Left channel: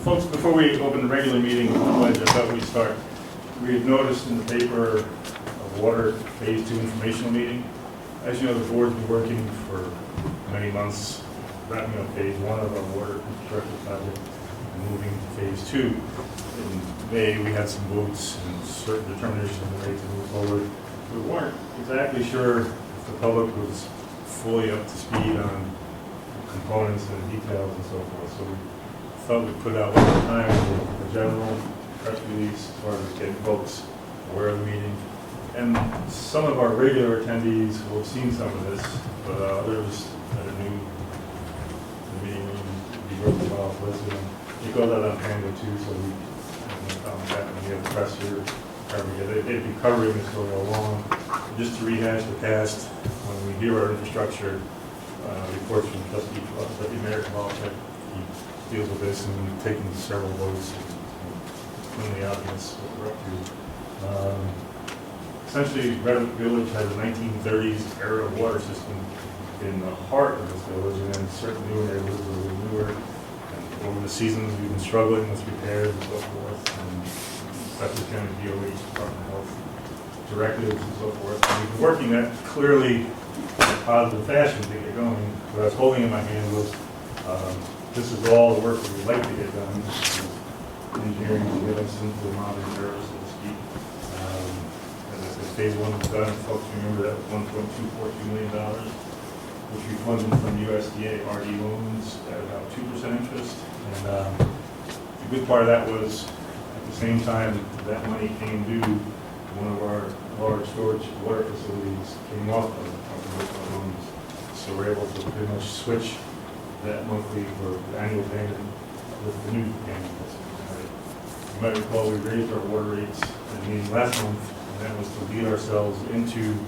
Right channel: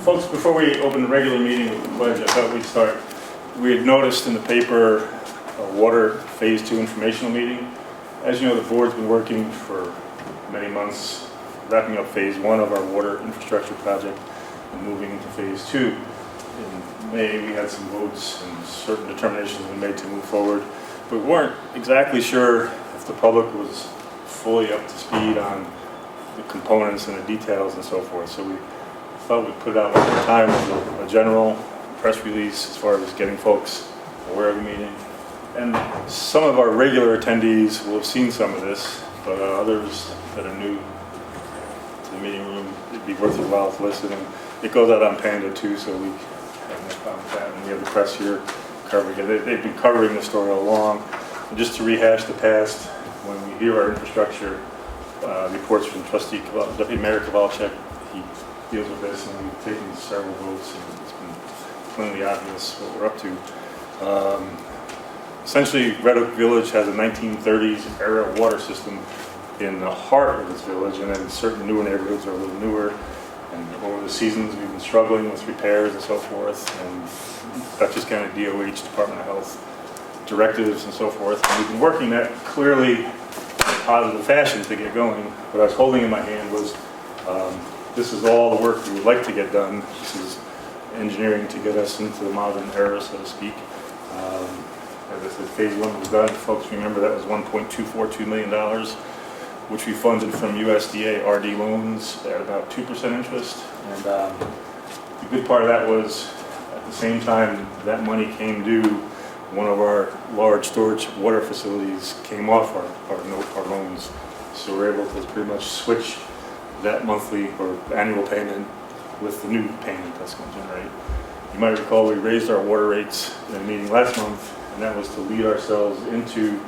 Folks, before we open the regular meeting with the pledge, I thought we'd start. We had noticed in the paper a water phase 2 informational meeting. As you know, the board's been working for many months, wrapping up phase 1 of our water infrastructure project and moving to phase 2. In May, we had some votes and certain determinations were made to move forward. We weren't exactly sure if the public was fully up to speed on the components and the details and so forth. So we thought we'd put out one more time with a general press release as far as getting folks aware of the meeting. And some of our regular attendees will have seen some of this, but others that are new to the meeting room, it'd be worth your while to listen. And it goes out on Panda too, so we have no problem with that. And we have the press here covering it. They've been covering the story all along. And just to rehash the past, when we hear our infrastructure reports from Deputy Mayor Kowalczyk, he deals with this, and we've taken several votes. It's been clearly obvious what we're up to. Essentially, Red Oak Village has a 1930s era water system in the heart of this village, and then certain newer neighborhoods are a little newer. And over the seasons, we've been struggling with repairs and so forth, and Dutchess County DOH, Department of Health directives and so forth. And we've been working that clearly in a positive fashion to get going. What I was holding in my hand was this is all the work we would like to get done. This is engineering to get us into the modern era, so to speak. As I said, phase 1 was done. Folks, remember that was $1.242 million, which we funded from USDA RD loans at about 2% interest. And the good part of that was, at the same time that money came due, one of our large storage water facilities came off our loans. So we're able to pretty much switch that monthly or annual payment with the new payment that's going to generate. You might recall we raised our water rates in a meeting last month, and that was to lead ourselves into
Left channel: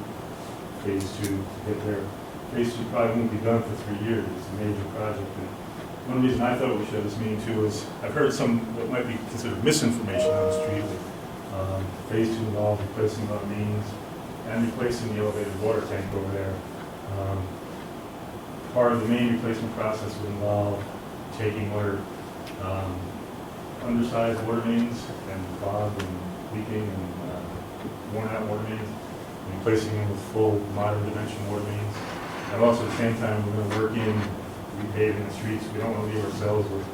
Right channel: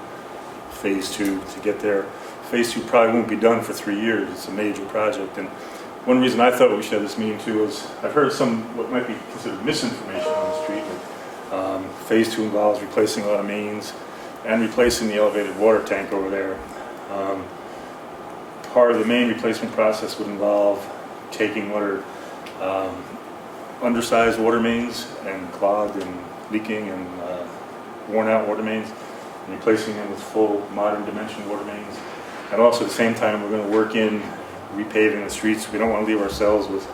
phase 2 to get there. Phase 2 probably won't be done for 3 years. It's a major project. And one reason I thought we should have this meeting too is I've heard some what might be considered misinformation on the street. Phase 2 involves replacing a lot of mains and replacing the elevated water tank over there. Part of the main replacement process would involve taking what are undersized water mains and clogged and leaking and worn out water mains, and replacing them with full modern dimension water mains. And also at the same time, we're going to work in repaving the streets. We don't want to leave ourselves with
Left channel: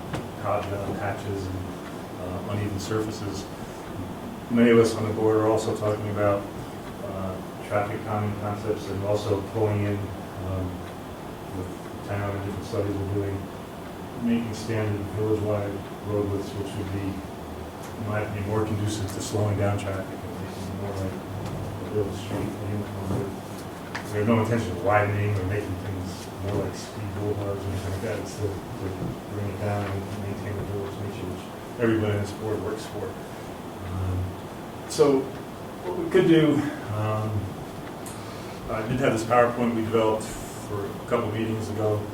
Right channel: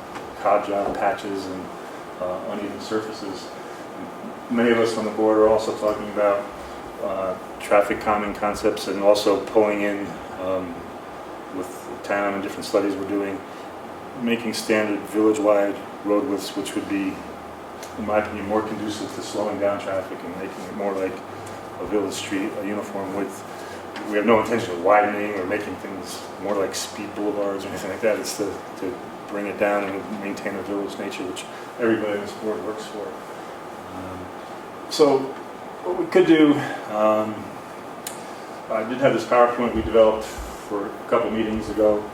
hot job patches and uneven surfaces. Many of us on the board are also talking about traffic calming concepts and also pulling in with the town and different studies we're doing, making standard village-wide road widths, which would be, in my opinion, more conducive to slowing down traffic and making it more like a village street, a uniform width. We have no intention of widening or making things more like speed boulevards or anything like that. It's to bring it down and maintain the village nature, which everybody in this board works for. So what we could do, I did have this PowerPoint we developed for a couple meetings ago.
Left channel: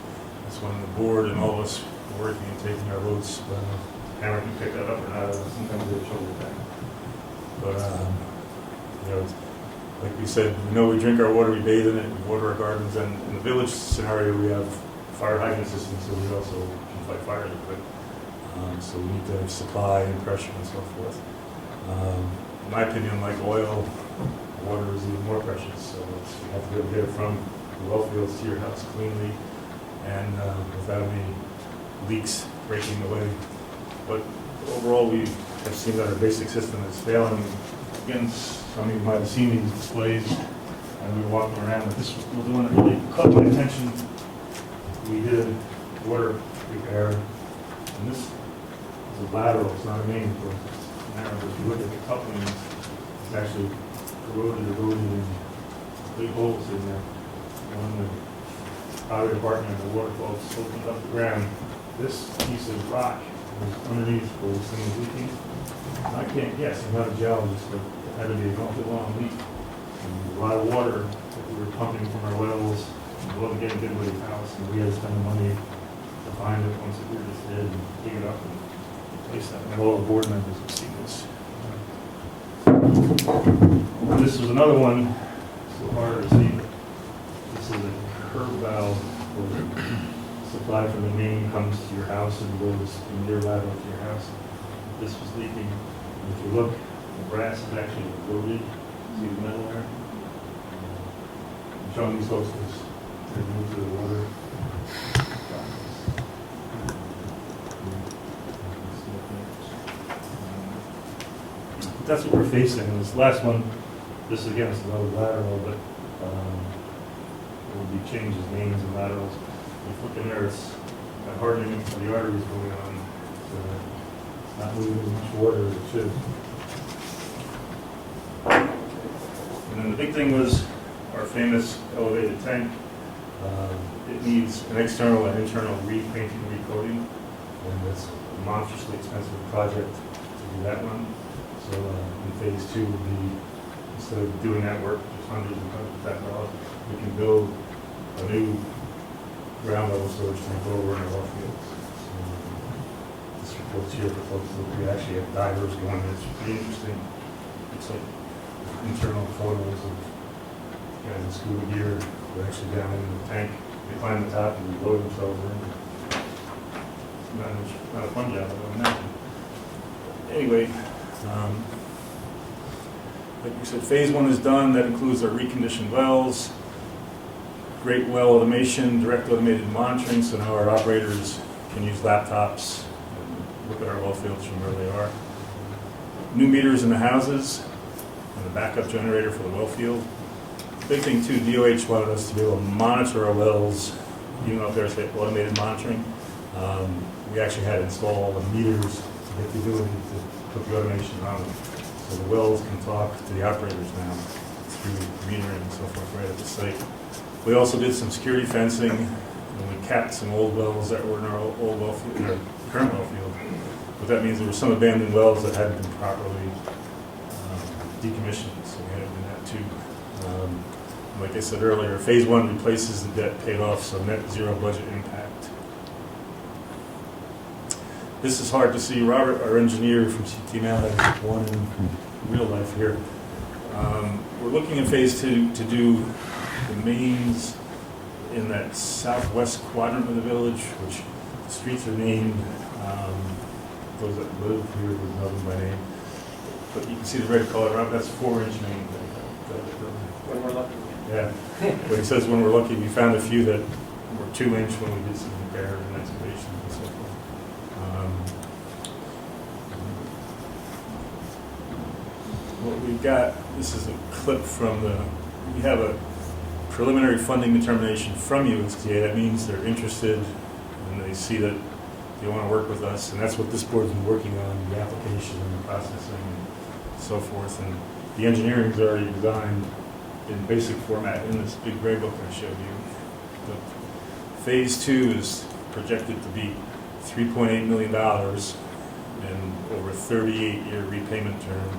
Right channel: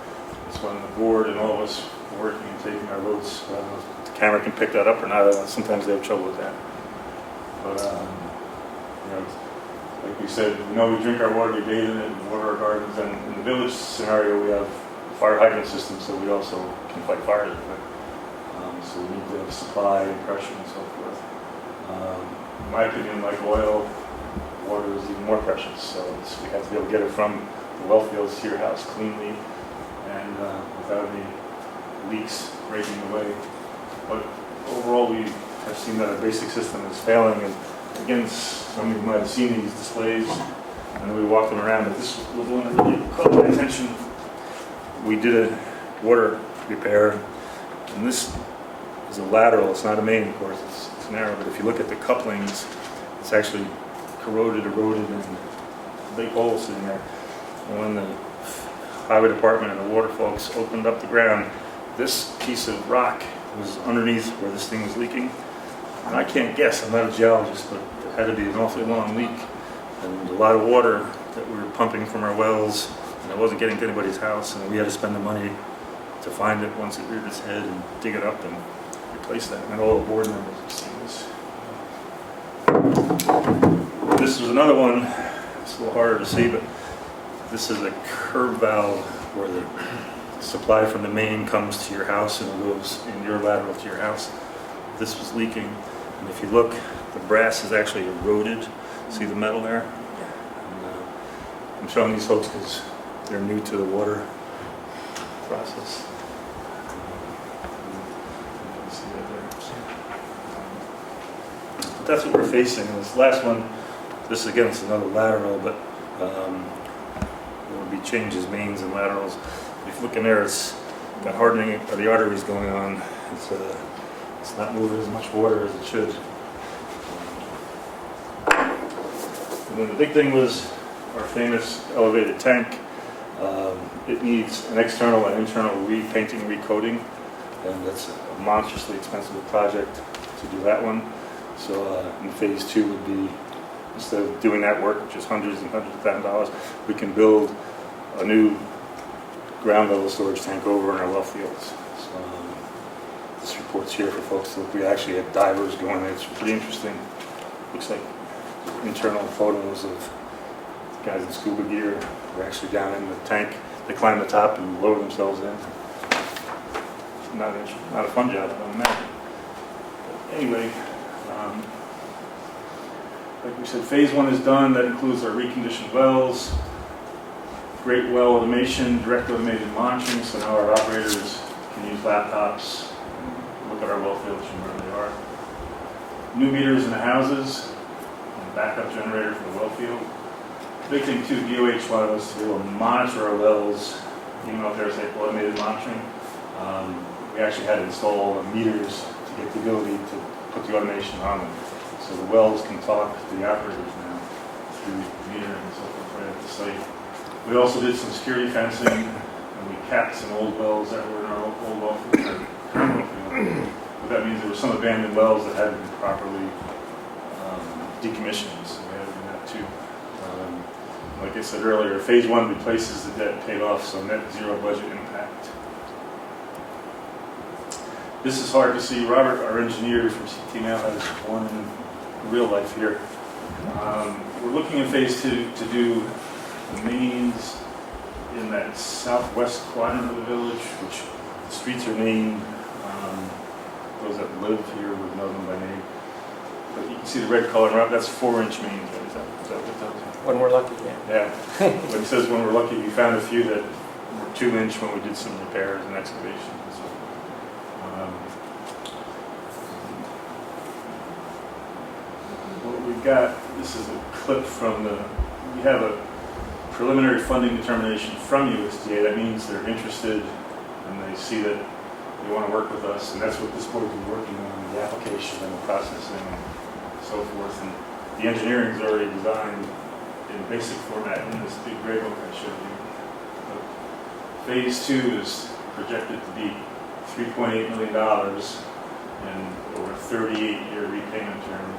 It's when the board and all of us were working and taking our votes. Well, the camera can pick that up or not. Sometimes they have trouble with that. But you know, like we said, we know we drink our water, we bathe in it, we water our gardens, and in the village scenario, we have fire hydrant systems, so we also can fight fires with it. So we need to have supply and pressure and so forth. In my opinion, like oil, water is even more precious, so you have to be able to get it from the well fields to your house cleanly and without any leaks breaking away. But overall, we have seen that a basic system is failing. And again, some of you might have seen these displays, and we walked them around, but this was the one that really caught my attention. We did a water repair, and this is a lateral, it's not a main, of course, it's narrow, but if you look at the couplings, it's actually corroded, eroded, and big holes in there. And when the highway department and the water folks opened up the ground, this piece of rock was underneath where this thing was leaking. And I can't guess, I'm not a geologist, but it had to be an awfully long leak. And a lot of water that we were pumping from our wells, and it wasn't getting to anybody's house, and we had to spend the money to find it once it reared its head and dig it up and replace that. And all the board members have seen this. This was another one, it's a little harder to see, but this is a curb valve where the supply from the main comes to your house and it goes in your lateral to your house. This was leaking. And if you look, the brass is actually eroded. See the metal there? I'm showing these folks because they're new to the water process. See that there? That's what we're facing. This last one, this again is another lateral, but there will be changes, mains and laterals. If you look in there, it's got hardening of the arteries going on. It's not moving as much water as it should. And then the big thing was our famous elevated tank. It needs an external and internal repainting, recoating, and that's a monstrously expensive project to do that one. So in phase 2 would be, instead of doing that work, just hundreds and hundreds of thousands of dollars, we can build a new ground level storage tank over in our well fields. So this report's here for folks to look. We actually had divers going there. It's pretty interesting. Looks like internal photos of guys in scuba gear. They're actually down in the tank. They climb the top and lower themselves in. Not a fun job, I don't imagine. Anyway, like we said, phase 1 is done. That includes our reconditioned wells, great well automation, direct automated monitoring, so now our operators can use laptops and look at our well fields from where they are. New meters in the houses, and a backup generator for the well field. Big thing too, DOH wanted us to be able to monitor our wells, even out there, say automated monitoring. We actually had to install the meters to get the ability to put the automation on them. So the wells can talk to the operators now through metering and so forth right at the site. We also did some security fencing, and we capped some old wells that were in our old well field, our current well field. But that means there were some abandoned wells that hadn't been properly decommissioned, so we had to do that too. Like I said earlier, phase 1 replaces the debt paid off, so net zero budget impact. This is hard to see. Robert, our engineer from CT now, has one in real life here. We're looking in phase 2 to do the mains in that southwest quadrant of the village, which the streets are named. Those that live here would know them by name. But you can see the red color, Rob, that's 4-inch mains. When we're lucky, yeah. But it says when we're lucky, we found a few that were 2-inch when we did some repairs and excavations and so forth. What we've got, this is a clip from we have a preliminary funding determination from USDA. That means they're interested and they see that they want to work with us, and that's what this board's been working on, the application and the processing and so forth. And the engineering is already designed in basic format in this big gray book I showed you. But phase 2 is projected to be $3.8 million and over a 38-year repayment term.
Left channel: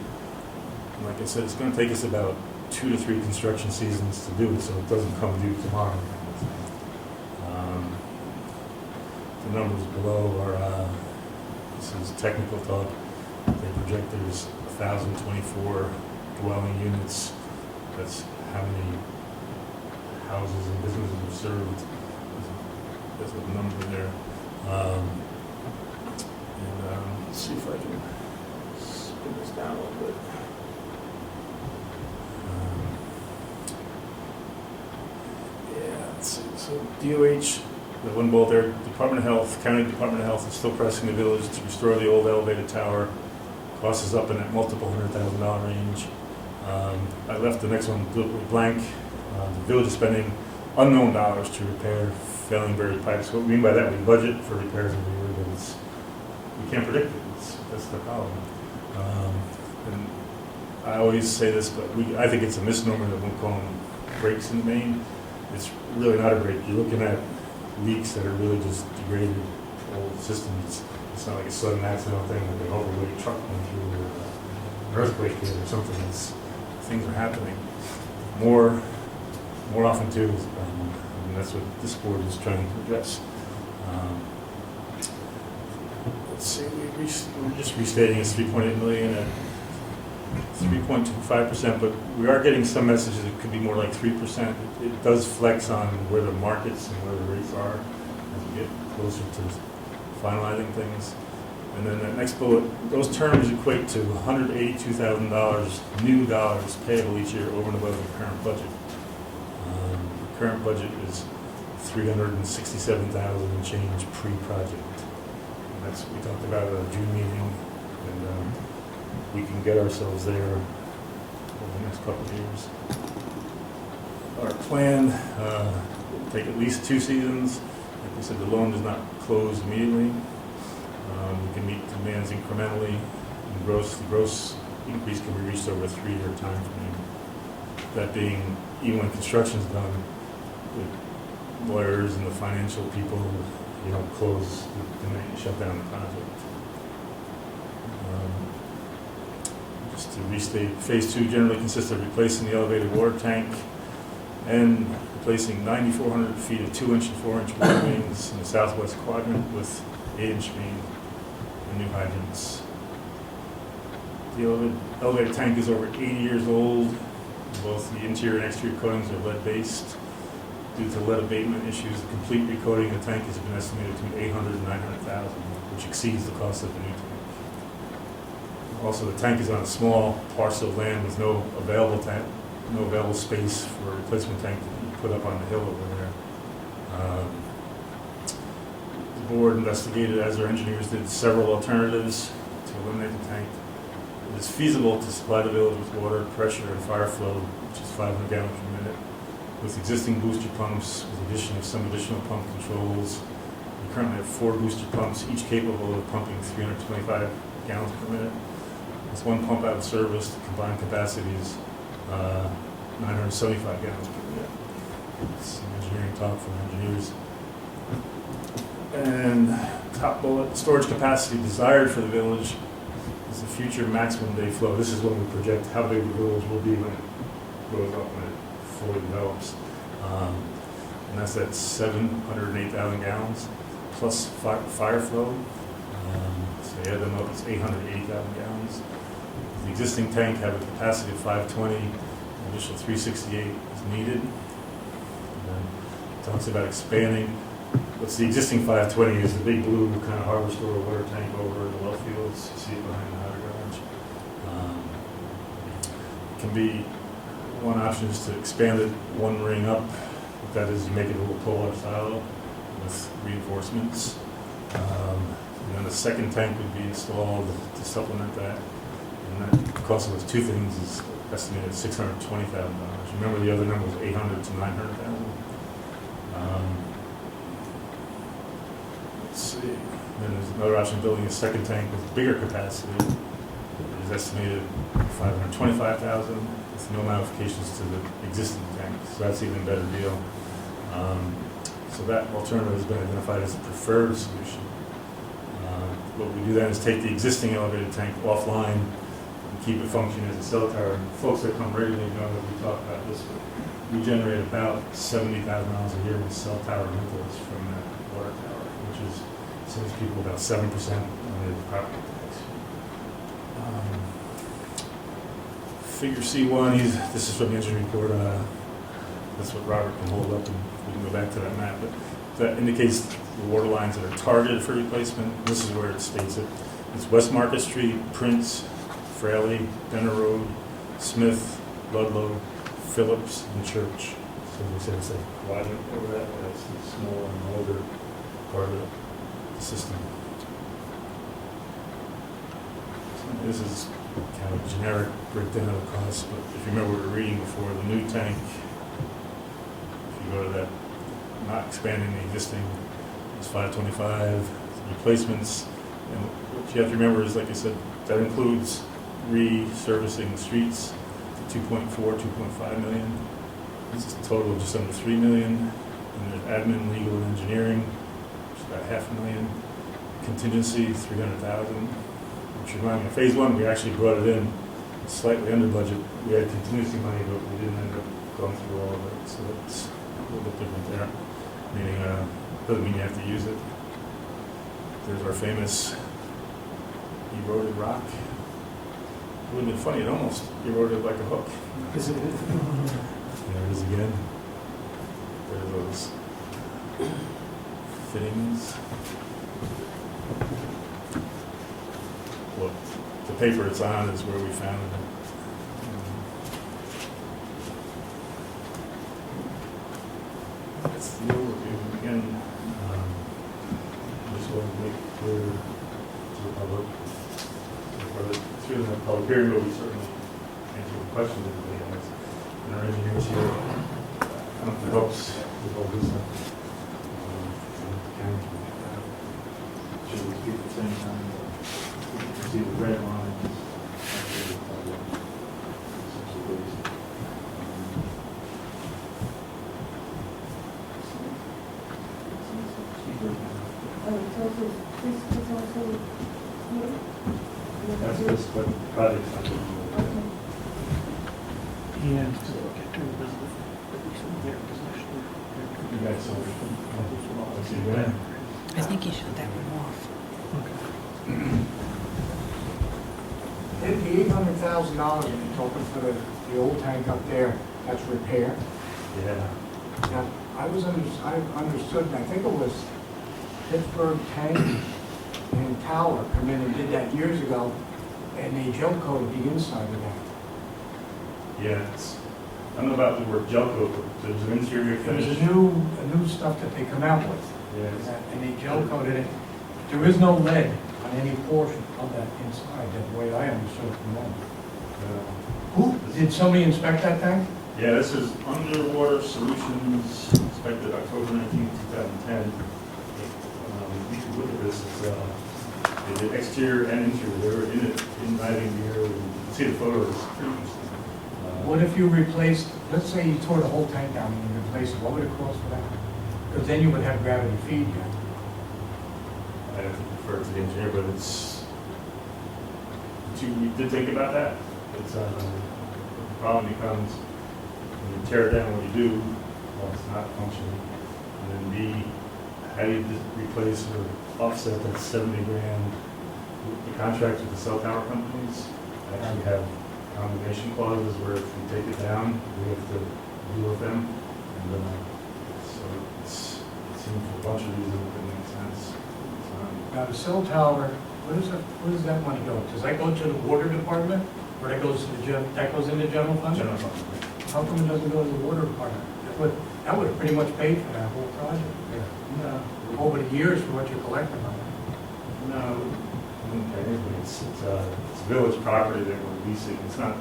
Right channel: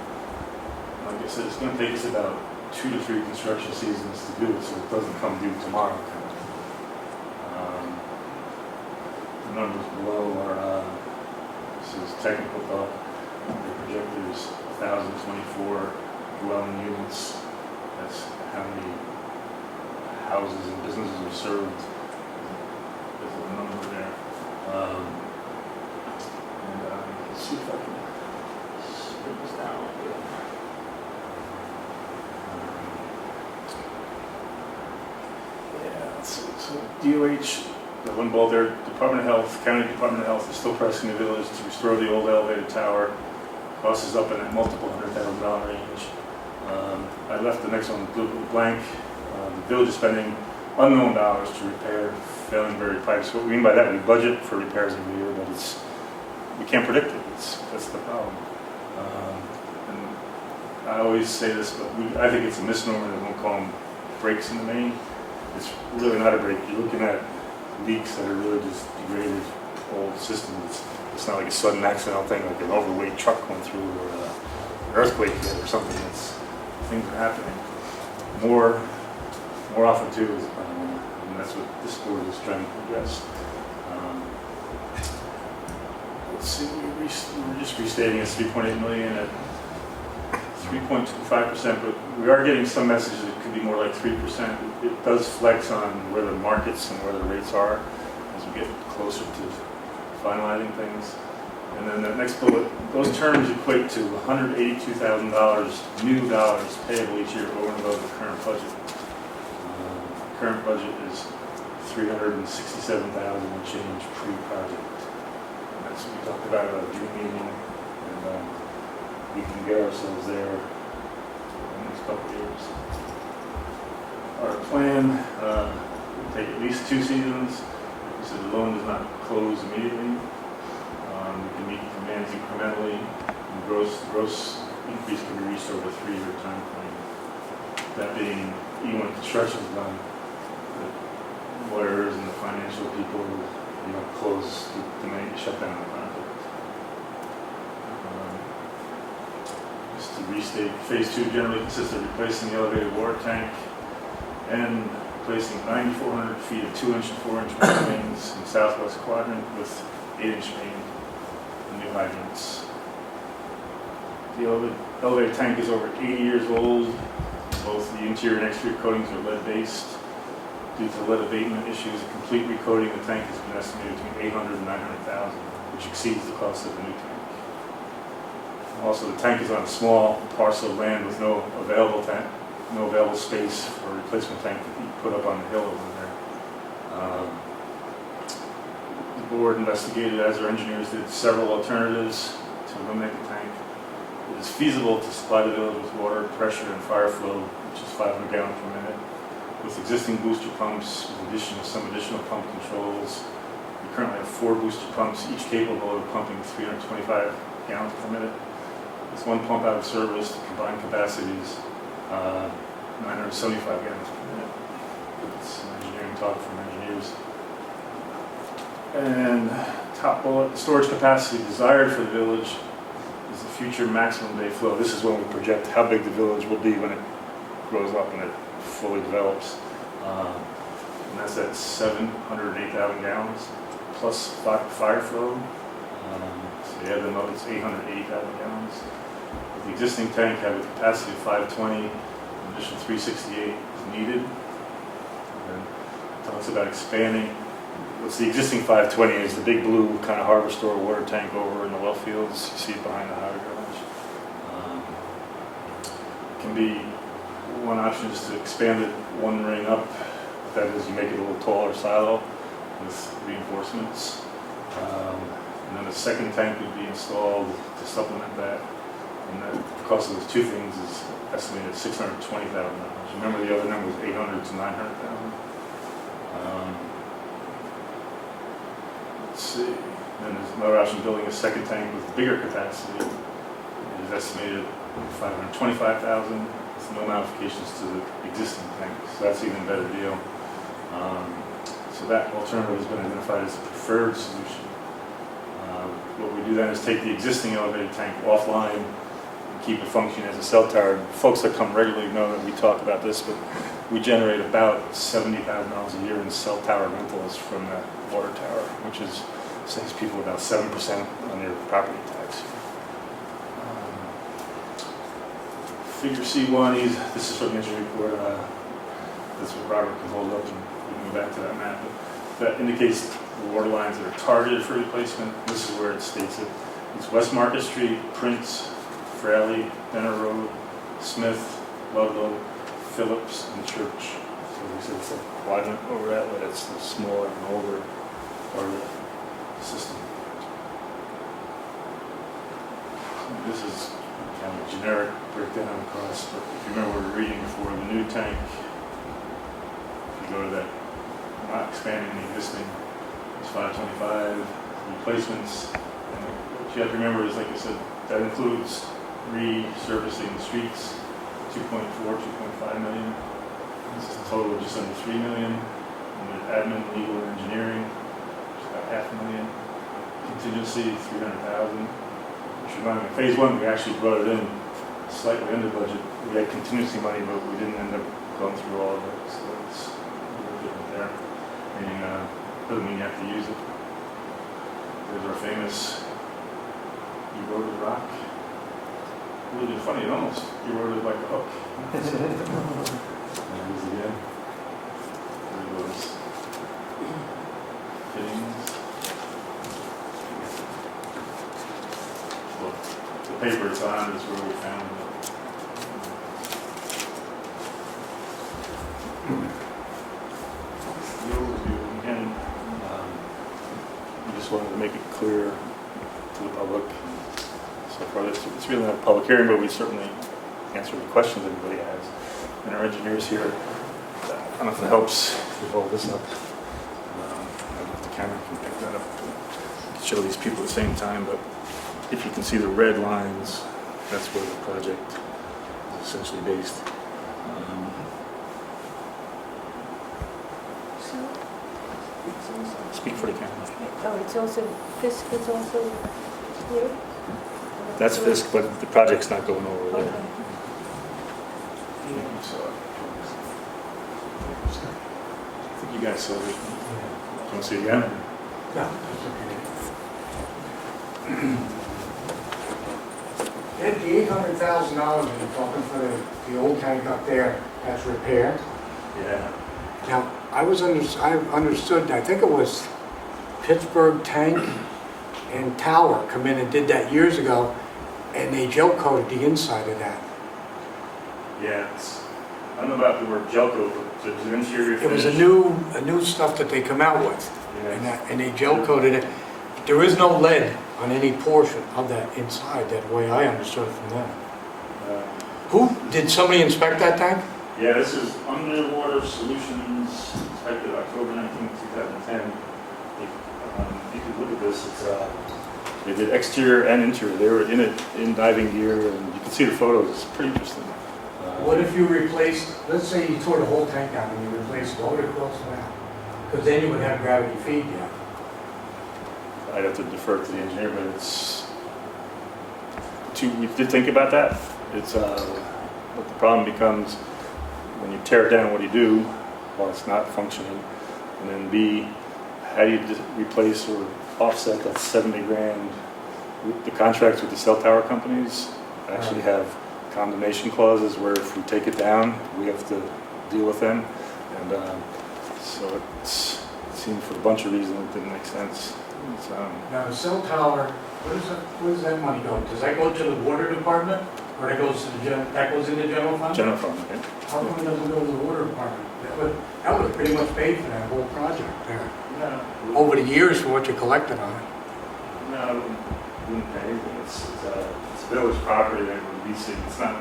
And like I said, it's going to take us about 2 to 3 construction seasons to do it, so it doesn't come due tomorrow. The numbers below are, this is technical thought. They project there's 1,024 dwelling units. That's how many houses and businesses are served. That's the number there. Let's see if I can spin this down a little bit. Yeah, let's see. So DOH, the one bulb there, Department of Health, County Department of Health is still pressing the village to restore the old elevated tower. Cost is up in that multiple $100,000 range. I left the next one completely blank. The village is spending unknown dollars to repair failing buried pipes. What we mean by that, we budget for repairs every year, but we can't predict it. That's the problem. And I always say this, but I think it's a misnomer that we'll call them breaks in the main. It's really not a break. You're looking at leaks that are really just degraded old systems. It's not like a sudden accidental thing, like an overweight truck going through, or an earthquake hit, or something. Things are happening more often too, and that's what this board is trying to address. Let's see, we're just restating it's 3.8 million at 3.25%, but we are getting some messages it could be more like 3%. It does flex on where the markets and where the rates are. as we get closer to finalizing things. And then the next bullet, those terms equate to $182,000 new dollars payable each year over and above the current budget. The current budget is $367,000 and change pre-project. And that's, we talked about it at our June meeting, and we can get ourselves there over the next couple of years. Our plan, will take at least 2 seasons. Like we said, the loan does not close immediately. We can meet demands incrementally, and the gross increase can be reached over a 3-year time frame. That being, even when construction is done, the lawyers and the financial people, close the minute you shut down the project. Just to restate, phase 2 generally consists of replacing the elevated water tank and replacing 9,400 feet of 2-inch and 4-inch water mains in the southwest quadrant with 8-inch main and new hydrants. The elevated tank is over 80 years old. Both the interior and exterior coatings are lead-based. Due to lead abatement issues, a complete recoating of the tank has been estimated between $800,000 and $900,000, which exceeds the cost of the new tank. Also, the tank is on a small parcel of land with no available space for a replacement tank to be put up on the hill over there. The board investigated, as our engineers did, several alternatives to eliminate the tank. It is feasible to supply the village with water, pressure, and fire flow, which is 500 gallons per minute, with existing booster pumps, with addition of some additional pump controls. We currently have 4 booster pumps, each capable of pumping 325 gallons per minute. With 1 pump out of service, the combined capacities 975 gallons per minute. That's some engineering talk from engineers. And top bullet, storage capacity desired for the village is the future maximum day flow. This is when we project how big the village will be when it grows up and it fully develops. And that's at 708,000 gallons plus fire flow. So you add them up, it's 880,000 gallons. The existing tank have a capacity of 520, an additional 368 is needed. And then it talks about expanding. What's the existing 520 is the big blue kind of harbor store water tank over in the well fields. You see it behind the hydro garage. Can be one option is to expand it 1 ring up. That is, you make it a little taller silo with reinforcements. And then a second tank would be installed to supplement that. And that the cost of those 2 things is estimated at $620,000. Remember the other number was 800 to 900,000. Let's see. Then there's another option, building a second tank with bigger capacity. It is estimated $525,000 with no modifications to the existing tank. So that's an even better deal. So that alternative has been identified as the preferred solution. What we do then is take the existing elevated tank offline and keep it functioning as a cell tower. Folks that come regularly know that we talk about this, but we generate about $70,000 a year in cell tower rentals from the water tower, which saves people about 7% on their property tax. Figure C1, this is from the engineering report. That's what Robert can hold up, and we can go back to that map. But that indicates the water lines that are targeted for replacement. This is where it states it. It's West Market Street, Prince, Fraley, Benner Road, Smith, Ludlow, Phillips, and Church. So we said it's a wide over that, but it's the smaller and older part of the system. This is kind of a generic breakdown of costs, but if you remember we were reading before, the new tank, if you go to that, not expanding the existing, it's 525. Replacements, and what you have to remember is, like I said, that includes resurfacing the streets, 2.4, 2.5 million. That's a total of just under 3 million. And then admin, legal, and engineering, which is about $500,000. Contingency, 300,000. Which remind me, phase 1 we actually brought it in slightly under budget. We had contingency money, but we didn't end up going through all of it, so it's a little bit different there. Meaning, doesn't mean you have to use it. There's our famous eroded rock. Really funny, it almost eroded like a hook. There it is again. There it goes. Fitting paper it's on is where we found it. The overview again, I just wanted to make it clear to the public. So far, it's really not a public hearing, but we certainly answer the questions everybody has. And our engineers here, I don't know if it helps with all this up. I don't know if the camera can pick that up. Show these people at the same time, but if you can see the red lines, that's where the project is essentially based. Speak for the camera. Oh, it's also, Fisk is also here? That's Fisk, but the project's not going over there. Okay. And you guys saw it. Want to see it again? I think you should. Ed, the $800,000 you're talking for the old tank up there that's repaired. Yeah. Now, I understood, I think it was Pittsburgh Tank and Tower come in and did that years ago, and they gel coated the inside of that. Yeah, I don't know about the word gel coat, but it was an interior It was finish. a new stuff that they come out with, Yeah. and they gel coated it. There is no lead on any portion of that inside, that way I understood from them. Did somebody inspect that tank? Yeah, this is Underwater Solutions, inspected October 19, 2010. You can look at this. It's, they did exterior and interior. They were in it in diving gear, and you can see the photos. It's pretty interesting. What if you replaced, let's say you tore the whole tank down and you replaced it all the way across the map? Because then you would have gravity feed, yeah. I'd have to defer to the engineer, but it's we did think about that. It's but the problem becomes when you tear it down, what do you do? Well, it's not functioning. And then B, how do you just replace or offset that 70 grand? The contracts with the cell tower companies actually have condemnation clauses where if we take it down, we have to deal with them. And so it seemed for a bunch of reasons it didn't make sense. Now, the cell tower, where does that money go? Does that go to the water department, or that goes to that goes in the general fund? General fund, okay? How come it doesn't go to the water department? That would pretty much pay for that whole project there. No. Over the years for what you collected on it. No, wouldn't pay anything. It's village property, they would lease it. It's not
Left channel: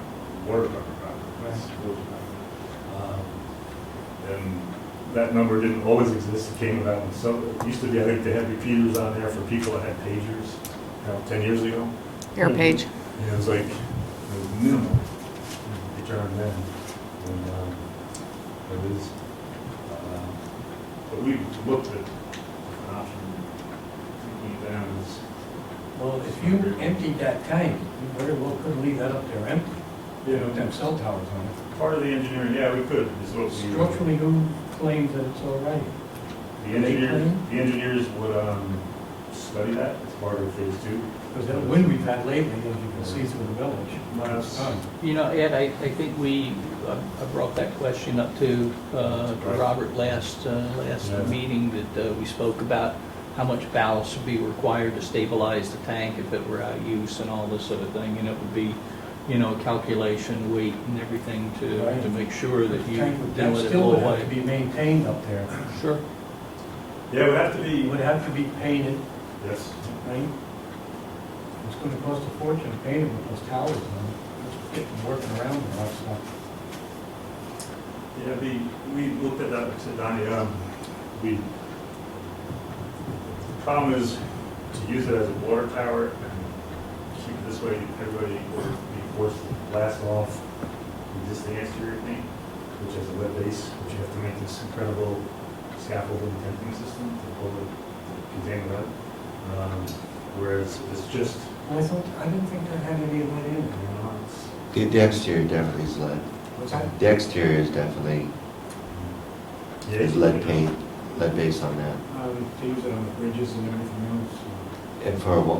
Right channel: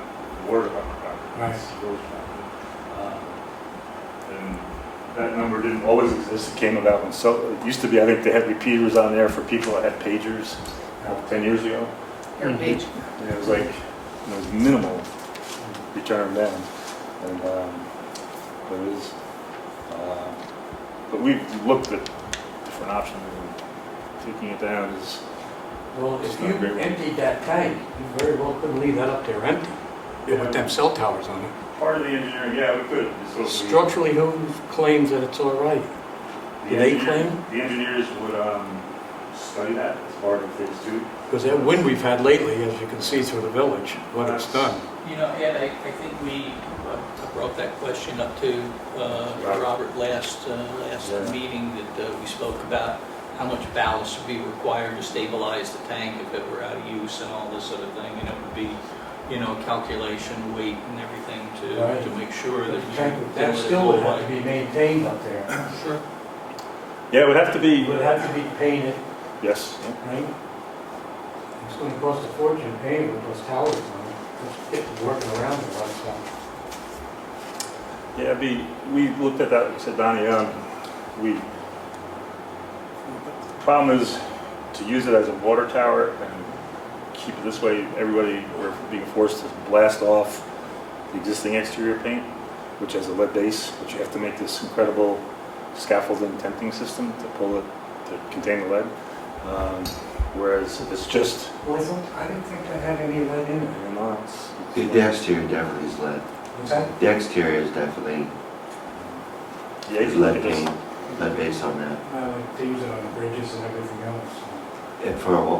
water department property. Right. It's village property. And that number didn't always exist. It came about when it used to be, I think they had repeaters on there for people that had pagers 10 years ago. Your page. And it was like, it was minimal return then. And but it is, but we've looked at different options. Taking it down is, Well, It's if not you great. emptied that tank, you very well couldn't leave that up there empty. You put them cell towers on it. part of the engineering, yeah, we could. It's what we- Structurally, who claims that it's all right? The Do they engineer- claim? The engineers would study that as part of phase 2. Because that wind we've had lately, as you can see through the village, what it's done. You know, Ed, I think we brought that question up to Right. Robert last Yeah. meeting, that we spoke about how much ballast would be required to stabilize the tank if it were out of use and all this sort of thing, and it would be, you know, calculation, weight and everything Right. to make sure that you. That still would have to be maintained up there, Sure. Yeah, it would have to it be, would have to be painted, yes. right? It's gonna cost a fortune to paint it with those towers on it, just working around there, like stuff. Yeah, we looked at that, said Donnie, the problem is to use it as a water tower and keep it this way, everybody, we're being forced to blast off the existing exterior paint, which has a lead base, which you have to make this incredible scaffolding tenting system to pull it, to contain the lead. Whereas if it's just, Well, I didn't think that had any lead in it. you know, it's, The exterior definitely is lead. What's that? The exterior is definitely yeah, is lead paint, lead base on that. They use it on the bridges and everything else. And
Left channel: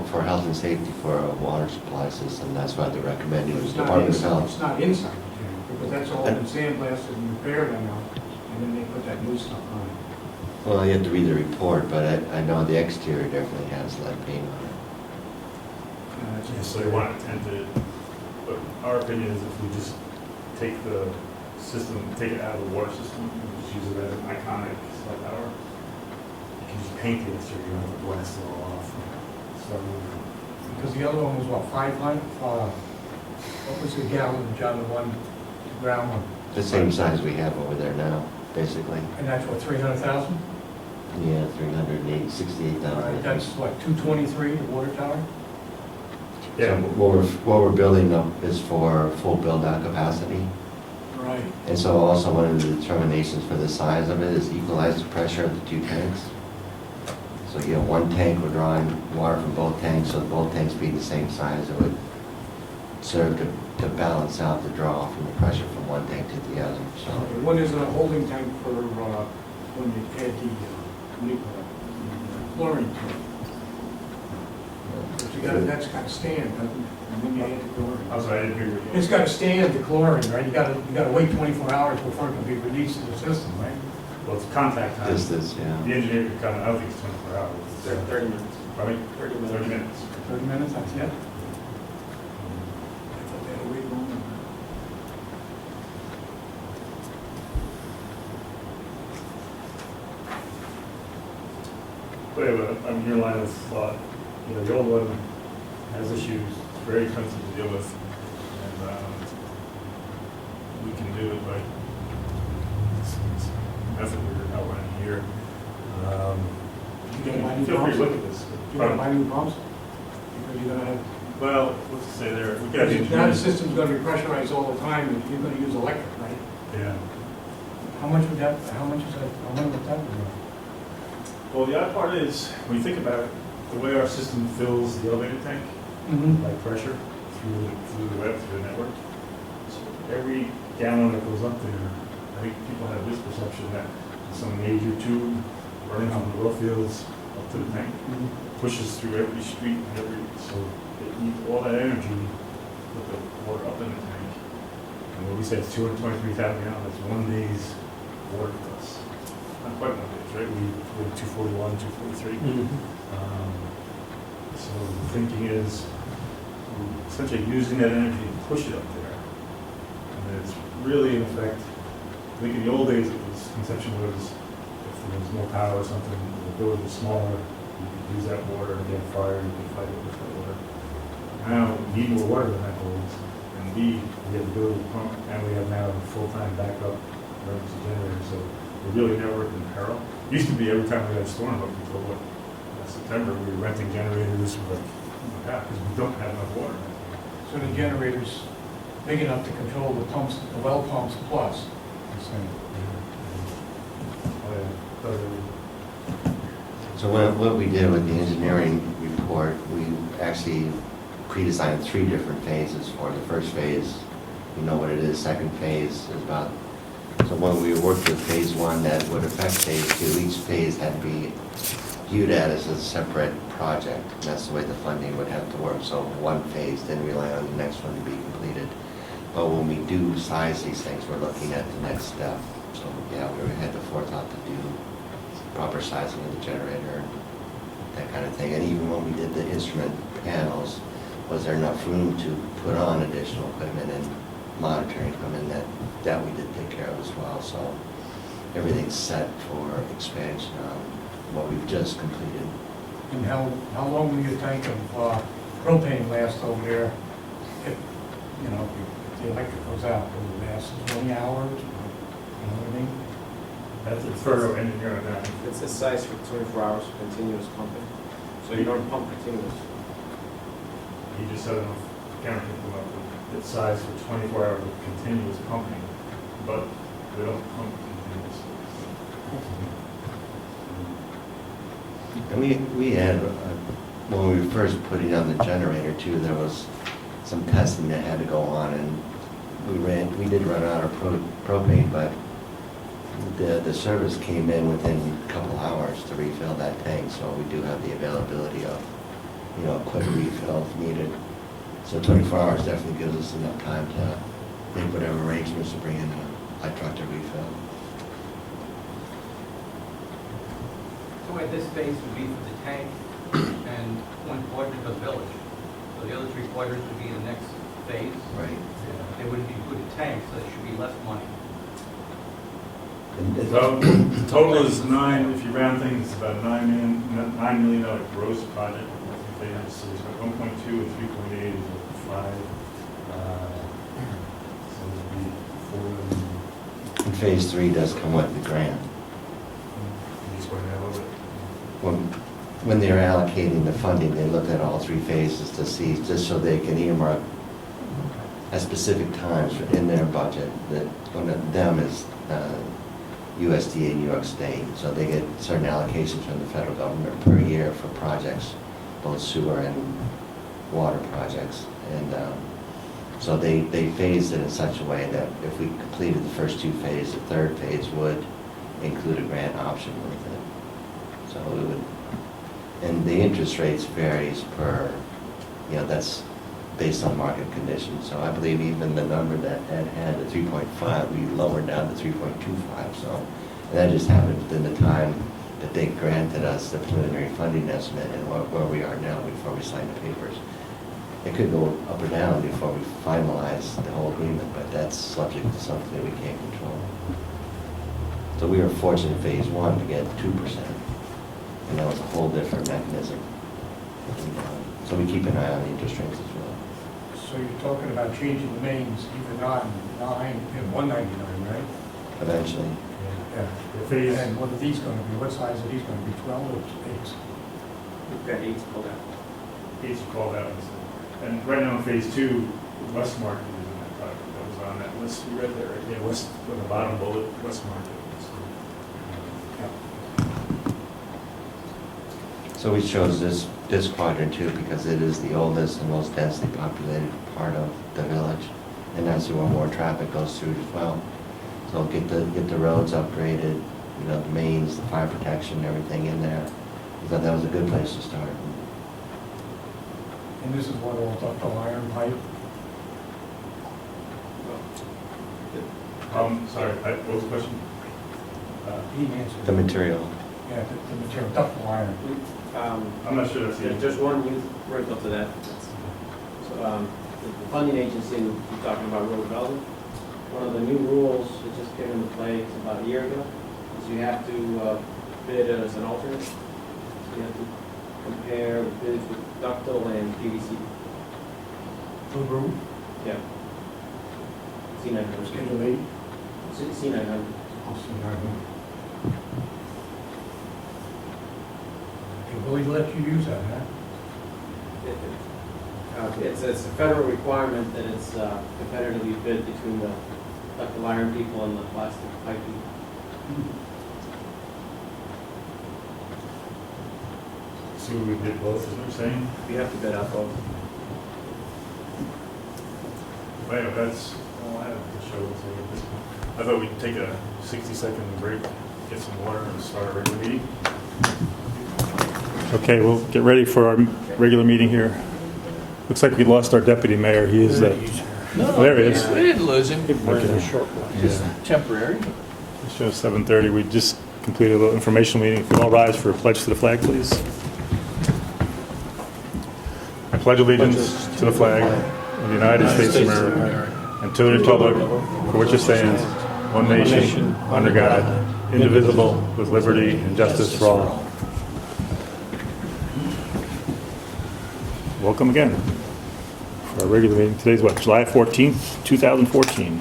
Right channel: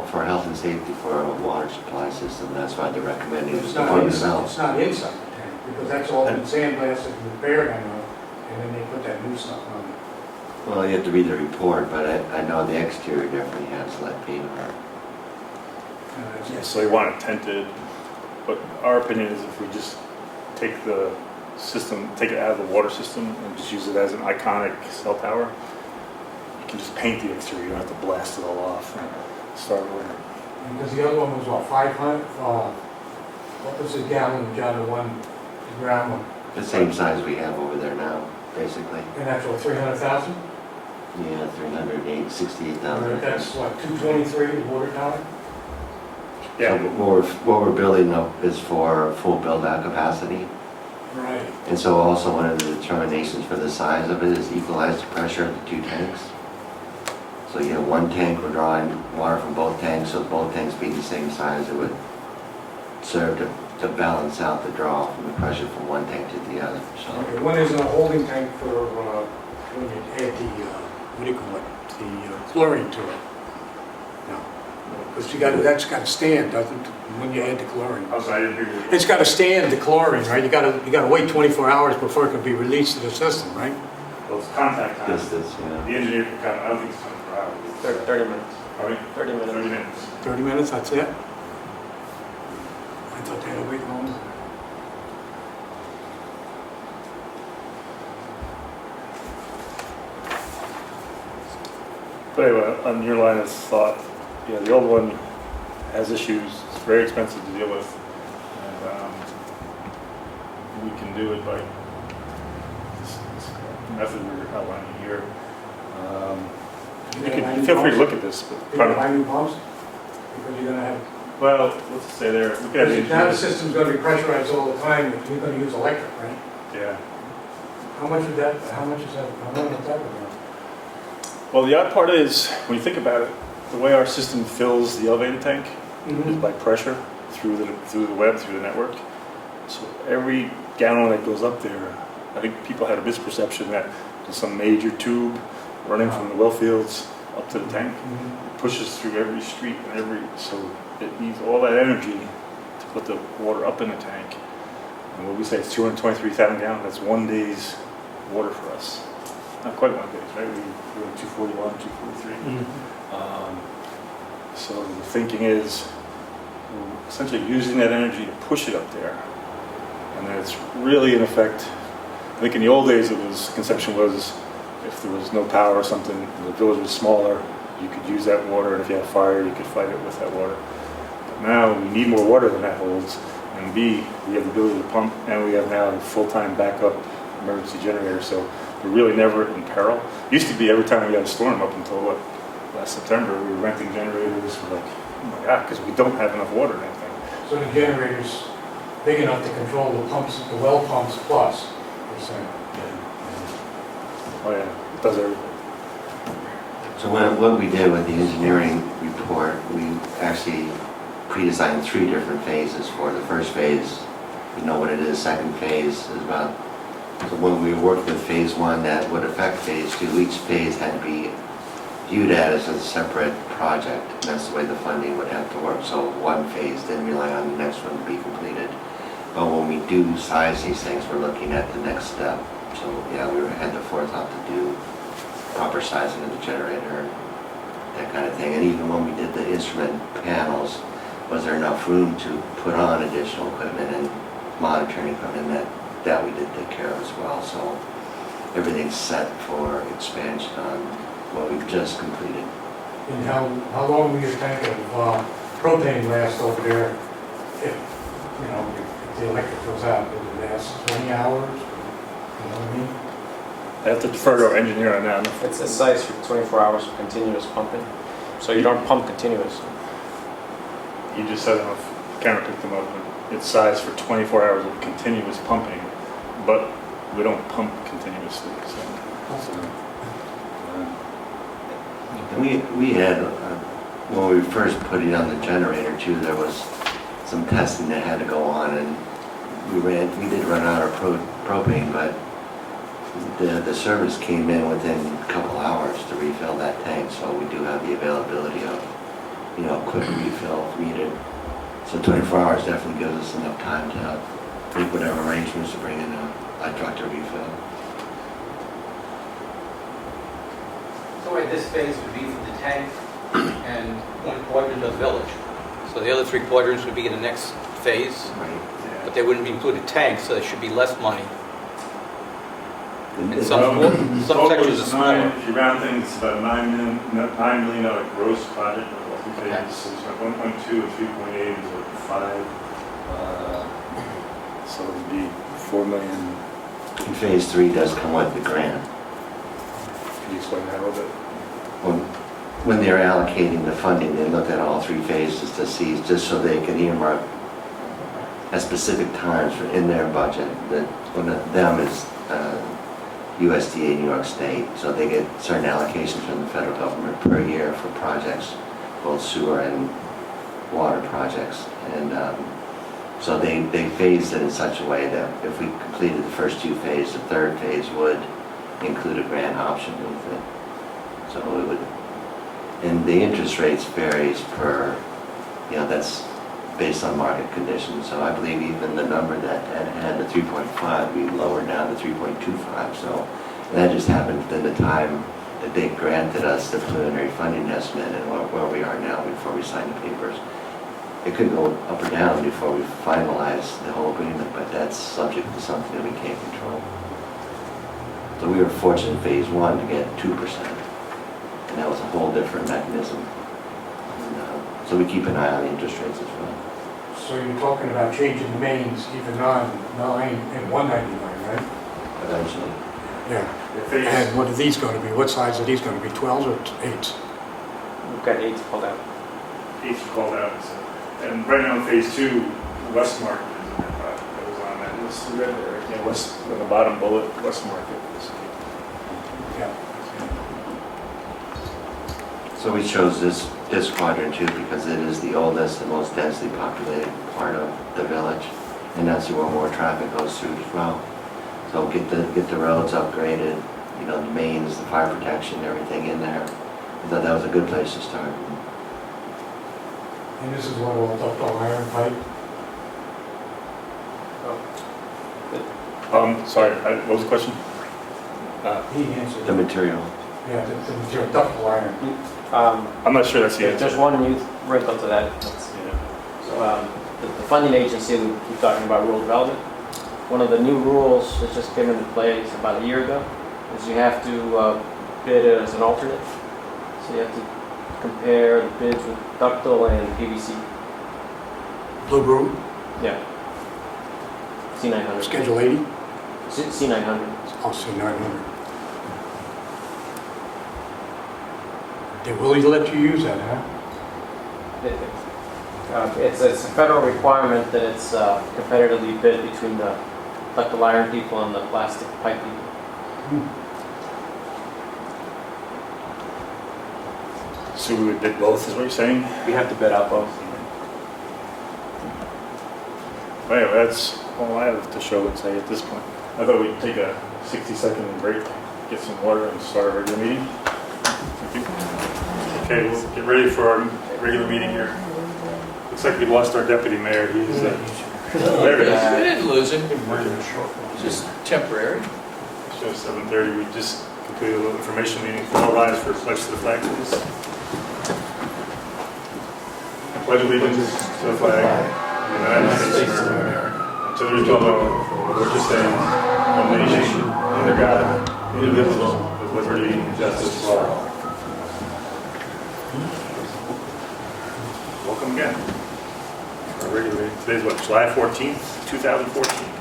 for health and safety for a water supply system, that's why they're recommending the It's not Department of inside, Health. it's not inside the tank, because that's all been sandblasted and repaired, I know, and then they put that new stuff on it. Well, you have to read the report, but I know the exterior definitely has lead paint on it. You necessarily want it tented, but our opinion is if we just take the system, take it out of the water system and just use it as an iconic cell tower, you can just paint the exterior, you don't have to blast it all off and start over. Because the other one was what, 500, what was the gallon, John, the one, the ground one? The same size we have over there now, basically. And that's what, 300,000? Yeah, 368,000. That's what, 223, the water tower? So what we're building up is for full build-out capacity. Right. And so also one of the determinations for the size of it is equalize the pressure of the two tanks. So you have one tank, we're drawing water from both tanks, so both tanks being the same size, it would serve to balance out the draw from the pressure from one tank to the other, so. Okay, one is a holding tank for, when you add the, what do you call it, the chlorine to it. But you got, that's got to stand, doesn't it, when you add the chlorine? I'm sorry, I didn't hear you. It's got to stand, the chlorine, right? You gotta wait 24 hours before it can be released to the system, right? Well, it's contact time. Distance, The yeah. engineer can come, I don't think it's 24 hours. 30 minutes. Pardon me? 30 minutes. 30 minutes. 30 minutes, that's it? I thought they had a big one. But anyway, on your line of thought, yeah, the old one has issues, it's very expensive to deal with. And we can do it by this method we're outlining here. You can feel free to look at this. You're gonna buy new pumps? Because you're gonna have, Well, what's to say there? We got now the system's gonna be pressurized all the time, you're gonna use electric, right? Yeah. How much is that, how much would that be? Well, the odd part is, when you think about it, the way our system fills the elevator tank is by pressure through the web, through the network. So every gallon that goes up there, I think people had a misperception that some major tube running from the well fields up to the tank pushes through every street and so it needs all that energy to put the water up in the tank. And what we say is 223,000 gallons, that's 1 day's water for us. Not quite 1 day's, right? We go 241, 243. So the thinking is we're essentially using that energy to push it up there. And then it's really in effect, I think in the old days conception was if there was no power or something, the village was smaller, you could use that water, and if you had a fire, you could fight it with that water. But now we need more water than that holds, and B, we have the ability to pump, and we have now a full-time backup emergency generator, so we're really never in peril. Used to be every time we had a storm up until last September, we were renting generators, we're like, oh my God, because we don't have enough water in that thing. So the generator's big enough to control the pumps, the well pumps plus. You're saying, yeah. Oh yeah, it does everything. So what we did with the engineering report, we actually pre-designed 3 different phases for it. The first phase, we know what it is. Second phase is about, so when we worked with phase 1 that would affect phase 2, each phase had to be viewed as a separate project. And that's the way the funding would have to work. So one phase didn't rely on the next one to be completed. But when we do size these things, we're looking at the next step. So yeah, we had the forethought to do proper sizing of the generator and that kind of thing. And even when we did the instrument panels, was there enough room to put on additional equipment and monitoring equipment that we did take care of as well. So everything's set for expansion on what we've just completed. And how long will your tank of propane last over there if, you know, if the electric goes out? Will it last 20 hours? You know what I mean? I have to defer to our engineer on that. It's a size for 24 hours of continuous pumping. So you don't pump continuous. You just said enough, camera picked them up. It's sized for 24 hours of continuous pumping, but we don't pump continuously. So. And we had, when we first put it on the generator too, there was some testing that had to go on, and we did run out of propane, but the service came in within a couple hours to refill that tank, so we do have the availability of, you know, quick refill if needed. So 24 hours definitely gives us enough time to make whatever arrangements to bring in a truck to refill. So wait, this phase would be for the tank and one part of the village. So the other 3 quadrants would be in the next phase, Right. but they wouldn't be included tanks, so there should be less money. And It's it- some- some Total sections is are nine, smaller. if you round things, it's about $9 million gross project, but what we pay is like 1.2 and 3.8 is like 5. So it would be 4 million. And phase 3 does come with the grant. Can you explain that a little bit? When they're allocating the funding, they looked at all 3 phases to see, just so they could earmark at specific times in their budget, that one of them is USDA, New York State, so they get certain allocations from the federal government per year for projects, both sewer and water projects. And so they phased it in such a way that if we completed the first 2 phases, the 3rd phase would include a grant option with it. So it would, and the interest rates varies per, that's based on market conditions. So I believe even the number that had the 3.5, we lowered down to 3.25. So that just happened within the time that they granted us the preliminary funding estimate and where we are now before we signed the papers. It could go up or down before we finalize the whole agreement, but that's subject to something that we can't control. So we were fortunate in phase 1 to get 2%, and that was a whole different mechanism. And, so we keep an eye on interest rates as well. So you're talking about changing the mains even on 9 and 199, right? Eventually. Yeah. And what are these going to be? What size are these going to be, 12s or 8s? We've got 8 pulled out. H called out, and right now in phase 2, West Market is in that project, that was on that list, you read there, yeah, West, on the bottom bullet, West Market. Yeah. So we chose this quadrant too because it is the oldest and most densely populated part of the village, and that's where more traffic goes through as well. So get the roads upgraded, the mains, the fire protection, everything in there. I thought that was a good place to start. And this is what all ductile iron pipe? Sorry, what was the question? He answered. The material. Yeah, the material, ductile iron. I'm not sure that's the answer. There's one new wrinkle to that. So the funding agency that we keep talking about, rural development, one of the new rules that just came into place about a year ago is you have to bid as an alternate. So you have to compare the bids with ductile and PVC. Blue room, Yeah. C900. schedule 80, C900. I'll say 900. They will let you use that, huh? It's a federal requirement that it's competitively bid between the ductile iron people and the plastic pipe people. So we would bid both, is what you're saying? We have to bid out both. Anyway, that's all I have to show and say at this point. I thought we'd take a 60-second break, get some water, and start our regular meeting. Okay, we'll get ready for our regular meeting here. Looks like we lost our deputy mayor. He is, there he is. We didn't lose him, Okay. just temporary. It's just 7:30. We just completed a little information meeting. If you all rise for a pledge to the flag, please. I pledge allegiance to the flag of the United States of America and to the republic for which it stands, one nation, under God, indivisible, with liberty and justice for all. Welcome again. For our regular meeting. Today's what, July 14th, 2014.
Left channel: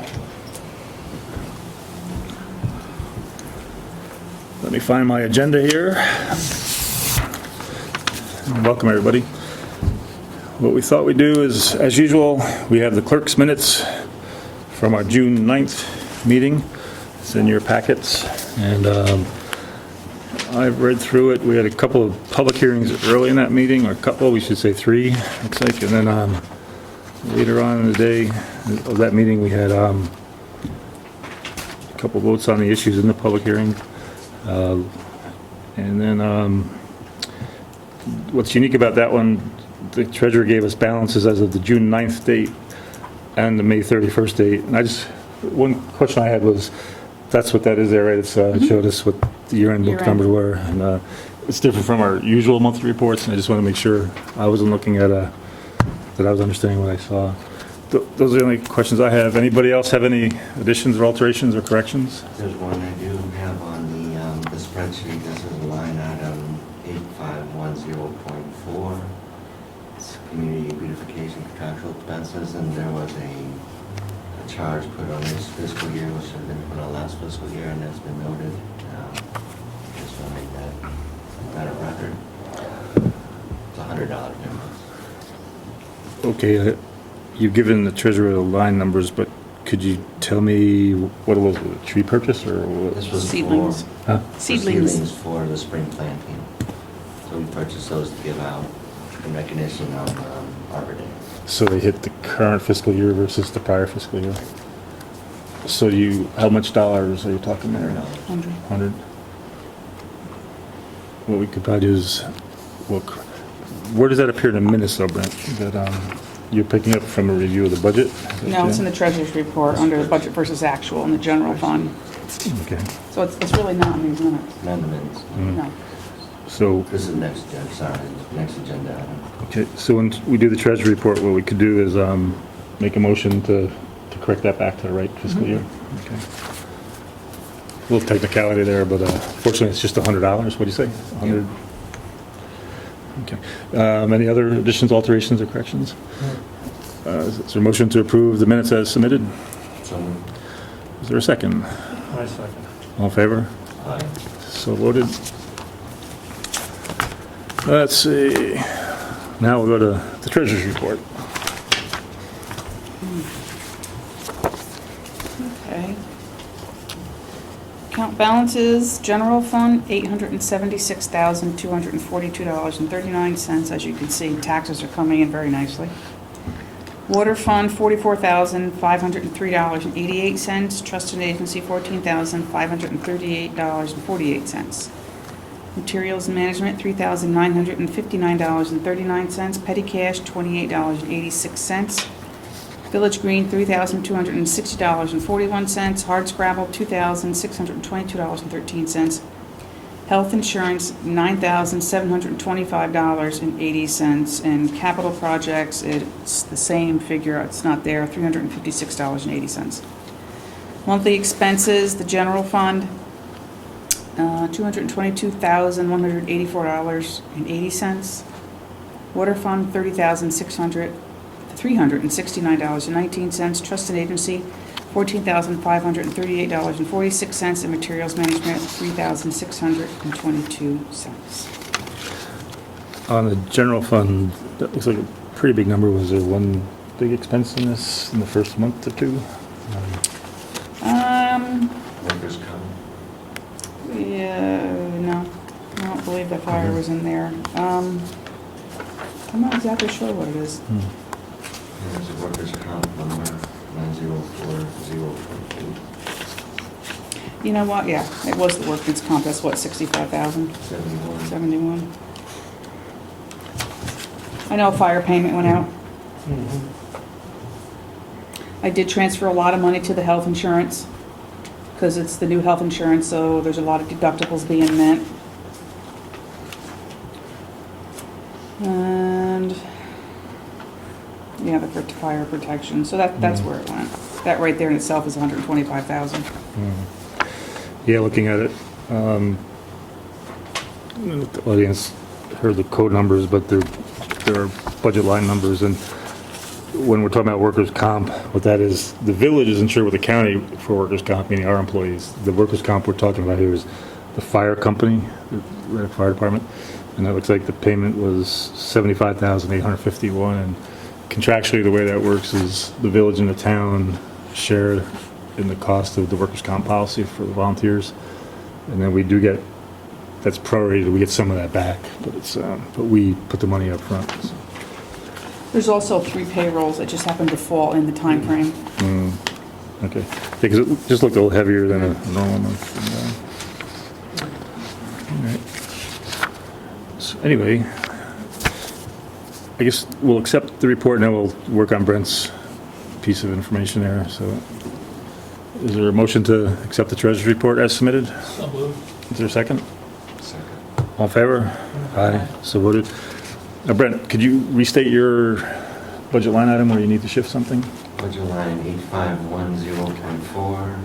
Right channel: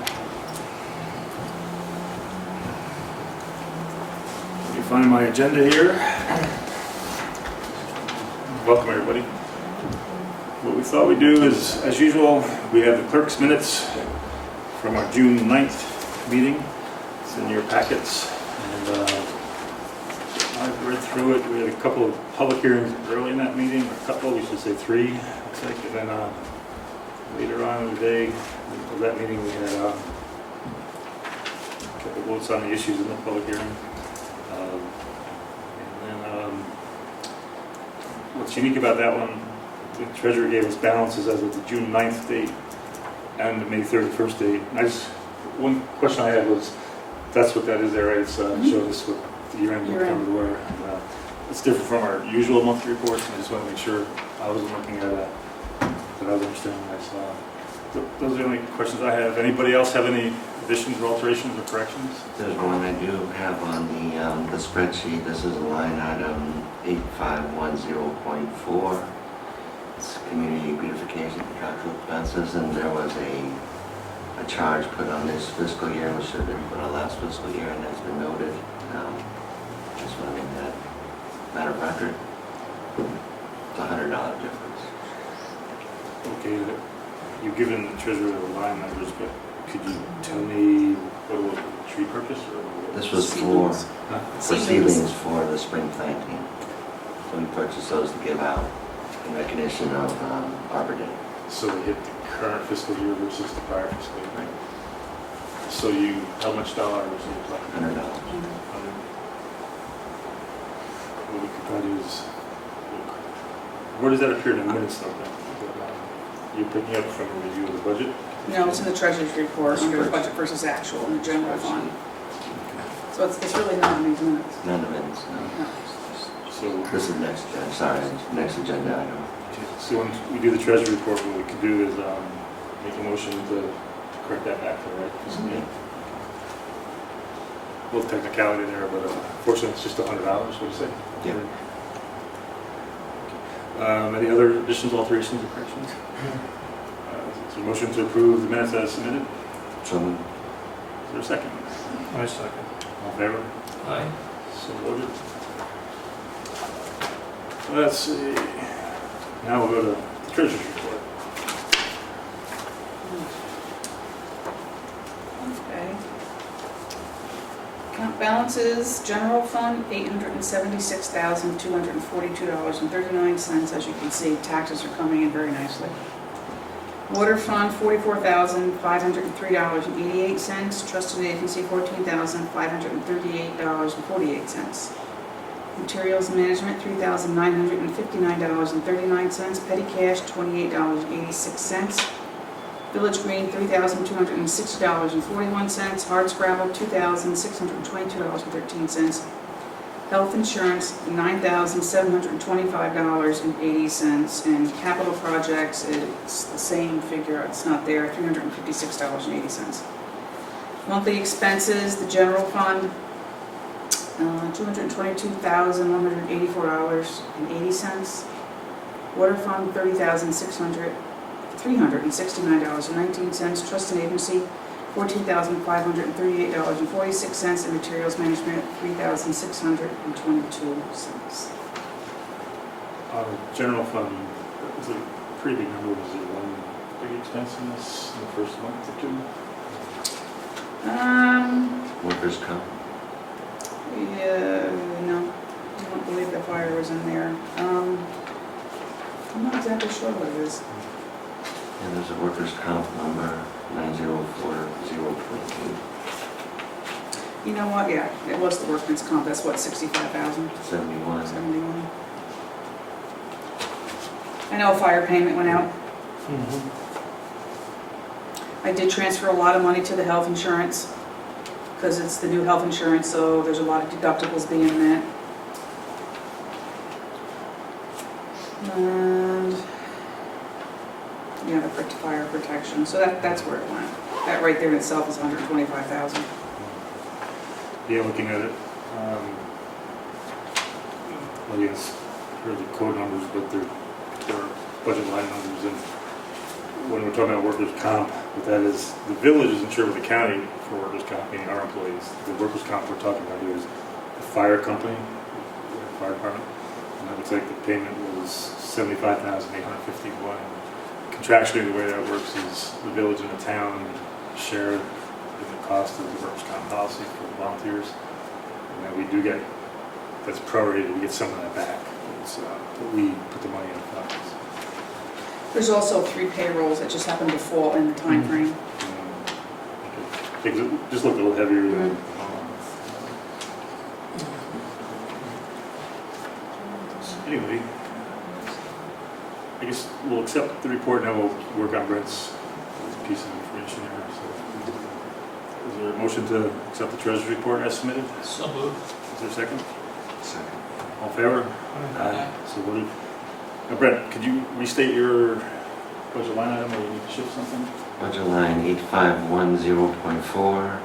Let me find my agenda here. Welcome, everybody. What we thought we'd do is, as usual, we have the clerk's minutes from our June 9th meeting. It's in your packets. And I've read through it. We had a couple of public hearings early in that meeting, or a couple, we should say 3, looks like. And then later on in the day of that meeting, we had a couple of votes on the issues in the public hearing. And then what's unique about that one, the treasurer gave us balances as of the June 9th date and the May 31st date. And one question I had was, that's what that is there, right? It's showed us what the year-end numbers were. And it's different from our usual monthly reports. And I just want to make sure I wasn't looking at that I was understanding what I saw. Those are the only questions I have. Anybody else have any additions or alterations or corrections? There's one I do have on the spreadsheet. This is line item 8510.4. It's community beautification contractual expenses, and there was a charge put on this fiscal year, which should have been put on last fiscal year, and that's been noted. Just want to make that matter of record. It's a $100 difference. Okay, you've given the treasurer the line numbers, but could you tell me what it was, a tree purchase or what? This was Seedlings. Huh? for Seedlings. seedlings for the spring planting. So we purchased those to give out in recognition of Arbor Day. So they hit the current fiscal year versus the prior fiscal year? So how much dollars are you talking about? $100. 100? What we could probably do is look, where does that appear in the minutes though, Brent? That you're picking up from a review of the budget? No, it's in the treasurer's report under the budget versus actual in the general fund. Okay. So it's really not in these minutes. None of the minutes. Mm. No. So, This is next agenda item. okay, so when we do the treasury report, what we could do is make a motion to correct that back to the right fiscal year. Okay. A little technicality there, but fortunately it's just $100. What do you say? 100. Okay. Any other additions, alterations, or corrections? Is there a motion to approve the minutes as submitted? So Is there a second? I second. All in favor? Aye. So voted. Let's see. Now we'll go to the treasurer's report. Okay. Account balances, general fund, $876,242.39. As you can see, taxes are coming in very nicely. Water fund, $44,503.88. Trust and agency, $14,538.48. Materials management, $3,959.39. Petty cash, $28.86. Village Green, $3,260.41. Hard scrabble, $2,622.13. Health insurance, $9,725.80. And capital projects, it's the same figure, it's not there, $356.80. Monthly expenses, the general fund, $222,184.80. Water fund, $369.19. Trust and agency, $14,538.46. And materials management, $3,622. On the general fund, that looks like a pretty big number. Was there one big expense in this in the first month or two? workers' comp. Yeah, no, I don't believe that fire was in there. I'm not exactly sure what it is. Hmm. And there's a workers' comp number 90408. You know what, yeah, it was the workman's comp, that's what, 65,000, 71. 71. I know a fire payment went out. I did transfer a lot of money to the health insurance, because it's the new health insurance, so there's a lot of deductibles being met. And, yeah, the fire protection, so that's where it went. That right there in itself is 125,000. Yeah, looking at it, the audience heard the code numbers, but there are budget line numbers, and when we're talking about workers' comp, what that is, the village is insured with the county for workers' comp, meaning our employees. The workers' comp we're talking about here is the fire company, the fire department, and it looks like the payment was $75,851, and contractually the way that works is the village and the town share in the cost of the workers' comp policy for volunteers, and then we do get, that's prorated, we get some of that back, but it's, but we put the money up front. So. There's also 3 payrolls that just happen to fall in the time frame. Okay, because it just looked a little heavier than a normal month. All right. So anyway, I guess we'll accept the report and then we'll work on Brent's piece of information there. So, is there a motion to accept the treasurer's report as submitted? So moved. Is there a second? Second. All in favor? Aye. So voted. Now, Brent, could you restate your budget line item where you need to shift something? Budget line 8510.4,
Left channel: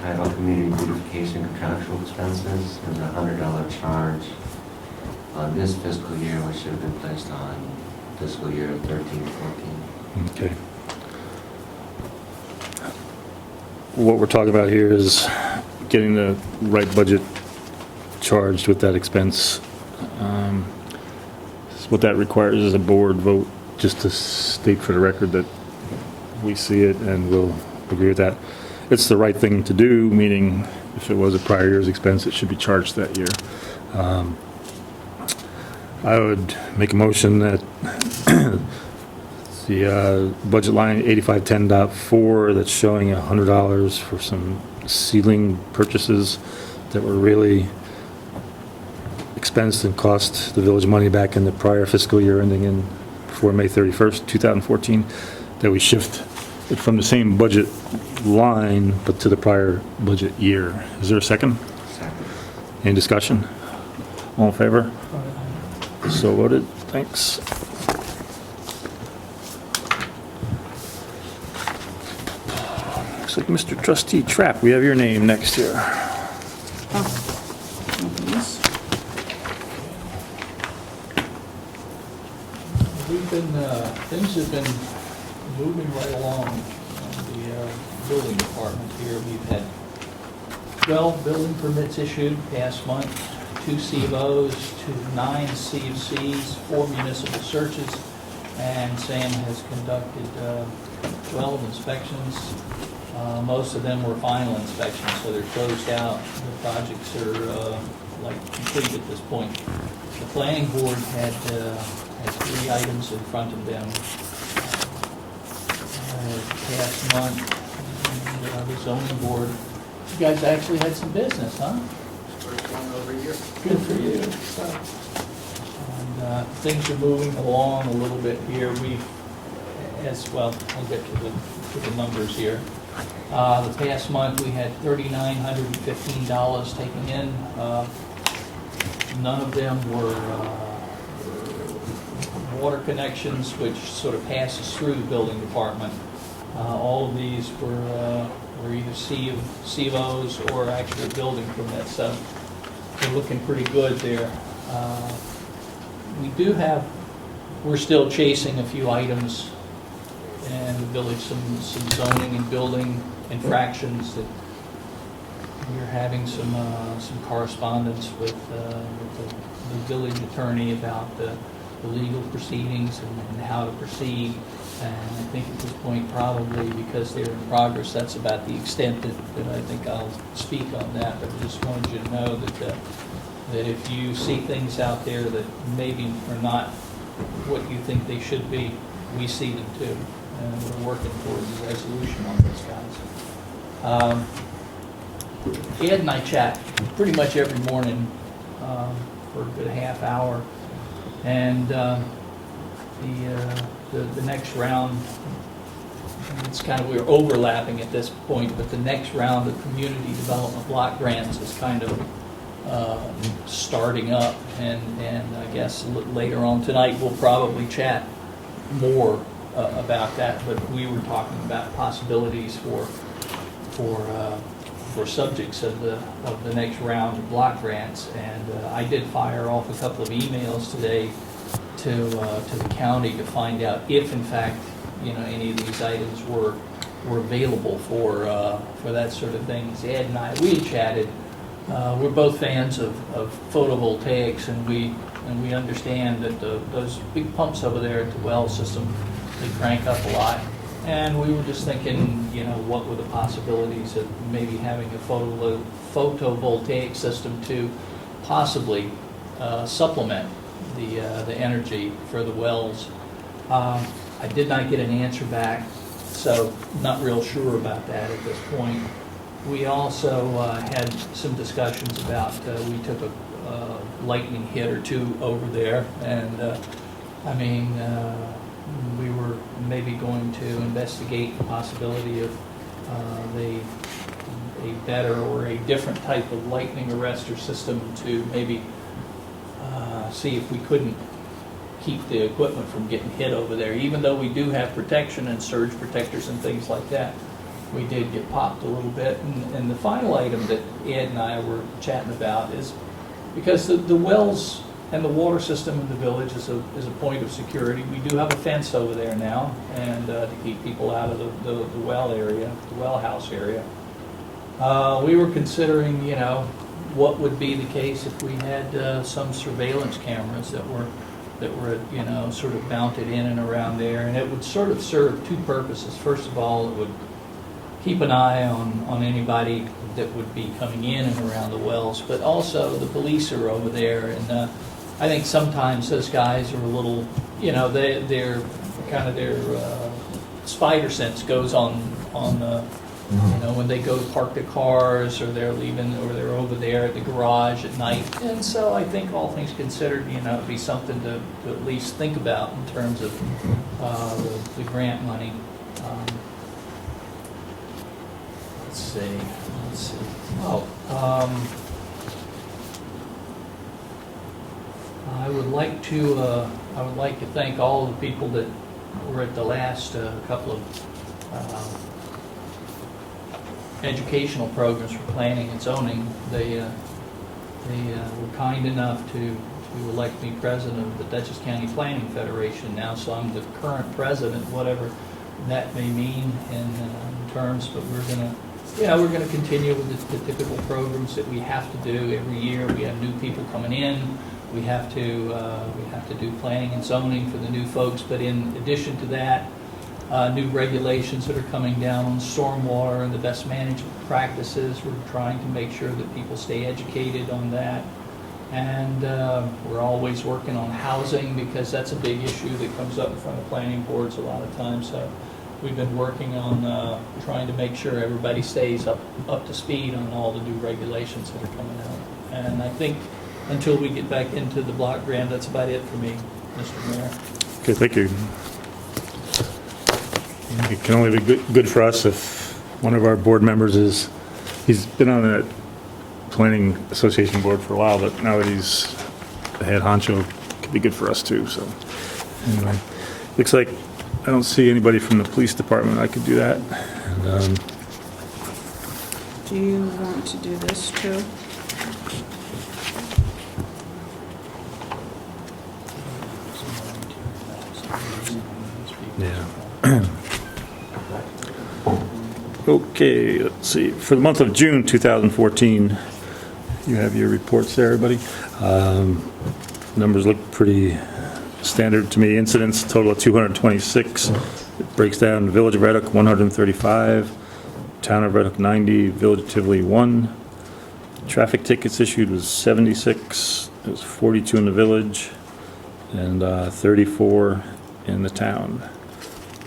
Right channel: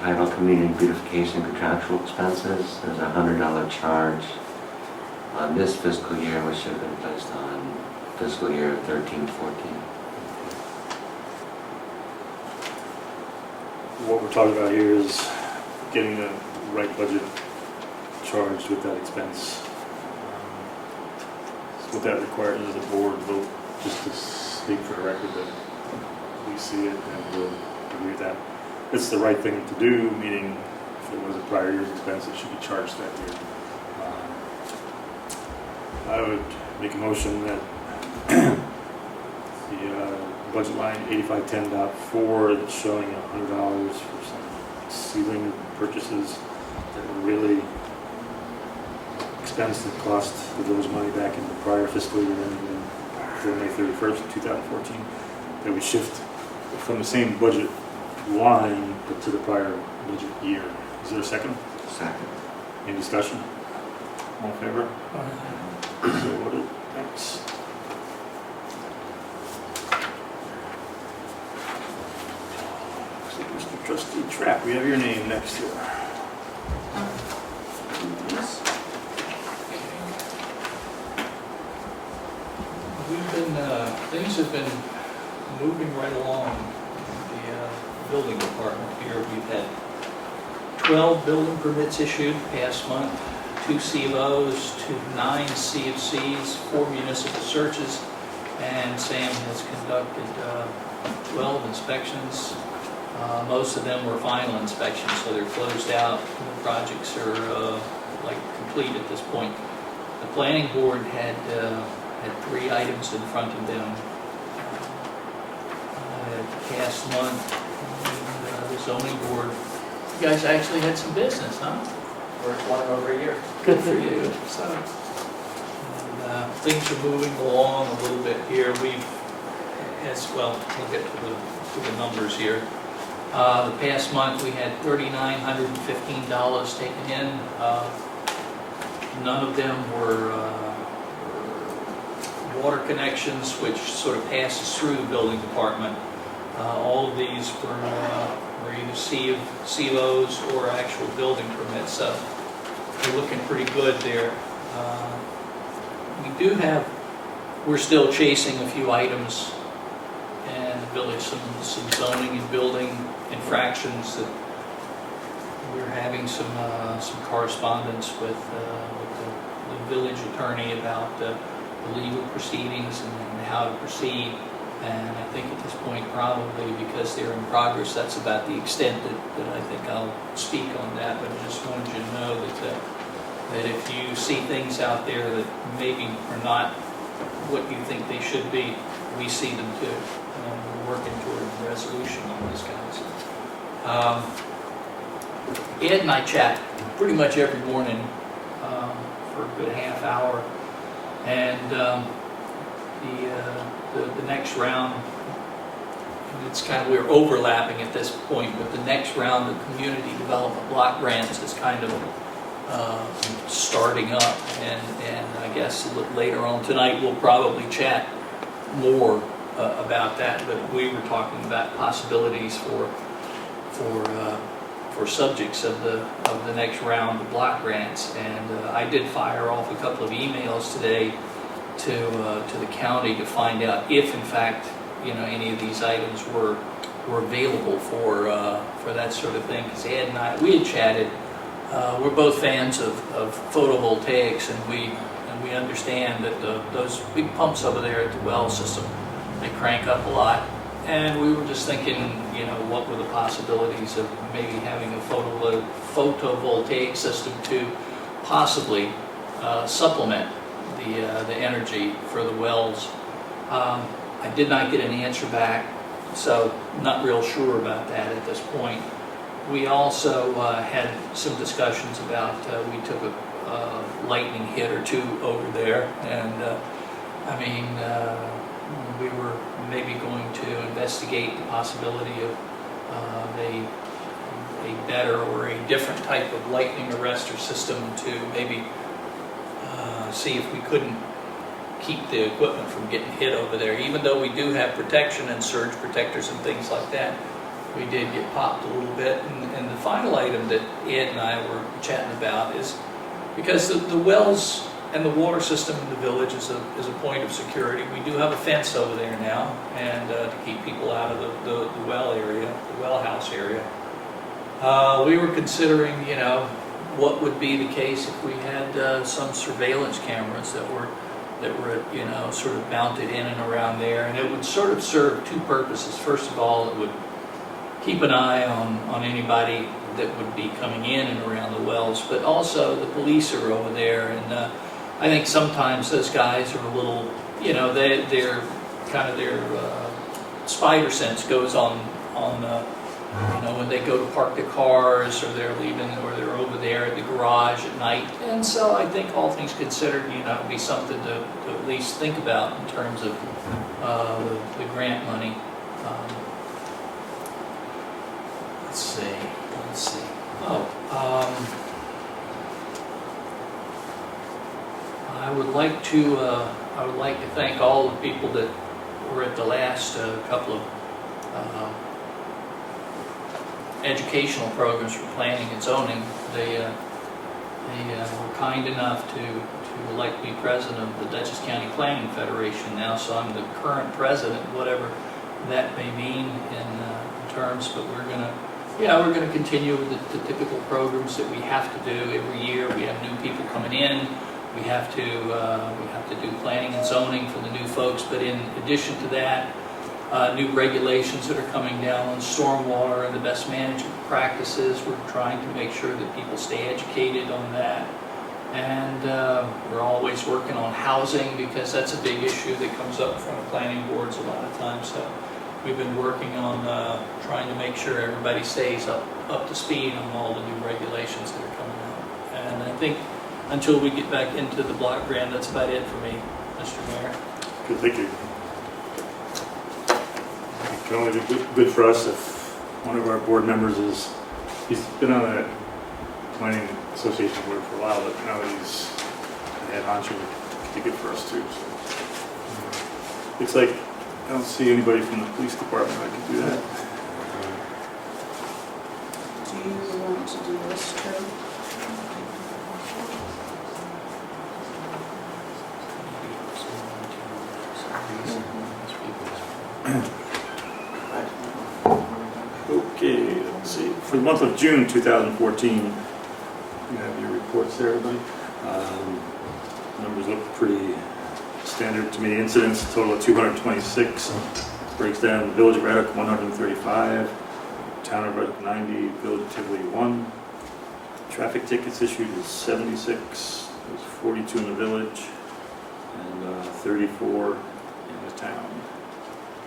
title Community Beautification Contractual Expenses. There's a $100 charge on this fiscal year, which should have been placed on fiscal year 13-14. Okay. What we're talking about here is getting the right budget charged with that expense. So what that requires is a board vote, just to state for the record that we see it and we'll agree with that. It's the right thing to do, meaning if it was a prior year's expense, it should be charged that year. I would make a motion that the budget line 8510.4 that's showing $100 for some ceiling purchases that were really expensed and cost the village money back in the prior fiscal year ending in before May 31st, 2014, that we shift it from the same budget line but to the prior budget year. Is there a second? Second. Any discussion? All in favor? So voted. Thanks. Looks like Mr. Trustee Trapp, we have your name next here. Things have been moving right along in the building department here. We've had 12 building permits issued past month, 2 CVOs, 9 CFCs, 4 municipal searches, and Sam has conducted 12 inspections. Most of them were final inspections, so they're closed out. The projects are complete at this point. The planning board had 3 items in front of them past month. The zoning board, you guys actually had some business, huh? First one in over a year. Good for you. And, things are moving along a little bit here. We've, as well, I'll get to the numbers here. The past month, we had $3,915 taken in. None of them were water connections, which sort of passes through the building department. All of these were either COs or actual building permits, so they're looking pretty good there. We're still chasing a few items in the village, some zoning and building infractions that we're having some correspondence with the village attorney about the legal proceedings and how to proceed. And I think at this point, probably because they're in progress, that's about the extent that I think I'll speak on that. But I just wanted you to know that if you see things out there that maybe are not what you think they should be, we see them too. And we're working toward a resolution on those guys. Ed and I chat pretty much every morning for a good half hour. And the next round, it's kind of, we're overlapping at this point, but the next round of community development block grants is kind of starting up, and I guess later on tonight we'll probably chat more about that, but we were talking about possibilities for subjects of the next round of block grants, and I did fire off a couple of emails today to the county to find out if, in fact, any of these items were available for that sort of thing. Because Ed and I, we had chatted. We're both fans of photovoltaics, and we understand that those big pumps over there at the well system, they crank up a lot. And we were just thinking, what were the possibilities of maybe having a photovoltaic system to possibly supplement the energy for the wells. I did not get an answer back, so not real sure about that at this point. We also had some discussions about, we took a lightning hit or two over there, and we were maybe going to investigate the possibility of a better or a different type of lightning arrestor system to maybe see if we couldn't keep the equipment from getting hit over there. Even though we do have protection and surge protectors and things like that, we did get popped a little bit. And the final item that Ed and I were chatting about is because the wells and the water system in the village is a point of security. We do have a fence over there now, and to keep people out of the well area, the well house area. We were considering, you know, what would be the case if we had some surveillance cameras that were, you know, sort of mounted in and around there, and it would sort of serve two purposes. First of all, it would keep an eye on anybody that would be coming in and around the wells, but also the police are over there, and I think sometimes those guys are a little, you know, they're kind of their spider sense goes on you know, when they go to park their cars, or they're leaving, or they're over there at the garage at night. And so I think all things considered, you know, it'd be something to at least think about in terms of the grant money. Let's see. I would like to thank all the people that were at the last couple of educational programs for planning and zoning. They were kind enough to elect me president of the Dutchess County Planning Federation now, so I'm the current president, whatever that may mean in terms, but we're going to continue with the typical programs that we have to do every year. We have new people coming in. We have to do planning and zoning for the new folks, but in addition to that, new regulations that are coming down on stormwater and the best management practices. We're trying to make sure that people stay educated on that. And we're always working on housing, because that's a big issue that comes up in front of planning boards a lot of times. So we've been working on trying to make sure everybody stays up to speed on all the new regulations that are coming out. And I think until we get back into the block grant, that's about it for me, Mr. Mayor. Okay, thank you. It can only be good for us if one of our board members he's been on the planning association board for a while, but now that he's the head honcho, it could be good for us too. So anyway, looks like I don't see anybody from the police department. I could do that. And, Do you want to do this too? yeah. Okay, let's see. For the month of June 2014, you have your reports there, everybody. Numbers look pretty standard to me. Incidents, total of 226. It breaks down Village of Red Hook 135, Town of Red Hook 90, Village of Tivoli 1. Traffic tickets issued was 76. There's 42 in the village and 34 in the town.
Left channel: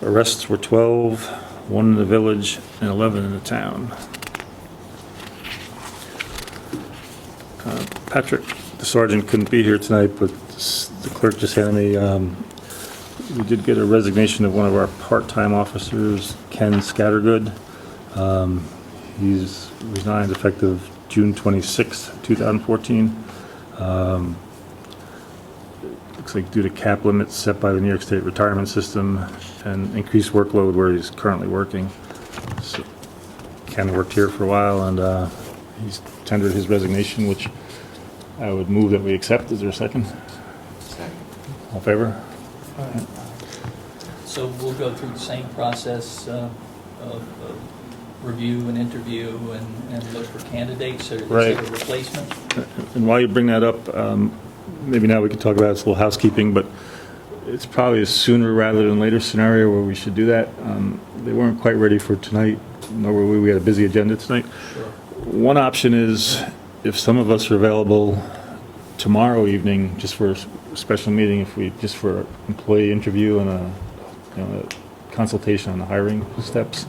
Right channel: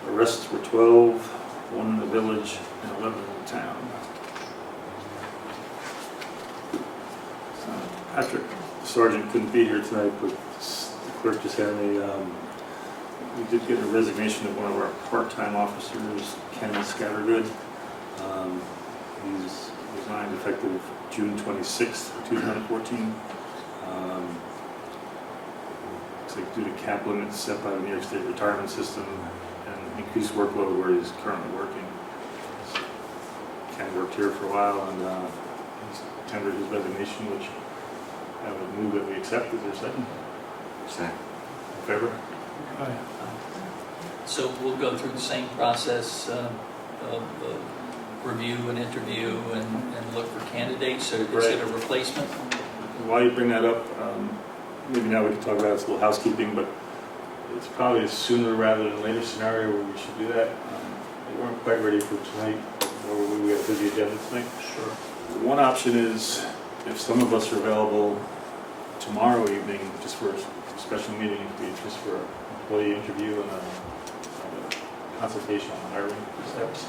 Arrests were 12, 1 in the village and 11 in the town. Patrick, the sergeant, couldn't be here tonight, but the clerk just handed me, we did get a resignation of one of our part-time officers, Ken Scattergood. He's resigned effective June 26th, 2014. Looks like due to cap limits set by the New York State retirement system and increased workload where he's currently working. So Ken worked here for a while, and he's tendered his resignation, which I would move that we accept. Is there a second? Second. All in favor? So we'll go through the same process of review and interview and look for candidates, or Right. is it a replacement? And while you bring that up, maybe now we could talk about this, a little housekeeping, but it's probably a sooner rather than later scenario where we should do that. They weren't quite ready for tonight, nor were we. We had a busy agenda tonight. Sure. One option is if some of us are available tomorrow evening, just for a special meeting, if we just for an employee interview and a consultation on the hiring steps.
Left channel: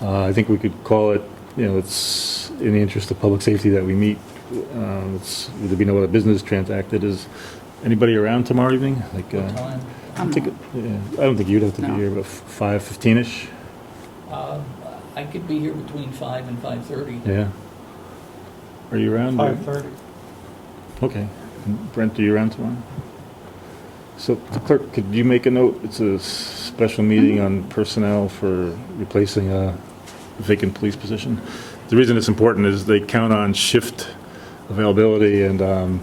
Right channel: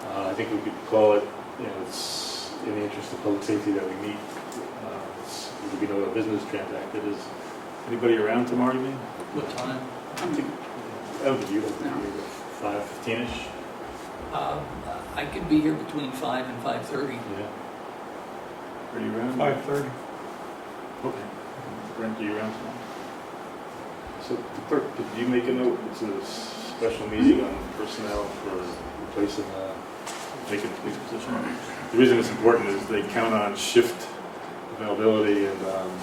I think we could call it, it's in the interest of public safety that we meet. There'll be no other business transacted. Is anybody around tomorrow evening? What time? I don't think you'd have to be here, but 5:15ish. I could be here between 5 and 5:30. Yeah. Are you around? 5:30. Okay. And Brent, are you around tomorrow? So clerk, could you make a note? It's a special meeting on personnel for replacing a vacant police position. The reason it's important is they count on shift availability, and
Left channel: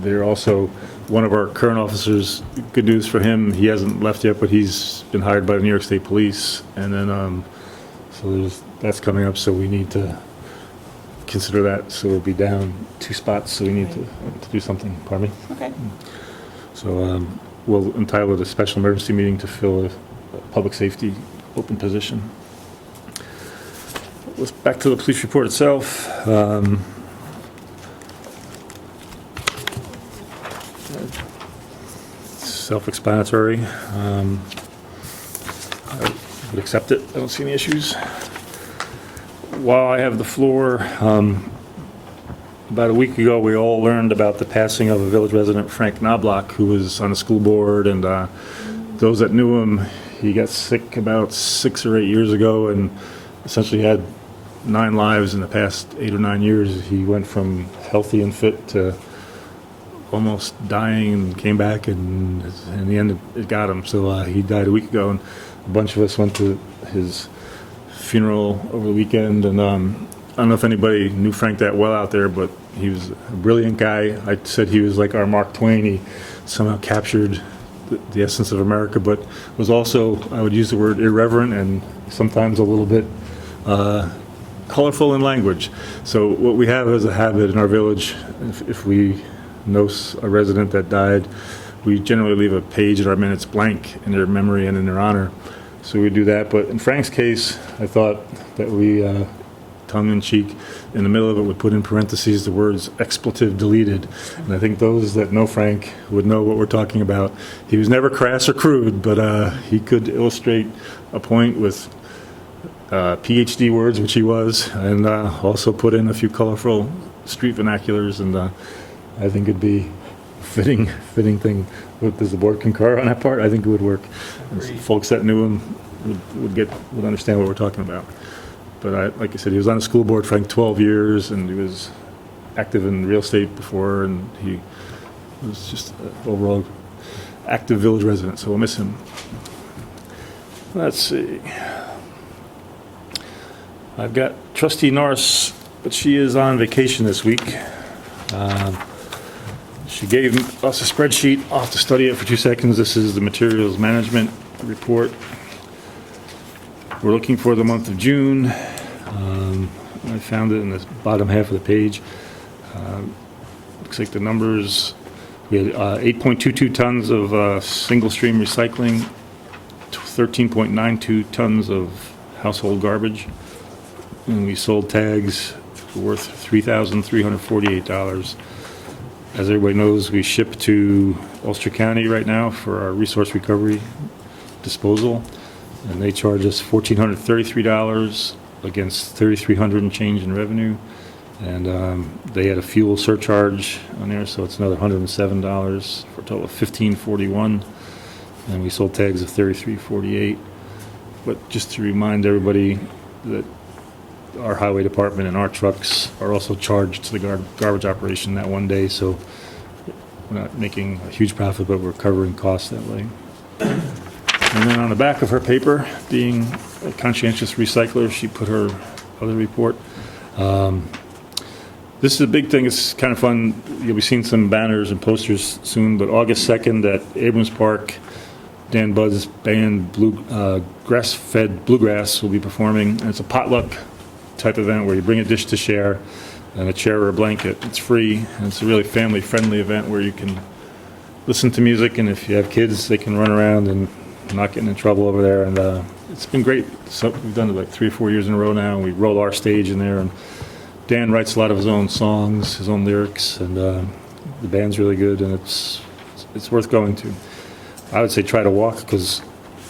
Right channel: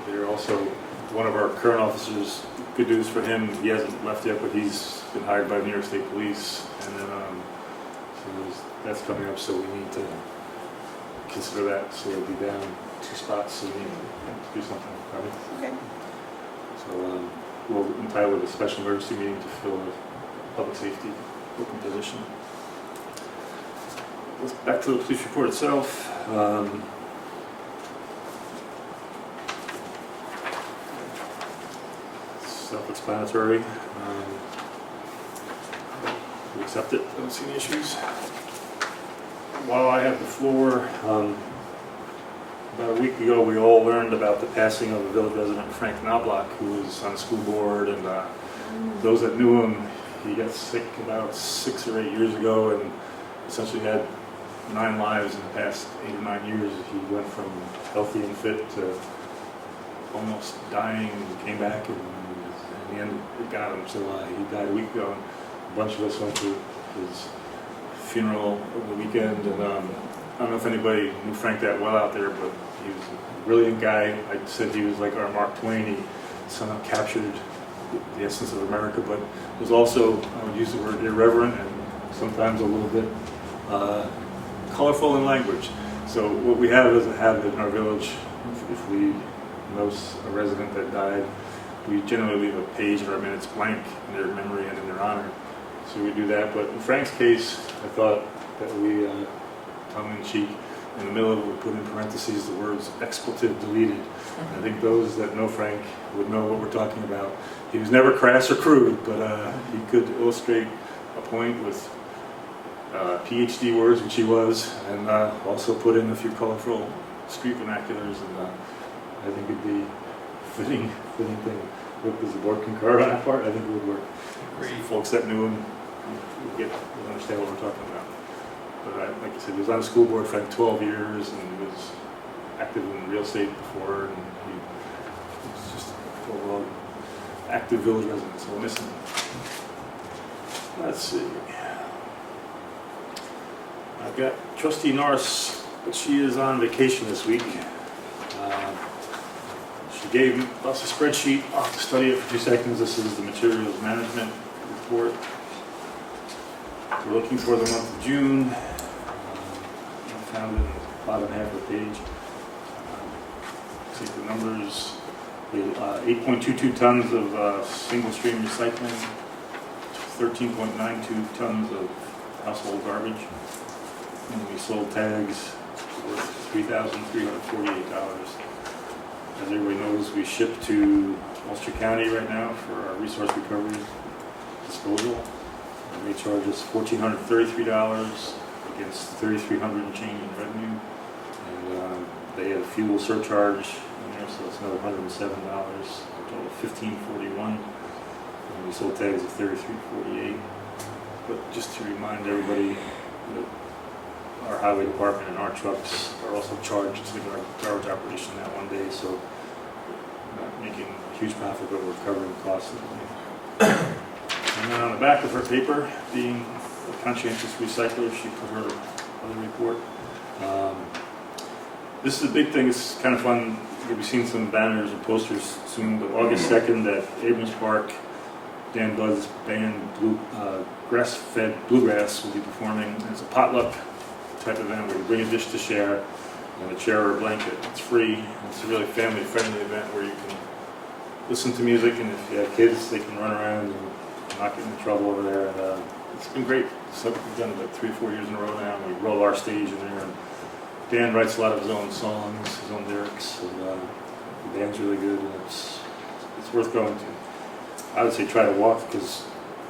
they're also one of our current officers. Good news for him, he hasn't left yet, but he's been hired by the New York State Police. And then, so that's coming up, so we need to consider that. So we'll be down 2 spots, so we need to do something. Pardon me? Okay. So we'll entitle it a special emergency meeting to fill a public safety open position. Back to the police report itself. Self-explanatory. I would accept it. I don't see any issues. While I have the floor, about a week ago, we all learned about the passing of a village resident, Frank Knobloch, who was on the school board, and those that knew him, he got sick about 6 or 8 years ago and essentially had 9 lives in the past 8 or 9 years. He went from healthy and fit to almost dying and came back, and in the end it got him. So he died a week ago, and a bunch of us went to his funeral over the weekend. And I don't know if anybody knew Frank that well out there, but he was a brilliant guy. I said he was like our Mark Twain. He somehow captured the essence of America, but was also, I would use the word, irreverent and sometimes a little bit colorful in language. So what we have as a habit in our village, if we know a resident that died, we generally leave a page in our minutes blank in their memory and in their honor. So we do that. But in Frank's case, I thought that we, tongue-in-cheek, in the middle of it, would put in parentheses the words "expletive deleted." And I think those that know Frank would know what we're talking about. He was never crass or crude, but he could illustrate a point with PhD words, which he was, and also put in a few colorful street vernaculars, and I think it'd be a fitting thing. Does the board concur on that part? I think it would work. Folks that knew him would understand what we're talking about. But like I said, he was on the school board for 12 years, and he was active in real estate before, and he was just an overall active village resident, so we'll miss him. Let's see. I've got Trustee Norris, but she is on vacation this week. She gave us a spreadsheet. I'll have to study it for 2 seconds. This is the materials management report. We're looking for the month of June. I found it in the bottom half of the page. Looks like the numbers, we had 8.22 tons of single stream recycling, 13.92 tons of household garbage, and we sold tags worth $3,348. As everybody knows, we ship to Ulster County right now for our resource recovery disposal, and they charge us $1,433 against $3,300 and change in revenue, and they had a fuel surcharge on there, so it's another $107 for a total of $1,541, and we sold tags of $33.48. But just to remind everybody that our highway department and our trucks are also charged to the garbage operation that one day, so we're not making a huge profit, but we're covering costs that way. And then on the back of her paper, being a conscientious recycler, she put her other report. This is a big thing. It's kind of fun. You'll be seeing some banners and posters soon, but August 2nd at Abrams Park, Dan Budd's band Grass-Fed Bluegrass will be performing. And it's a potluck type event where you bring a dish to share and a chair or a blanket. It's free, and it's a really family-friendly event where you can listen to music, and if you have kids, they can run around and not getting in trouble over there. And it's been great. So we've done it like 3 or 4 years in a row now, and we roll our stage in there, and Dan writes a lot of his own songs, his own lyrics, and the band's really good, and it's worth going to. I would say try to walk, because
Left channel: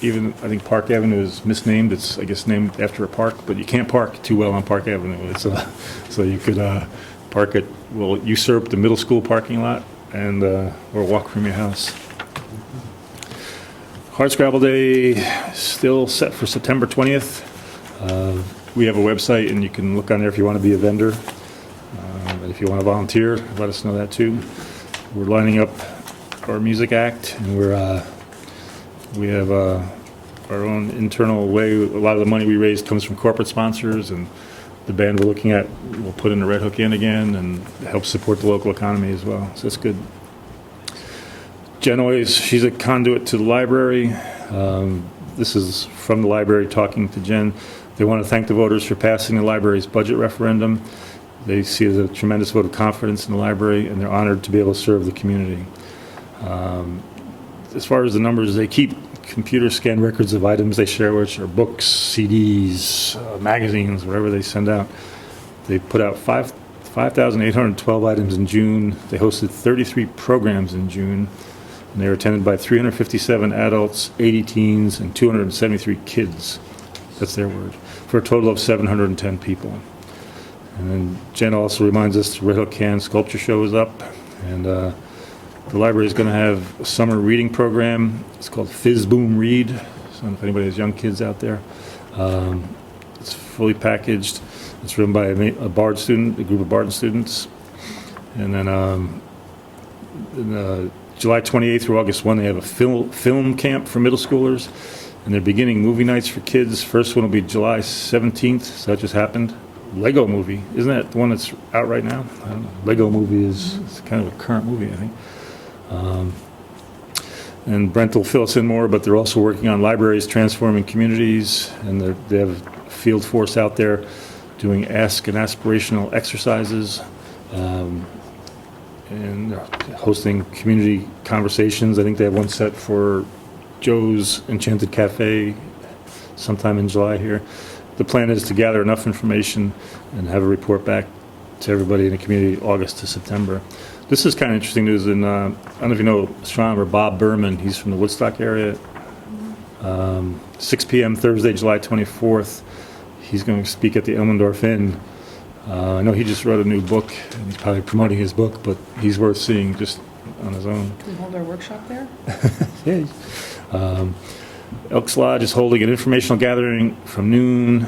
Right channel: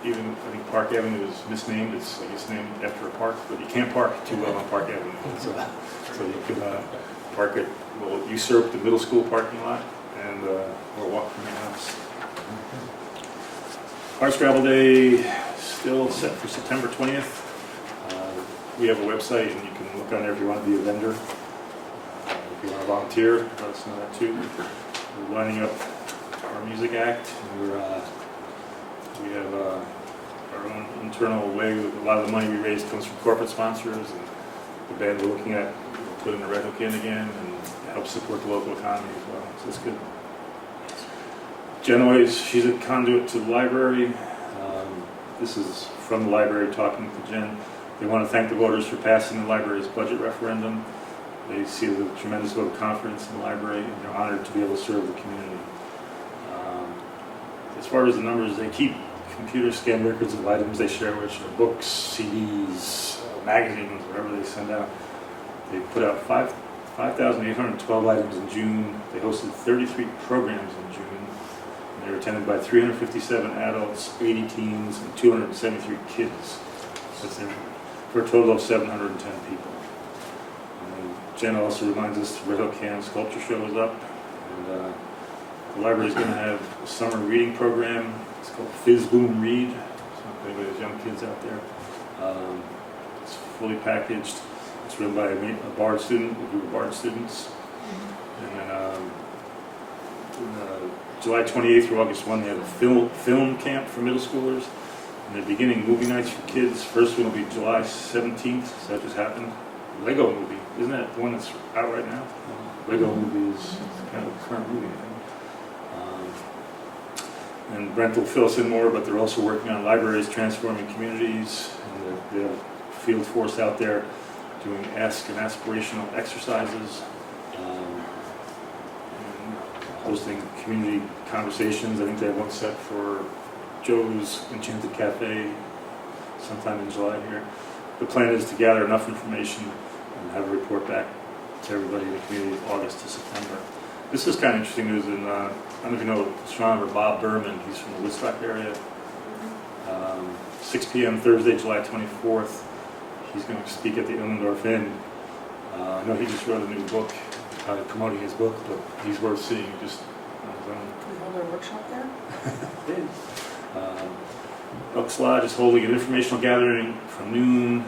even I think Park Avenue is misnamed. It's, I guess, named after a park, but you can't park too well on Park Avenue. So you could park it, will usurp the middle school parking lot, and or walk from your house. Hardscrabble Day still set for September 20th. We have a website, and you can look on there if you want to be a vendor. If you want to volunteer, let us know that too. We're lining up our music act, and we have our own internal way. A lot of the money we raise comes from corporate sponsors, and the band we're looking at will put in the Red Hook Inn again and help support the local economy as well. So it's good. Jen always, she's a conduit to the library. This is from the library talking to Jen. They want to thank the voters for passing the library's budget referendum. They see it as a tremendous vote of confidence in the library, and they're honored to be able to serve the community. As far as the numbers, they keep computer scanned records of items they share, which are books, CDs, magazines, whatever they send out. They put out 5,812 items in June. They hosted 33 programs in June, and they were attended by 357 adults, 80 teens, and 273 kids. That's their word. For a total of 710 people. And then Jen also reminds us the Red Hook Can Sculpture Show is up, and the library is going to have a summer reading program. It's called Fizz Boom Read. So if anybody has young kids out there, it's fully packaged. It's run by a Bard student, a group of Bard students. And then July 28th through August 1, they have a film camp for middle schoolers. And they're beginning movie nights for kids. First one will be July 17th. So that just happened. Lego Movie. Isn't that the one that's out right now? I don't know. Lego Movie is kind of a current movie, I think. And Brent will fill us in more, but they're also working on libraries transforming communities, and they have a field force out there doing ask and aspirational exercises, and hosting community conversations. I think they have one set for Joe's Enchanted Cafe sometime in July here. The plan is to gather enough information and have a report back to everybody in the community August to September. This is kind of interesting news. In I don't know if you know astronomer Bob Berman. He's from the Woodstock area. 6 p.m. Thursday, July 24th. He's going to speak at the Elmendorf Inn. I know he just wrote a new book. He's probably promoting his book, but he's worth seeing just on his own. Can we hold our workshop there? Yeah. Elks Lodge is holding an informational gathering from noon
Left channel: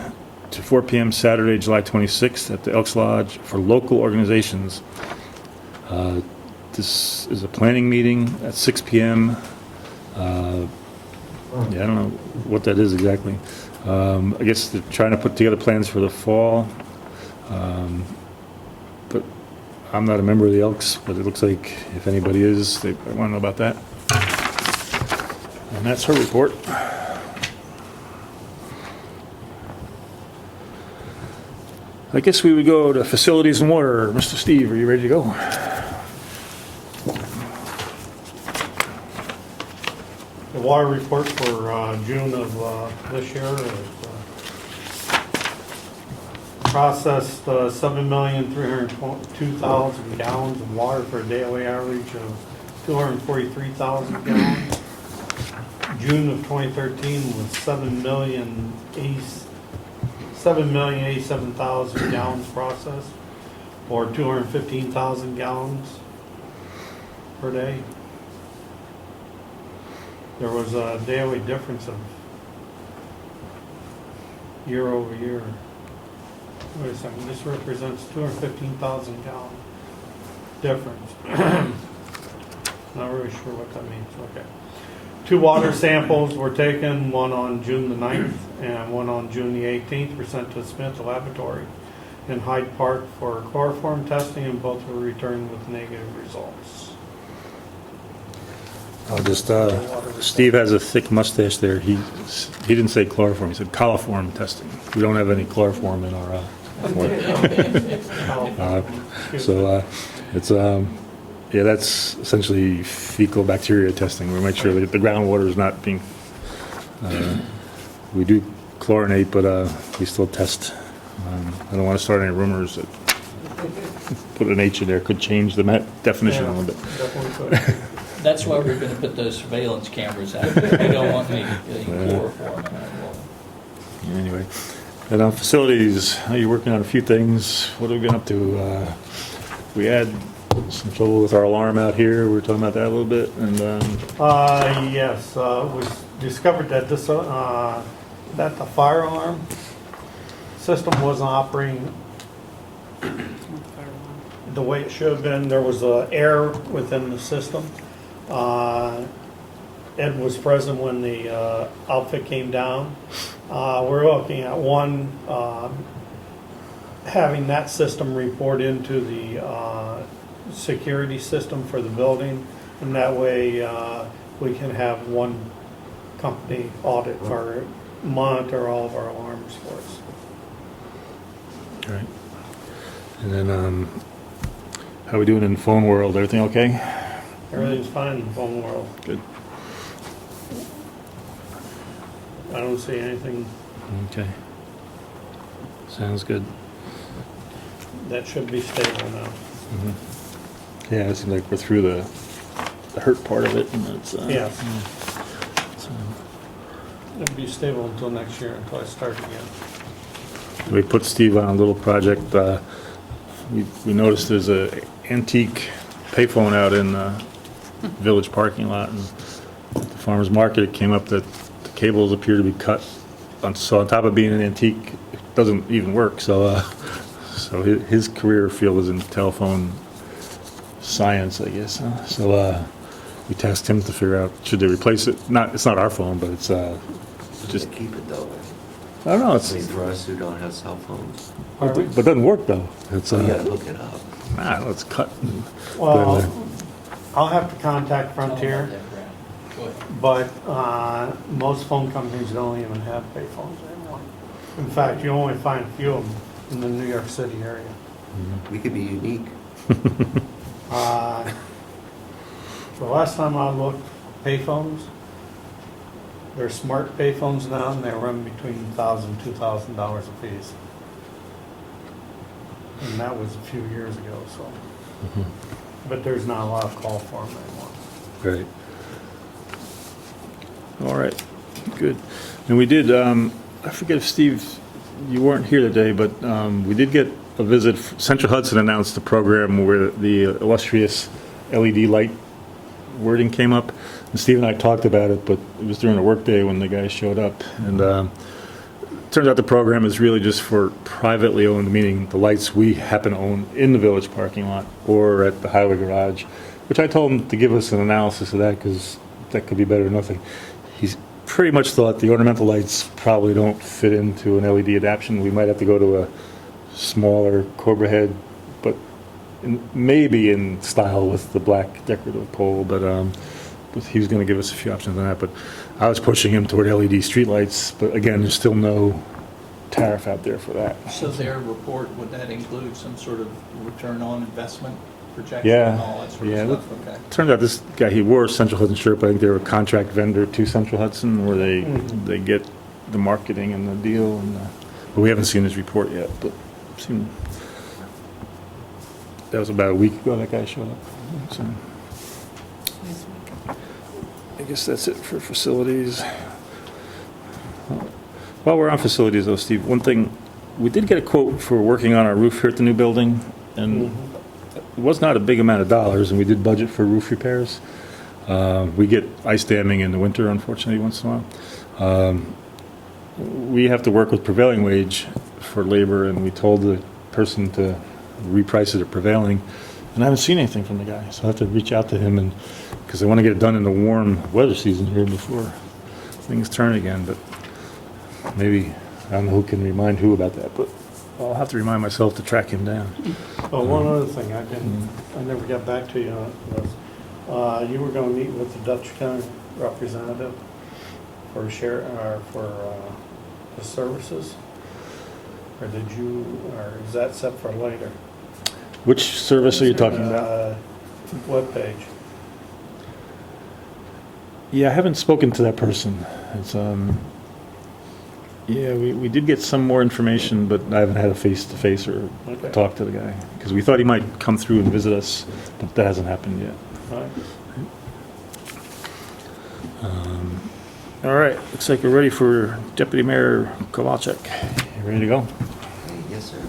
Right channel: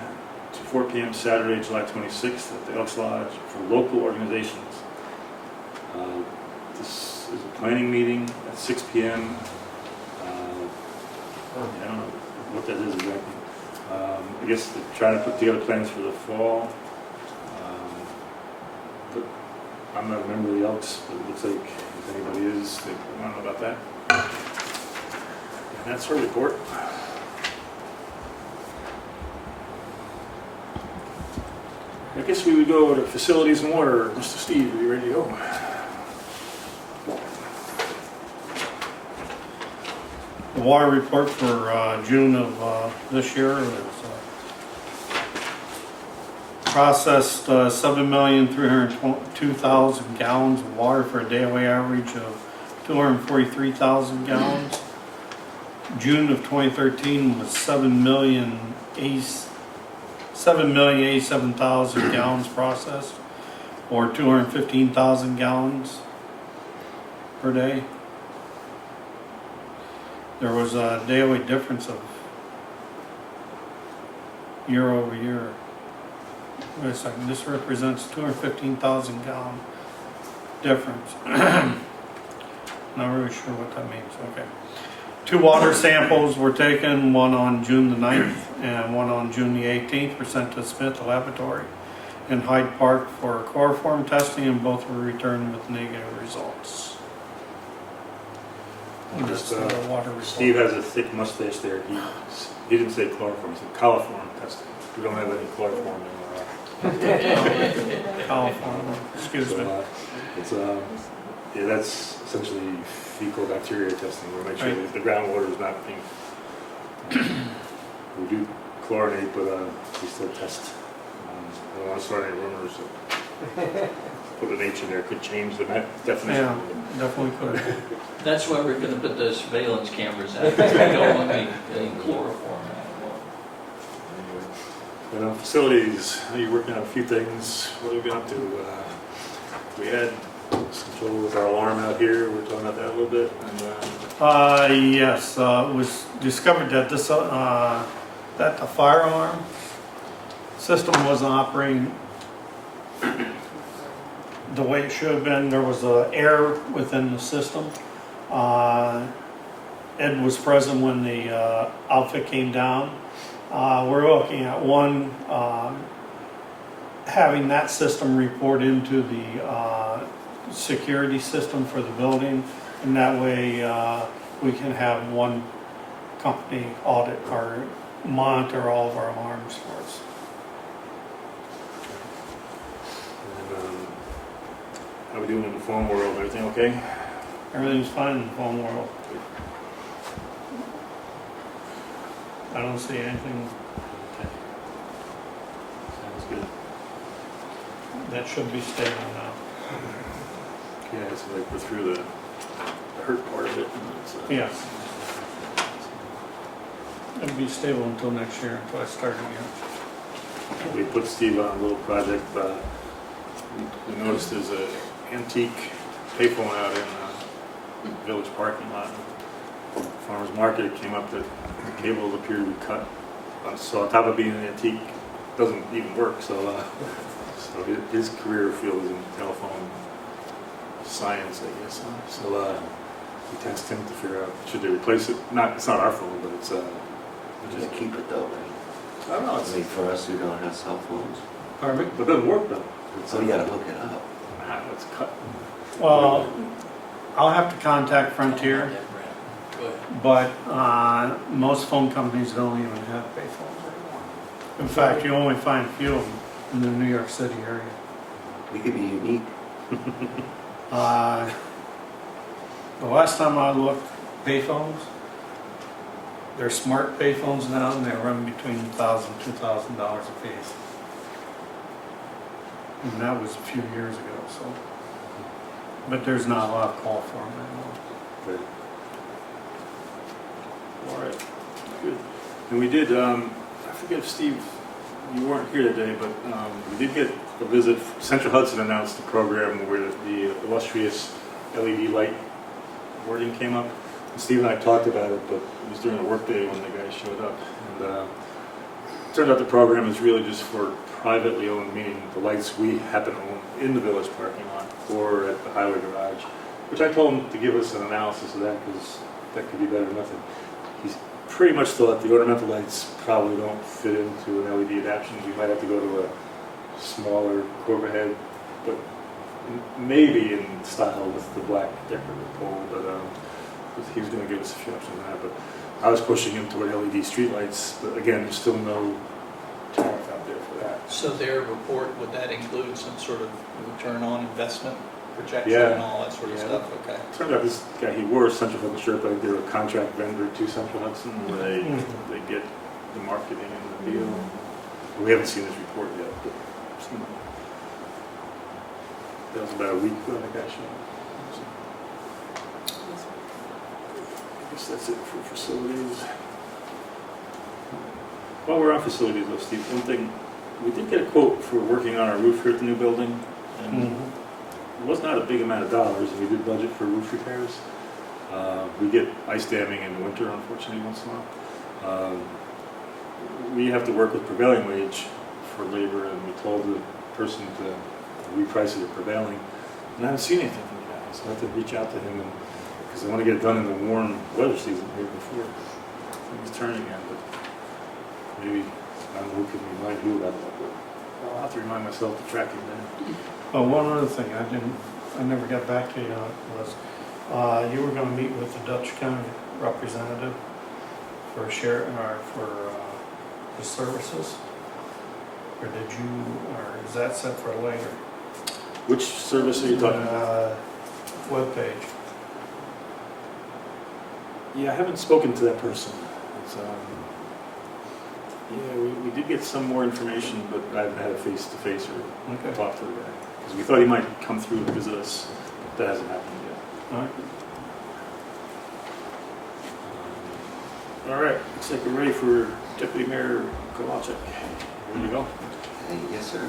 to 4 p.m. Saturday, July 26th at the Elks Lodge for local organizations. This is a planning meeting at 6 p.m. I don't know what that is exactly. I guess they're trying to put together plans for the fall. But I'm not a member of the Elks, but it looks like if anybody is, they want to know about that. And that's her report. I guess we would go to facilities and water. Mr. Steve, are you ready to go? The water report for June of this year was processed 7,302,000 gallons of water for a daily average of 243,000 gallons. June of 2013 was 7,087,000 gallons processed, or 215,000 gallons per day. There was a daily difference of year over year. Wait a second, this represents 215,000 gallon difference. Not really sure what that means, okay. 2 water samples were taken, one on June the 9th and one on June the 18th, were sent to Smith Laboratory in Hyde Park for chloroform testing, and both were returned with negative results. I'll just, Steve has a thick mustache there. He didn't say chloroform, he said coliform testing. We don't have any chloroform in our so it's yeah, that's essentially fecal bacteria testing. We'll make sure that the groundwater is not being we do chlorinate, but we still test. I don't want to start any rumors that put an H in there could change the definition a little bit. Definitely could. That's why we're gonna put those surveillance cameras out. We don't want any chloroform in that water. Anyway, and on facilities, you're working on a few things. What have we been up to? We had some trouble with our alarm out here. We were talking about that a little bit. And Yes, it was discovered that this that the fire alarm system wasn't operating the way it should have been. There was air within the system, Ed was present when the outfit came down. We're looking at one, having that system report into the security system for the building, and that way we can have one company audit or monitor all of our alarms for us. Right. And then, how we doing in the phone world? Everything okay? Everything's fine in the phone world. Good. I don't see anything Okay. Sounds good. that should be stable now. Yeah, it seems like we're through the hurt part of it, and that's Yeah. So It'll be stable until next year, until I start again. we put Steve on a little project. We noticed there's a antique payphone out in the village parking lot, and at the farmer's market it came up that the cables appear to be cut. So on top of being an antique, it doesn't even work. So his career field is in telephone science, I guess. So we tasked him to figure out should they replace it. It's not our phone, but it's Just keep it though, right? I don't know. I It's mean, for us who don't have cell phones, but it doesn't work though. It's we gotta look it up. I don't know, it's cut. Well, I'll have to contact Frontier, but most phone companies don't even have payphones anymore. In fact, you only find a few of them in the New York City area. We could be unique. The last time I looked, payphones, they're smart payphones now, and they run between $1,000 and $2,000 a piece. And that was a few years ago, so. But there's not a lot of call for them anymore. Right. All right. Good. And we did. I forget if Steve, you weren't here today, but we did get a visit. Central Hudson announced a program where the illustrious LED light wording came up. And Steve and I talked about it, but it was during a work day when the guys showed up. And it turns out the program is really just for privately owned, meaning the lights we happen to own in the village parking lot or at the highway garage, which I told him to give us an analysis of that because that could be better than nothing. He's pretty much thought the ornamental lights probably don't fit into an LED adaptation. We might have to go to a smaller Cobra head, but maybe in style with the black decorative pole, but he was going to give us a few options on that. But I was pushing him toward LED streetlights, but again, there's still no tariff out there for that. So their report, would that include some sort of return on investment projection Yeah. and all that sort of Yeah, stuff? Okay. Turned out this guy, he wore a Central Hudson shirt, but I think they were a contract vendor to Central Hudson, where they get the marketing and the deal. And, but we haven't seen his report yet, but seen, that was about a week ago that guy showed up. So, I guess that's it for facilities. While we're on facilities though, Steve, one thing, we did get a quote for working on our roof here at the new building, and it was not a big amount of dollars, and we did budget for roof repairs. We get ice damming in the winter, unfortunately, once in a while. We have to work with prevailing wage for labor, and we told the person to reprice it at prevailing, and I haven't seen anything from the guy, so I have to reach out to him, and because I want to get it done in the warm weather season here before things turn again. But maybe I don't know who can remind who about that, but I'll have to remind myself to track him down. Well, one other thing I never got back to you on was, you were gonna meet with the Dutch County representative for the services? Or is that set for later? Which service are you talking about? Webpage. Yeah, I haven't spoken to that person. It's yeah, we did get some more information, but I haven't had a face-to-face or Okay. talk to the guy because we thought he might come through and visit us, but that hasn't happened yet. All right. All right, looks like we're ready for Deputy Mayor Kowalczyk. You ready to go? Yes, sir.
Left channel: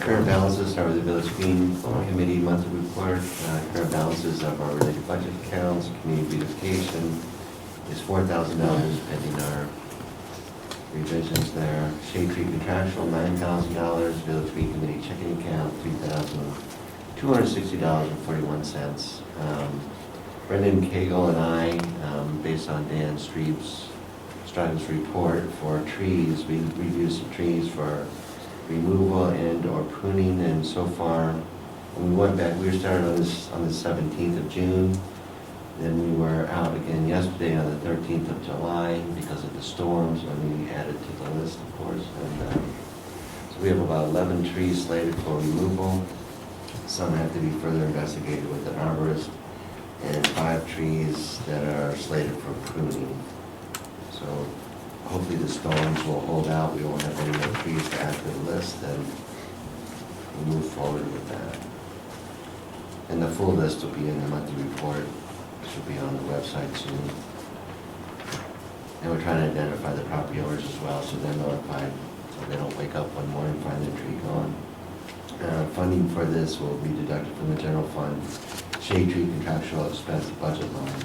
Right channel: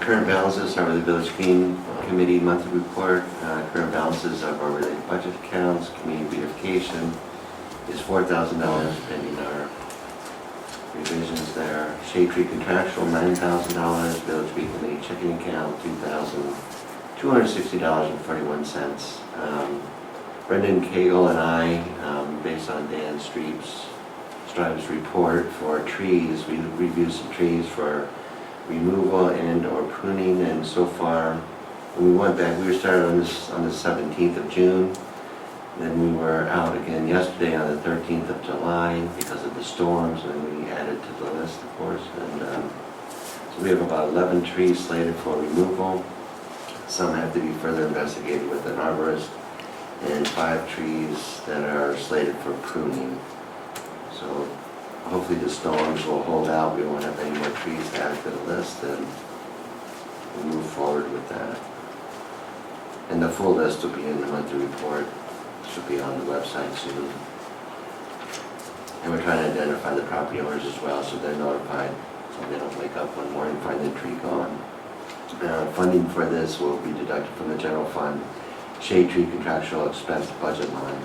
Current balances are the Village Green Committee monthly report. Current balances of our related budget accounts, community beautification is $4,000 pending our revisions there. Shade Tree contractual, $9,000. Village Green Committee checking account, $2,260.41. Brendan Cagle and I, based on Dan Strive's report for trees, we reviewed some trees for removal and or pruning, and so far, when we went back, we were started on the 17th of June. Then we were out again yesterday on the 13th of July because of the storms, and then we added to the list, of course. And so we have about 11 trees slated for removal. Some have to be further investigated with an arborist, and 5 trees that are slated for pruning. So hopefully the storms will hold out. We won't have any more trees to add to the list, and we'll move forward with that. And the full list will be in the monthly report. Should be on the website soon. And we're trying to identify the property owners as well, so they're notified, so they don't wake up one morning and find the tree gone. Funding for this will be deducted from the general fund shade tree contractual expense budget line.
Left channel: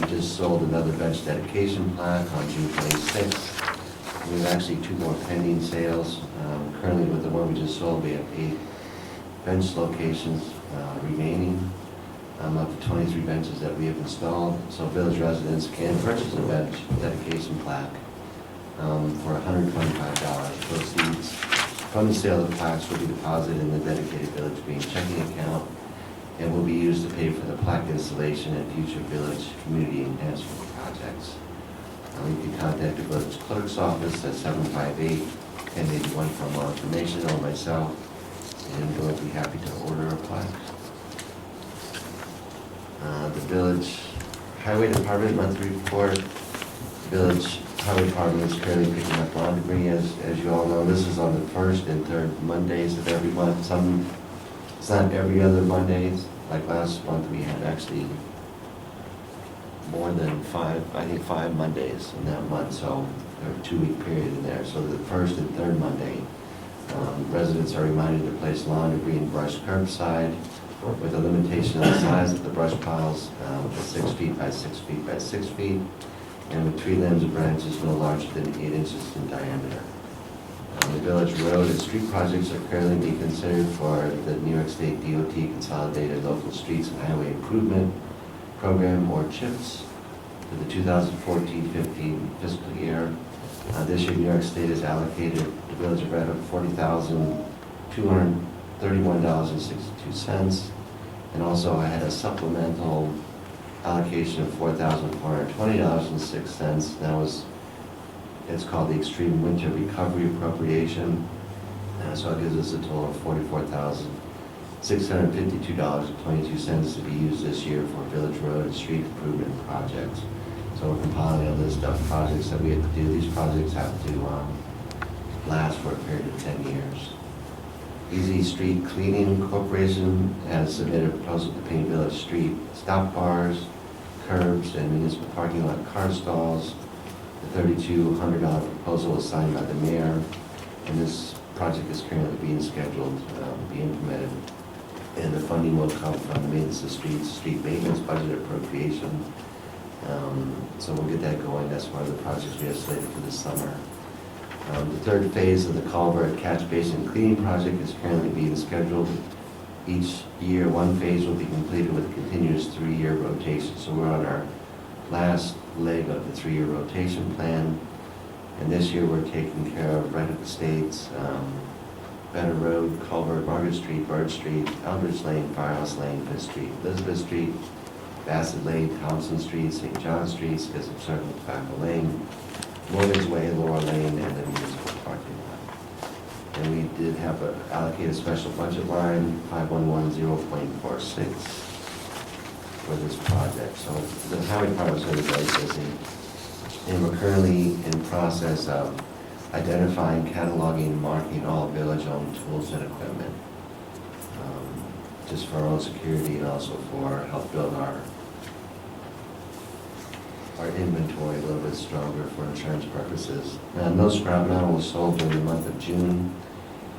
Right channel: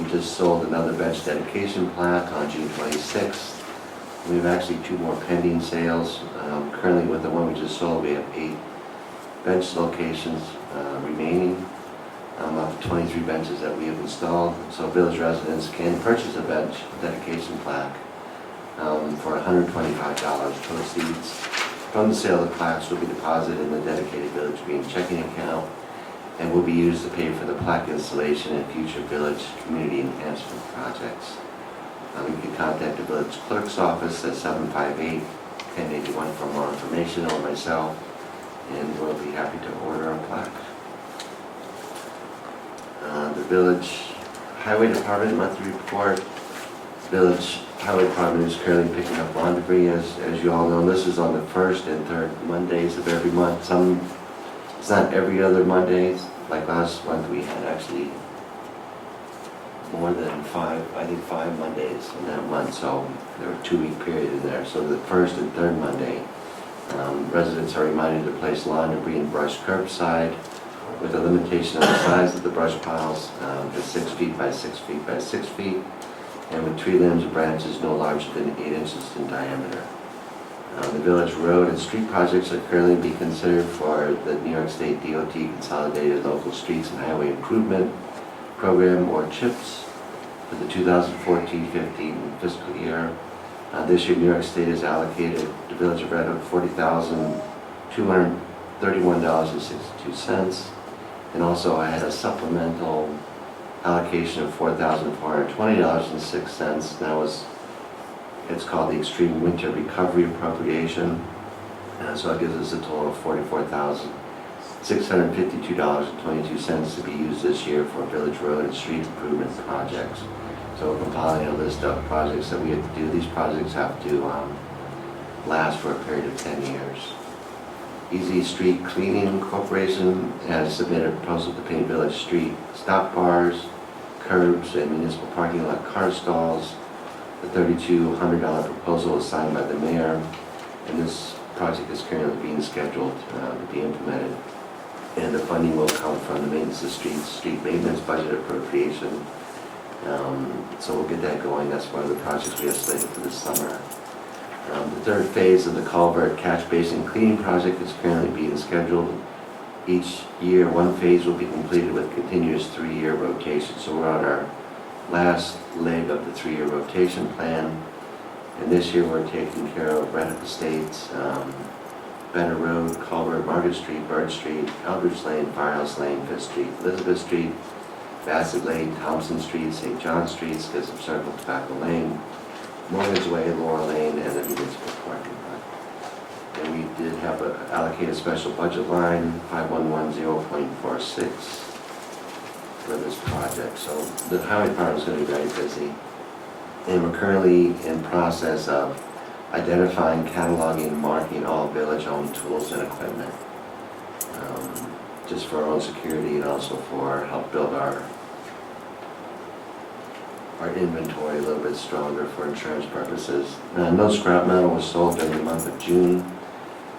We just sold another bench dedication plaque on June 26th. We have actually 2 more pending sales. Currently with the one we just sold, we have 8 bench locations remaining. Up to 23 benches that we have installed. So village residents can purchase a bench dedication plaque for $125. Proceeds from the sale of plaques will be deposited in the dedicated Village Green checking account and will be used to pay for the plaque installation and future village community enhancement projects. You can contact the village clerk's office at 758-1081 for more information, or myself, and we'll be happy to order a plaque. The Village Highway Department monthly report. Village Highway Department is currently picking up lawn debris, as you all know. This is on the 1st and 3rd Mondays of every month. It's not every other Mondays. Like last month, we had actually more than 5 Mondays in that month, so there were a 2-week period in there. So the 1st and 3rd Monday, residents are reminded to place lawn debris and brush curbside, with a limitation on the size of the brush piles to 6 feet by 6 feet by 6 feet, and with tree limbs and branches no larger than 8 inches in diameter. The village road and street projects are currently being considered for the New York State DOT Consolidated Local Streets and Highway Improvement Program, or CHIPS, for the 2014-15 fiscal year. This year, New York State has allocated the village of Red Hook $40,231.62, and also I had a supplemental allocation of $4,420.06. It's called the Extreme Winter Recovery Appropriation. So it gives us a total of $44,652.22 to be used this year for village road and street improvement projects. So we're compiling a list of projects that we have to do. These projects have to last for a period of 10 years. Easy Street Cleaning Corporation has submitted a proposal to paint village street stop bars, curbs, and municipal parking lot car stalls. The $3,200 proposal was signed by the mayor, and this project is currently being scheduled to be implemented. And the funding will come from the Maintenance of Streets, Street Maintenance Budget Appropriation. So we'll get that going. That's one of the projects we have slated for this summer. The 3rd phase of the Culvert Catch Basin Cleaning Project is currently being scheduled. Each year, one phase will be completed with a continuous 3-year rotation. So we're on our last leg of the 3-year rotation plan. And this year, we're taking care of Red Hook Estates, Better Road, Culvert, Margaret Street, Bird Street, Eldridge Lane, Firehouse Lane, 5th Street, Elizabeth Street, Bassett Lane, Thompson Street, St. John Street, Schism Circle, Tobacco Lane, Morgan's Way, Laurel Lane, and the municipal parking lot. And we did have to allocate a special budget line, 5110.46, for this project. So the highway department is going to be very busy. And we're currently in process of identifying, cataloging, and marking all village-owned tools and equipment, just for our own security and also for help build our inventory a little bit stronger for insurance purposes. No scrap metal was sold during the month of June,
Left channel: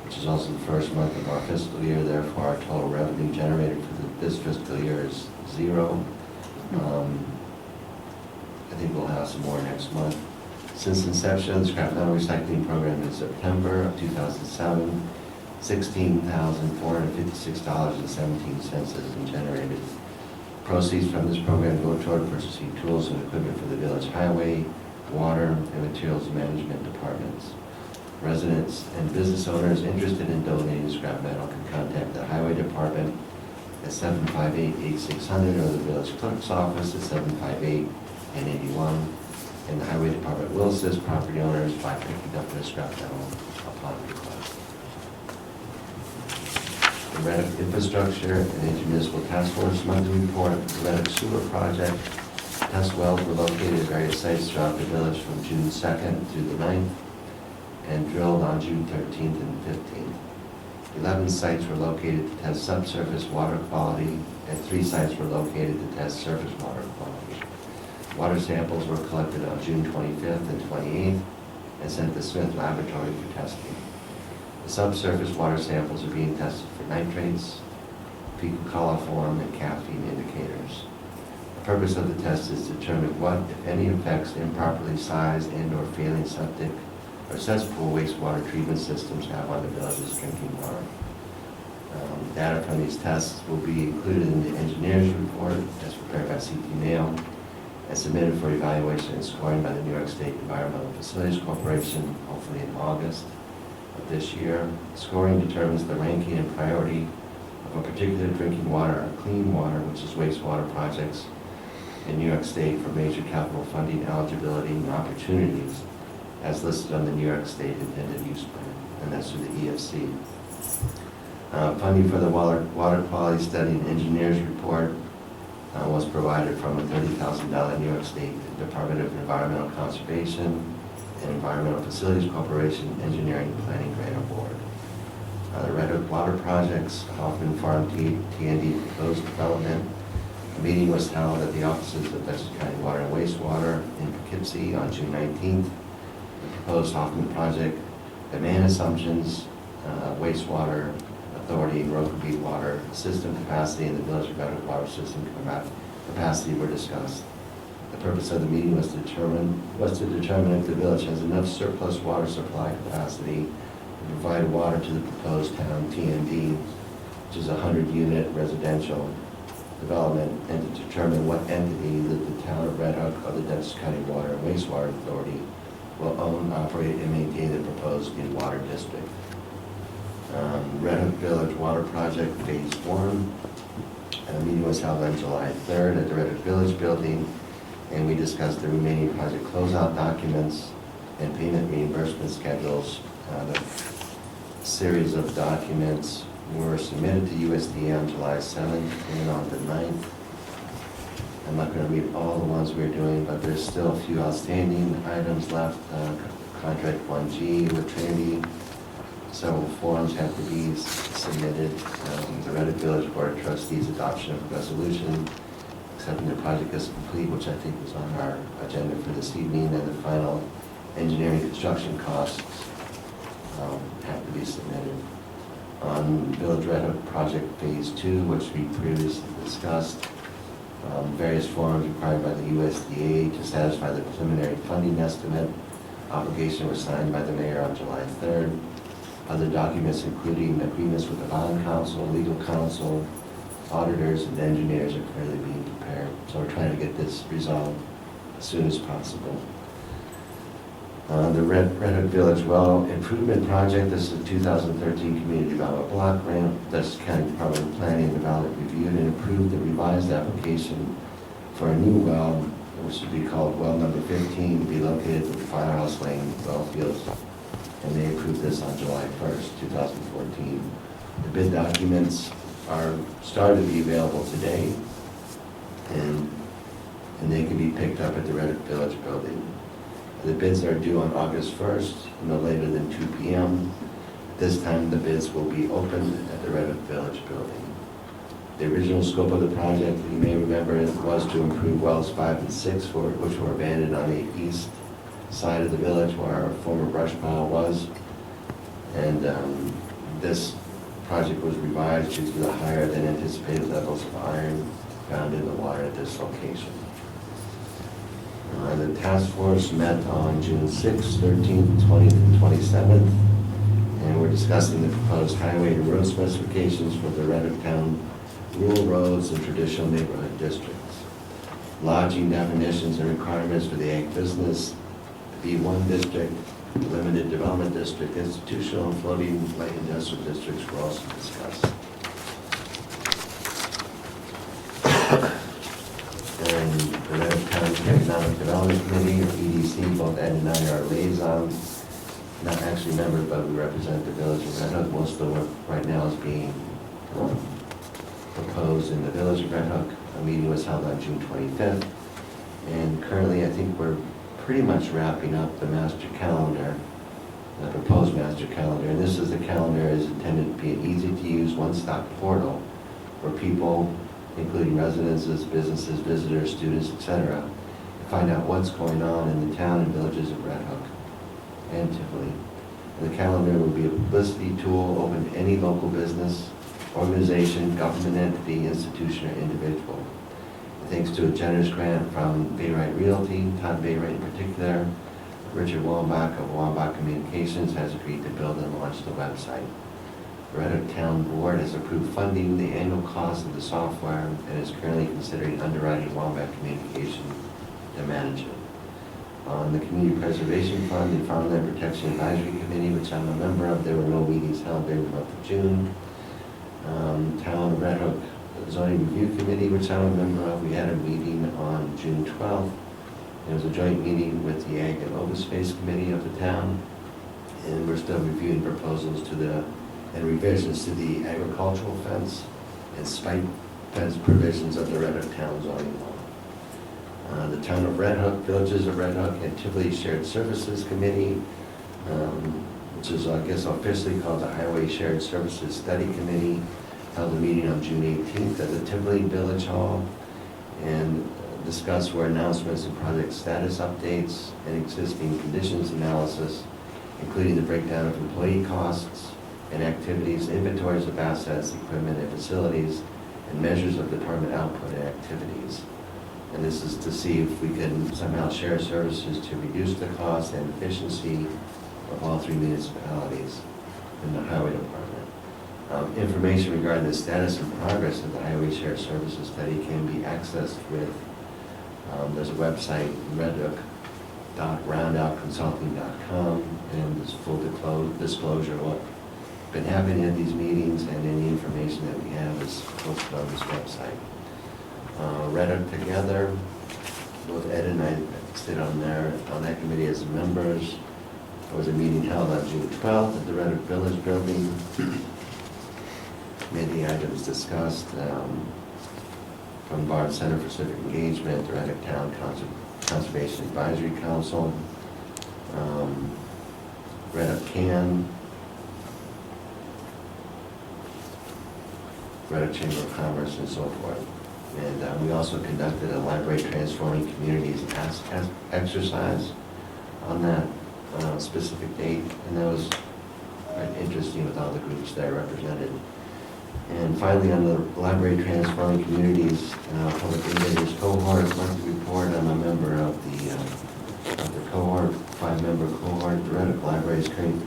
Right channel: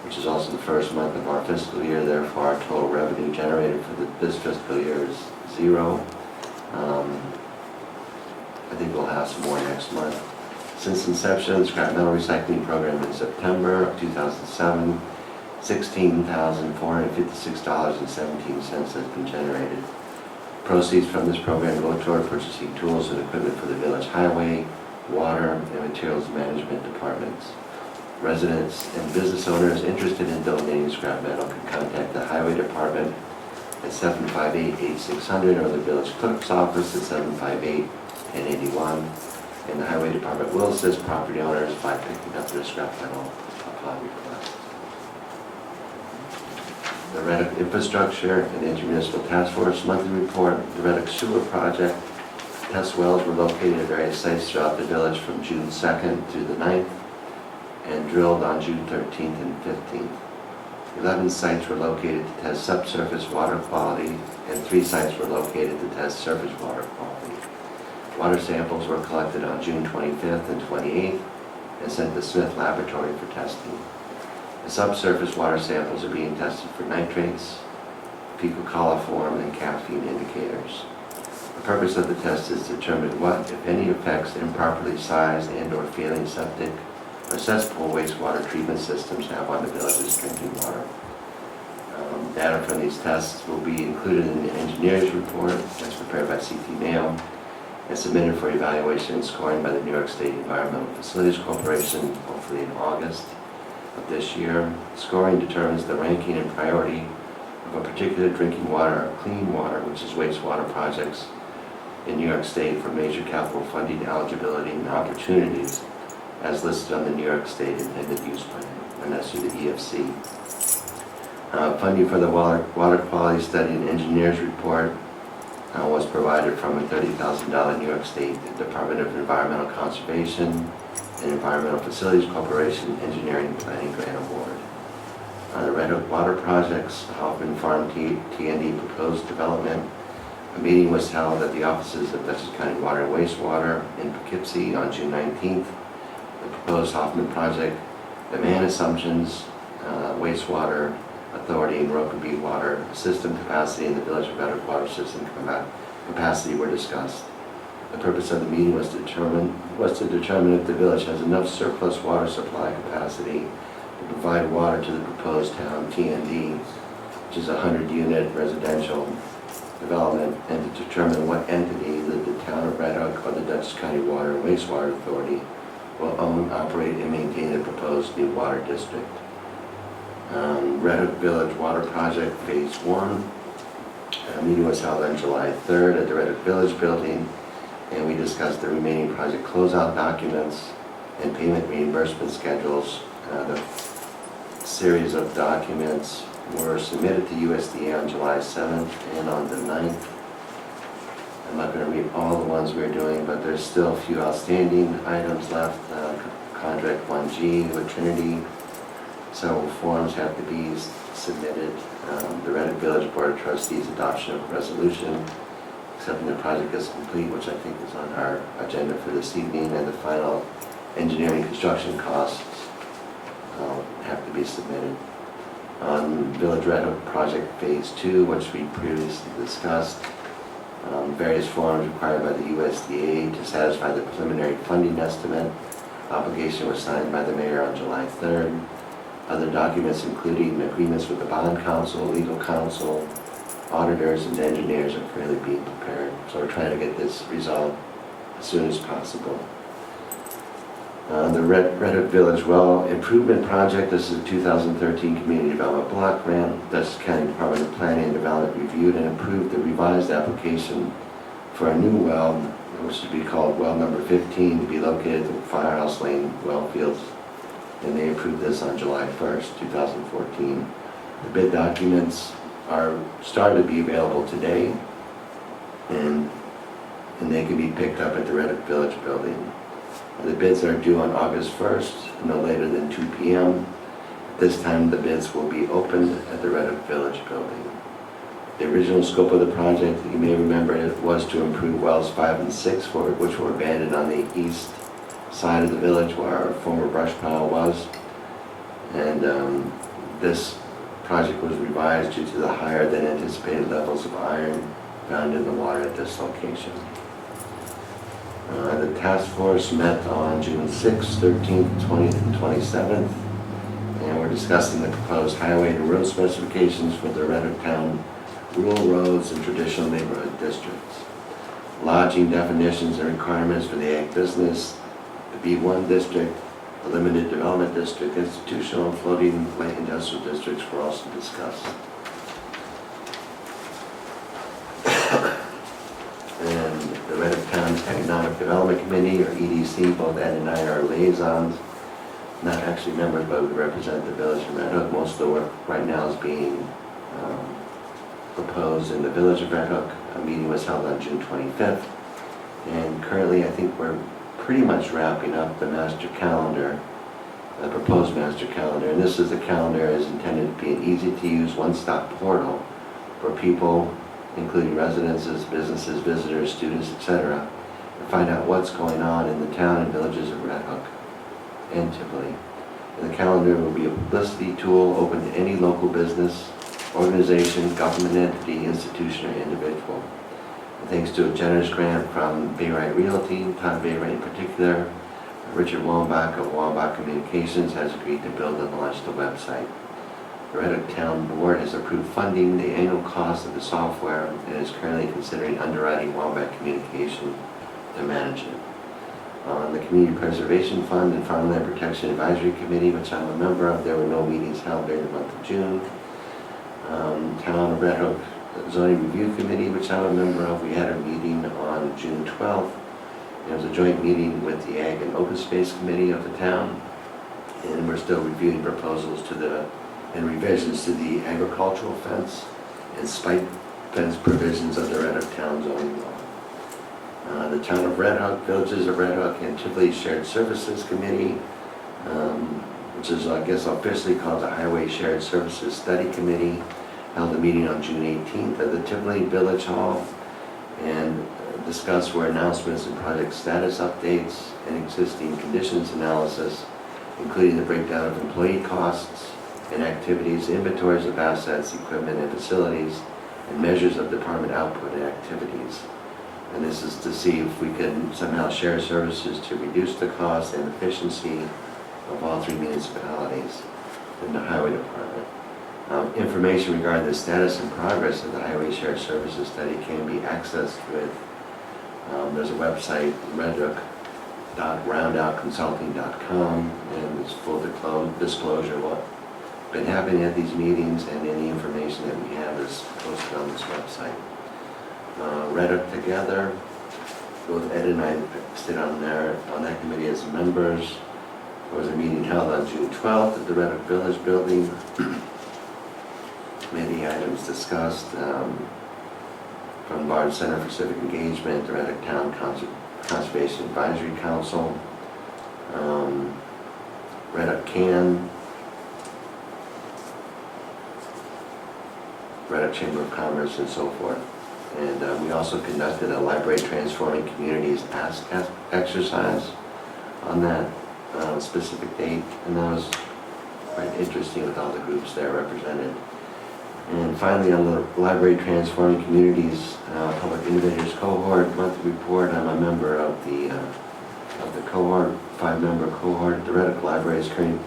which is also the first month of our fiscal year. Therefore, our total revenue generated for this fiscal year is 0. I think we'll have some more next month. Since inception of the scrap metal recycling program in September of 2007, $16,456.17 has been generated. Proceeds from this program go toward purchasing tools and equipment for the village highway, water, and materials management departments. Residents and business owners interested in donating scrap metal can contact the highway department at 758-8600 or the village clerk's office at 758-1081. And the highway department will assist property owners by picking up their scrap metal upon request. The Reddick Infrastructure and the Intermunicipal Task Force monthly report, the Reddick Sewer Project. Test wells were located at various sites throughout the village from June 2nd through the 9th and drilled on June 13th and 15th. 11 sites were located to test subsurface water quality and 3 sites were located to test surface water quality. Water samples were collected on June 25th and 28th and sent to Smith Laboratory for testing. The subsurface water samples are being tested for nitrates, fecal coliform, and caffeine indicators. The purpose of the test is to determine what, if any, effects improperly sized and/or failing septic or cesspool wastewater treatment systems have on the village's drinking water. Data from these tests will be included in the engineer's report that's prepared by CT Mail and submitted for evaluation and scoring by the New York State Environmental Facilities Corporation, hopefully in August of this year. Scoring determines the ranking and priority of a particular drinking water or clean water, which is wastewater projects in New York State for major capital funding eligibility and opportunities as listed on the New York State Intended Use Plan, and that's through the EFC. Funding for the water quality study and engineers report was provided from a $30,000 New York State Department of Environmental Conservation and Environmental Facilities Corporation Engineering Planning Grant Award. The Red Hook Water Project's Hoffman Farm T&D proposed development. A meeting was held at the offices of Dutchess County Water and Wastewater in Poughkeepsie on June 19th. The proposed Hoffman project demand assumptions, wastewater authority and Rokeby water system capacity and the Village of Red Hook water system capacity were discussed. The purpose of the meeting was to determine if the village has enough surplus water supply capacity to provide water to the proposed town T&D, which is a 100-unit residential development, and to determine what entity that the town of Red Hook or the Dutchess County Water and Wastewater Authority will own, operate, and maintain the proposed new water district. Red Hook Village Water Project Phase 1. A meeting was held on July 3rd at the Red Hook Village Building, and we discussed the remaining project closeout documents and payment reimbursement schedules. The series of documents were submitted to USDA on July 7th and on the 9th. I'm not going to read all the ones we're doing, but there's still a few outstanding items left. Contract 1G with Trinity. Several forms have to be submitted. The Red Hook Village Board of Trustees adoption of a resolution accepting the project as complete, which I think is on our agenda for this evening, and the final engineering construction costs have to be submitted. On Village Red Hook Project Phase 2, which we previously discussed, various forms required by the USDA to satisfy the preliminary funding estimate. Obligation was signed by the mayor on July 3rd. Other documents, including agreements with the bond counsel, legal counsel, auditors, and engineers, are currently being prepared. So we're trying to get this resolved as soon as possible. The Red Hook Village Well Improvement Project. This is a 2013 Community Development Block Grant. Dutchess County Department of Planning and Development reviewed and approved the revised application for a new well, which would be called Well Number 15, to be located at the Firehouse Lane well fields. And they approved this on July 1st, 2014. The bid documents are starting to be available today, and they can be picked up at the Red Hook Village Building. The bids are due on August 1st, no later than 2 p.m. This time the bids will be opened at the Red Hook Village Building. The original scope of the project, you may remember, was to improve wells 5 and 6, which were abandoned on the east side of the village where our former brush pile was. And this project was revised due to the higher than anticipated levels of iron found in the water at this location. The task force met on June 6th, 13th, 20th, and 27th, and we're discussing the proposed highway to road specifications for the Red Hook Town rural roads, and traditional neighborhood districts. Lodging definitions and requirements for the ag business, the B1 district, the limited development district, institutional and floating light industrial districts were also discussed. And the Red Hook Town Economic Development Committee, or EDC, both Ed and I are liaisons, not actually members, but we represent the village of Red Hook. Most of the work right now is being proposed in the village of Red Hook. A meeting was held on June 25th, and currently I think we're pretty much wrapping up the master calendar, the proposed master calendar, and this is the calendar is intended to be an easy-to-use one-stop portal for people, including residences, businesses, visitors, students, etc., to find out what's going on in the town and villages of Red Hook and Tivoli. And the calendar will be a publicity tool open to any local business, organization, government entity, institution, or individual. Thanks to a generous grant from Bayrite Realty, Todd Bayrite in particular, Richard Wambach of Wambach Communications has agreed to build and launch the website. The Red Hook Town Board has approved funding the annual cost of the software and is currently considering underwriting Wambach Communication to manage it. On the Community Preservation Fund and Farmland Protection Advisory Committee, which I'm a member of, there were no meetings held during the month of June. Town of Red Hook Zoning Review Committee, which I'm a member of, we had a meeting on June 12th. It was a joint meeting with the Ag and Open Space Committee of the town, and we're still reviewing proposals and revisions to the agricultural fence and spike fence provisions of the Red Hook Town zoning law. The Town of Red Hook, Villages of Red Hook, and Tivoli Shared Services Committee, which is, I guess, officially called the Highway Shared Services Study Committee, held a meeting on June 18th at the Tivoli Village Hall and discussed where announcements and project status updates and existing conditions analysis, including the breakdown of employee costs and activities, inventories of assets, equipment, and facilities, and measures of department output and activities. And this is to see if we can somehow share services to reduce the cost and efficiency of all three municipalities in the highway department. Information regarding the status and progress of the Highway Share Services Study can be accessed with, there's a website, redhook.roundoutconsulting.com, and there's full disclosure of what's been happening at these meetings, and any information that we have is posted on this website. Red Hook Together, both Ed and I sit on that committee as members. There was a meeting held on June 12th at the Red Hook Village Building. Many items discussed, from Bard Center for Civic Engagement, the Red Hook Town Conservation Advisory Council, Red Hook CAN, Red Hook Chamber of Commerce, and so forth. And we also conducted a Library Transforming Communities Task exercise on that specific date, and that was quite interesting with all the groups there represented. And finally, on the Library Transforming Communities Public Indicators Cohort monthly report, I'm a member of the cohort, 5-member cohort. The Red Hook Library is currently,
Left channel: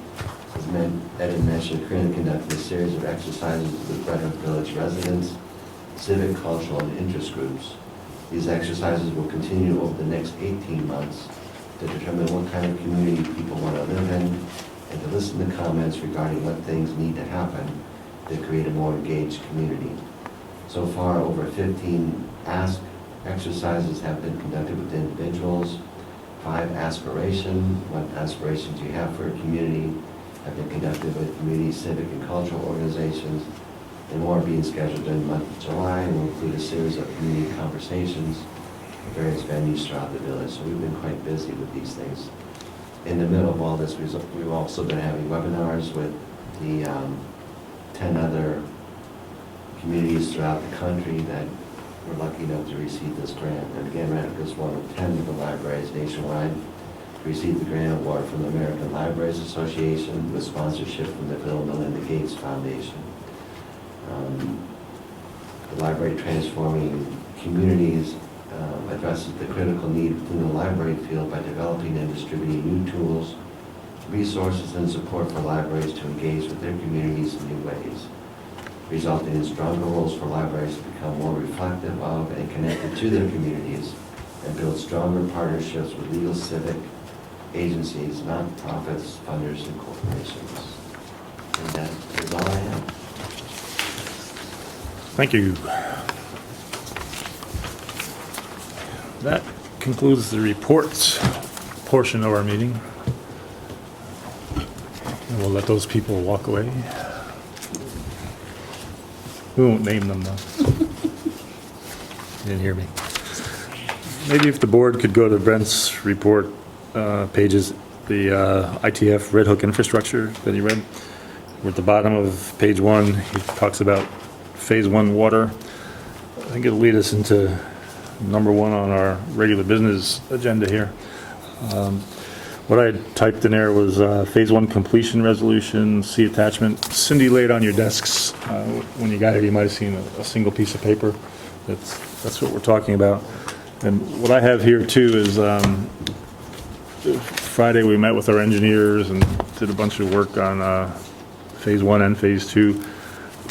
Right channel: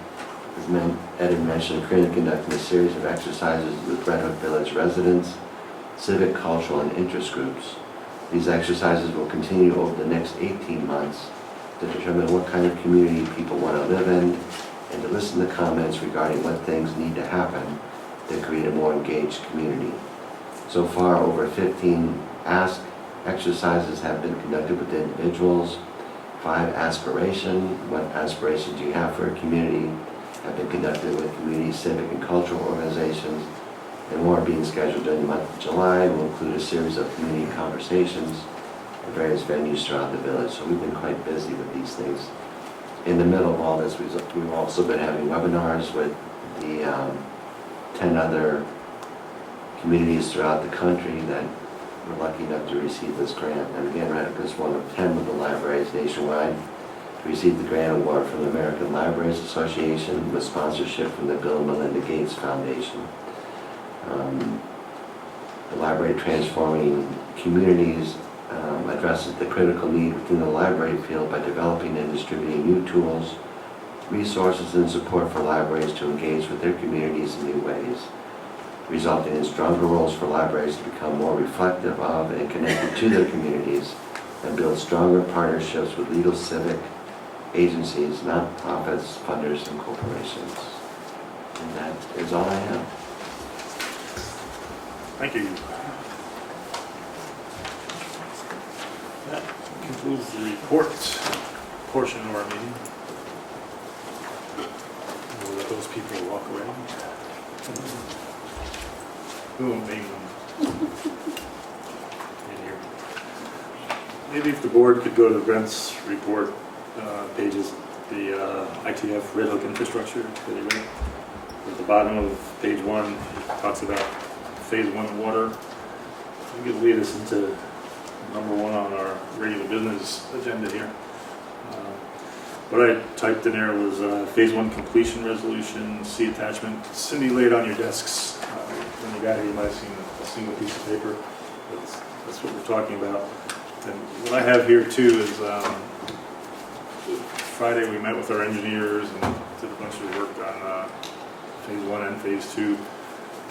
as Ed had mentioned, currently conducting a series of exercises with Red Hook Village residents, civic, cultural, and interest groups. These exercises will continue over the next 18 months to determine what kind of community people want to live in and to listen to comments regarding what things need to happen to create a more engaged community. So far, over 15 Ask exercises have been conducted with individuals. 5 Aspiration, what aspirations do you have for a community, have been conducted with community, civic, and cultural organizations. And more are being scheduled during the month of July. Will include a series of community conversations at various venues throughout the village. So we've been quite busy with these things. In the middle of all this, we've also been having webinars with the 10 other communities throughout the country that were lucky enough to receive this grant. And again, Red Hook is one of 10 of the libraries nationwide to receive the grant award from the American Libraries Association with sponsorship from the Bill and Melinda Gates Foundation. The Library Transforming Communities addresses the critical need within the library field by developing and distributing new tools, resources, and support for libraries to engage with their communities in new ways. resulting in stronger roles for libraries to become more reflective of and connected to their communities, and build stronger partnerships with legal, civic agencies, nonprofits, funders, and corporations. And that is all I have. Thank you. That concludes the reports portion of our meeting. And we'll let those people walk away. We won't name them though. You didn't hear me. Maybe if the board could go to Brent's report pages, the ITF Red Hook infrastructure that you read. We're at the bottom of page 1. He talks about phase 1 water. I think it'll lead us into number 1 on our regular business agenda here. What I typed in there was phase 1 completion resolution, see attachment. Cindy laid on your desks. When you got here, you might have seen a single piece of paper. That's what we're talking about. And what I have here too is Friday we met with our engineers and did a bunch of work on phase 1 and phase 2.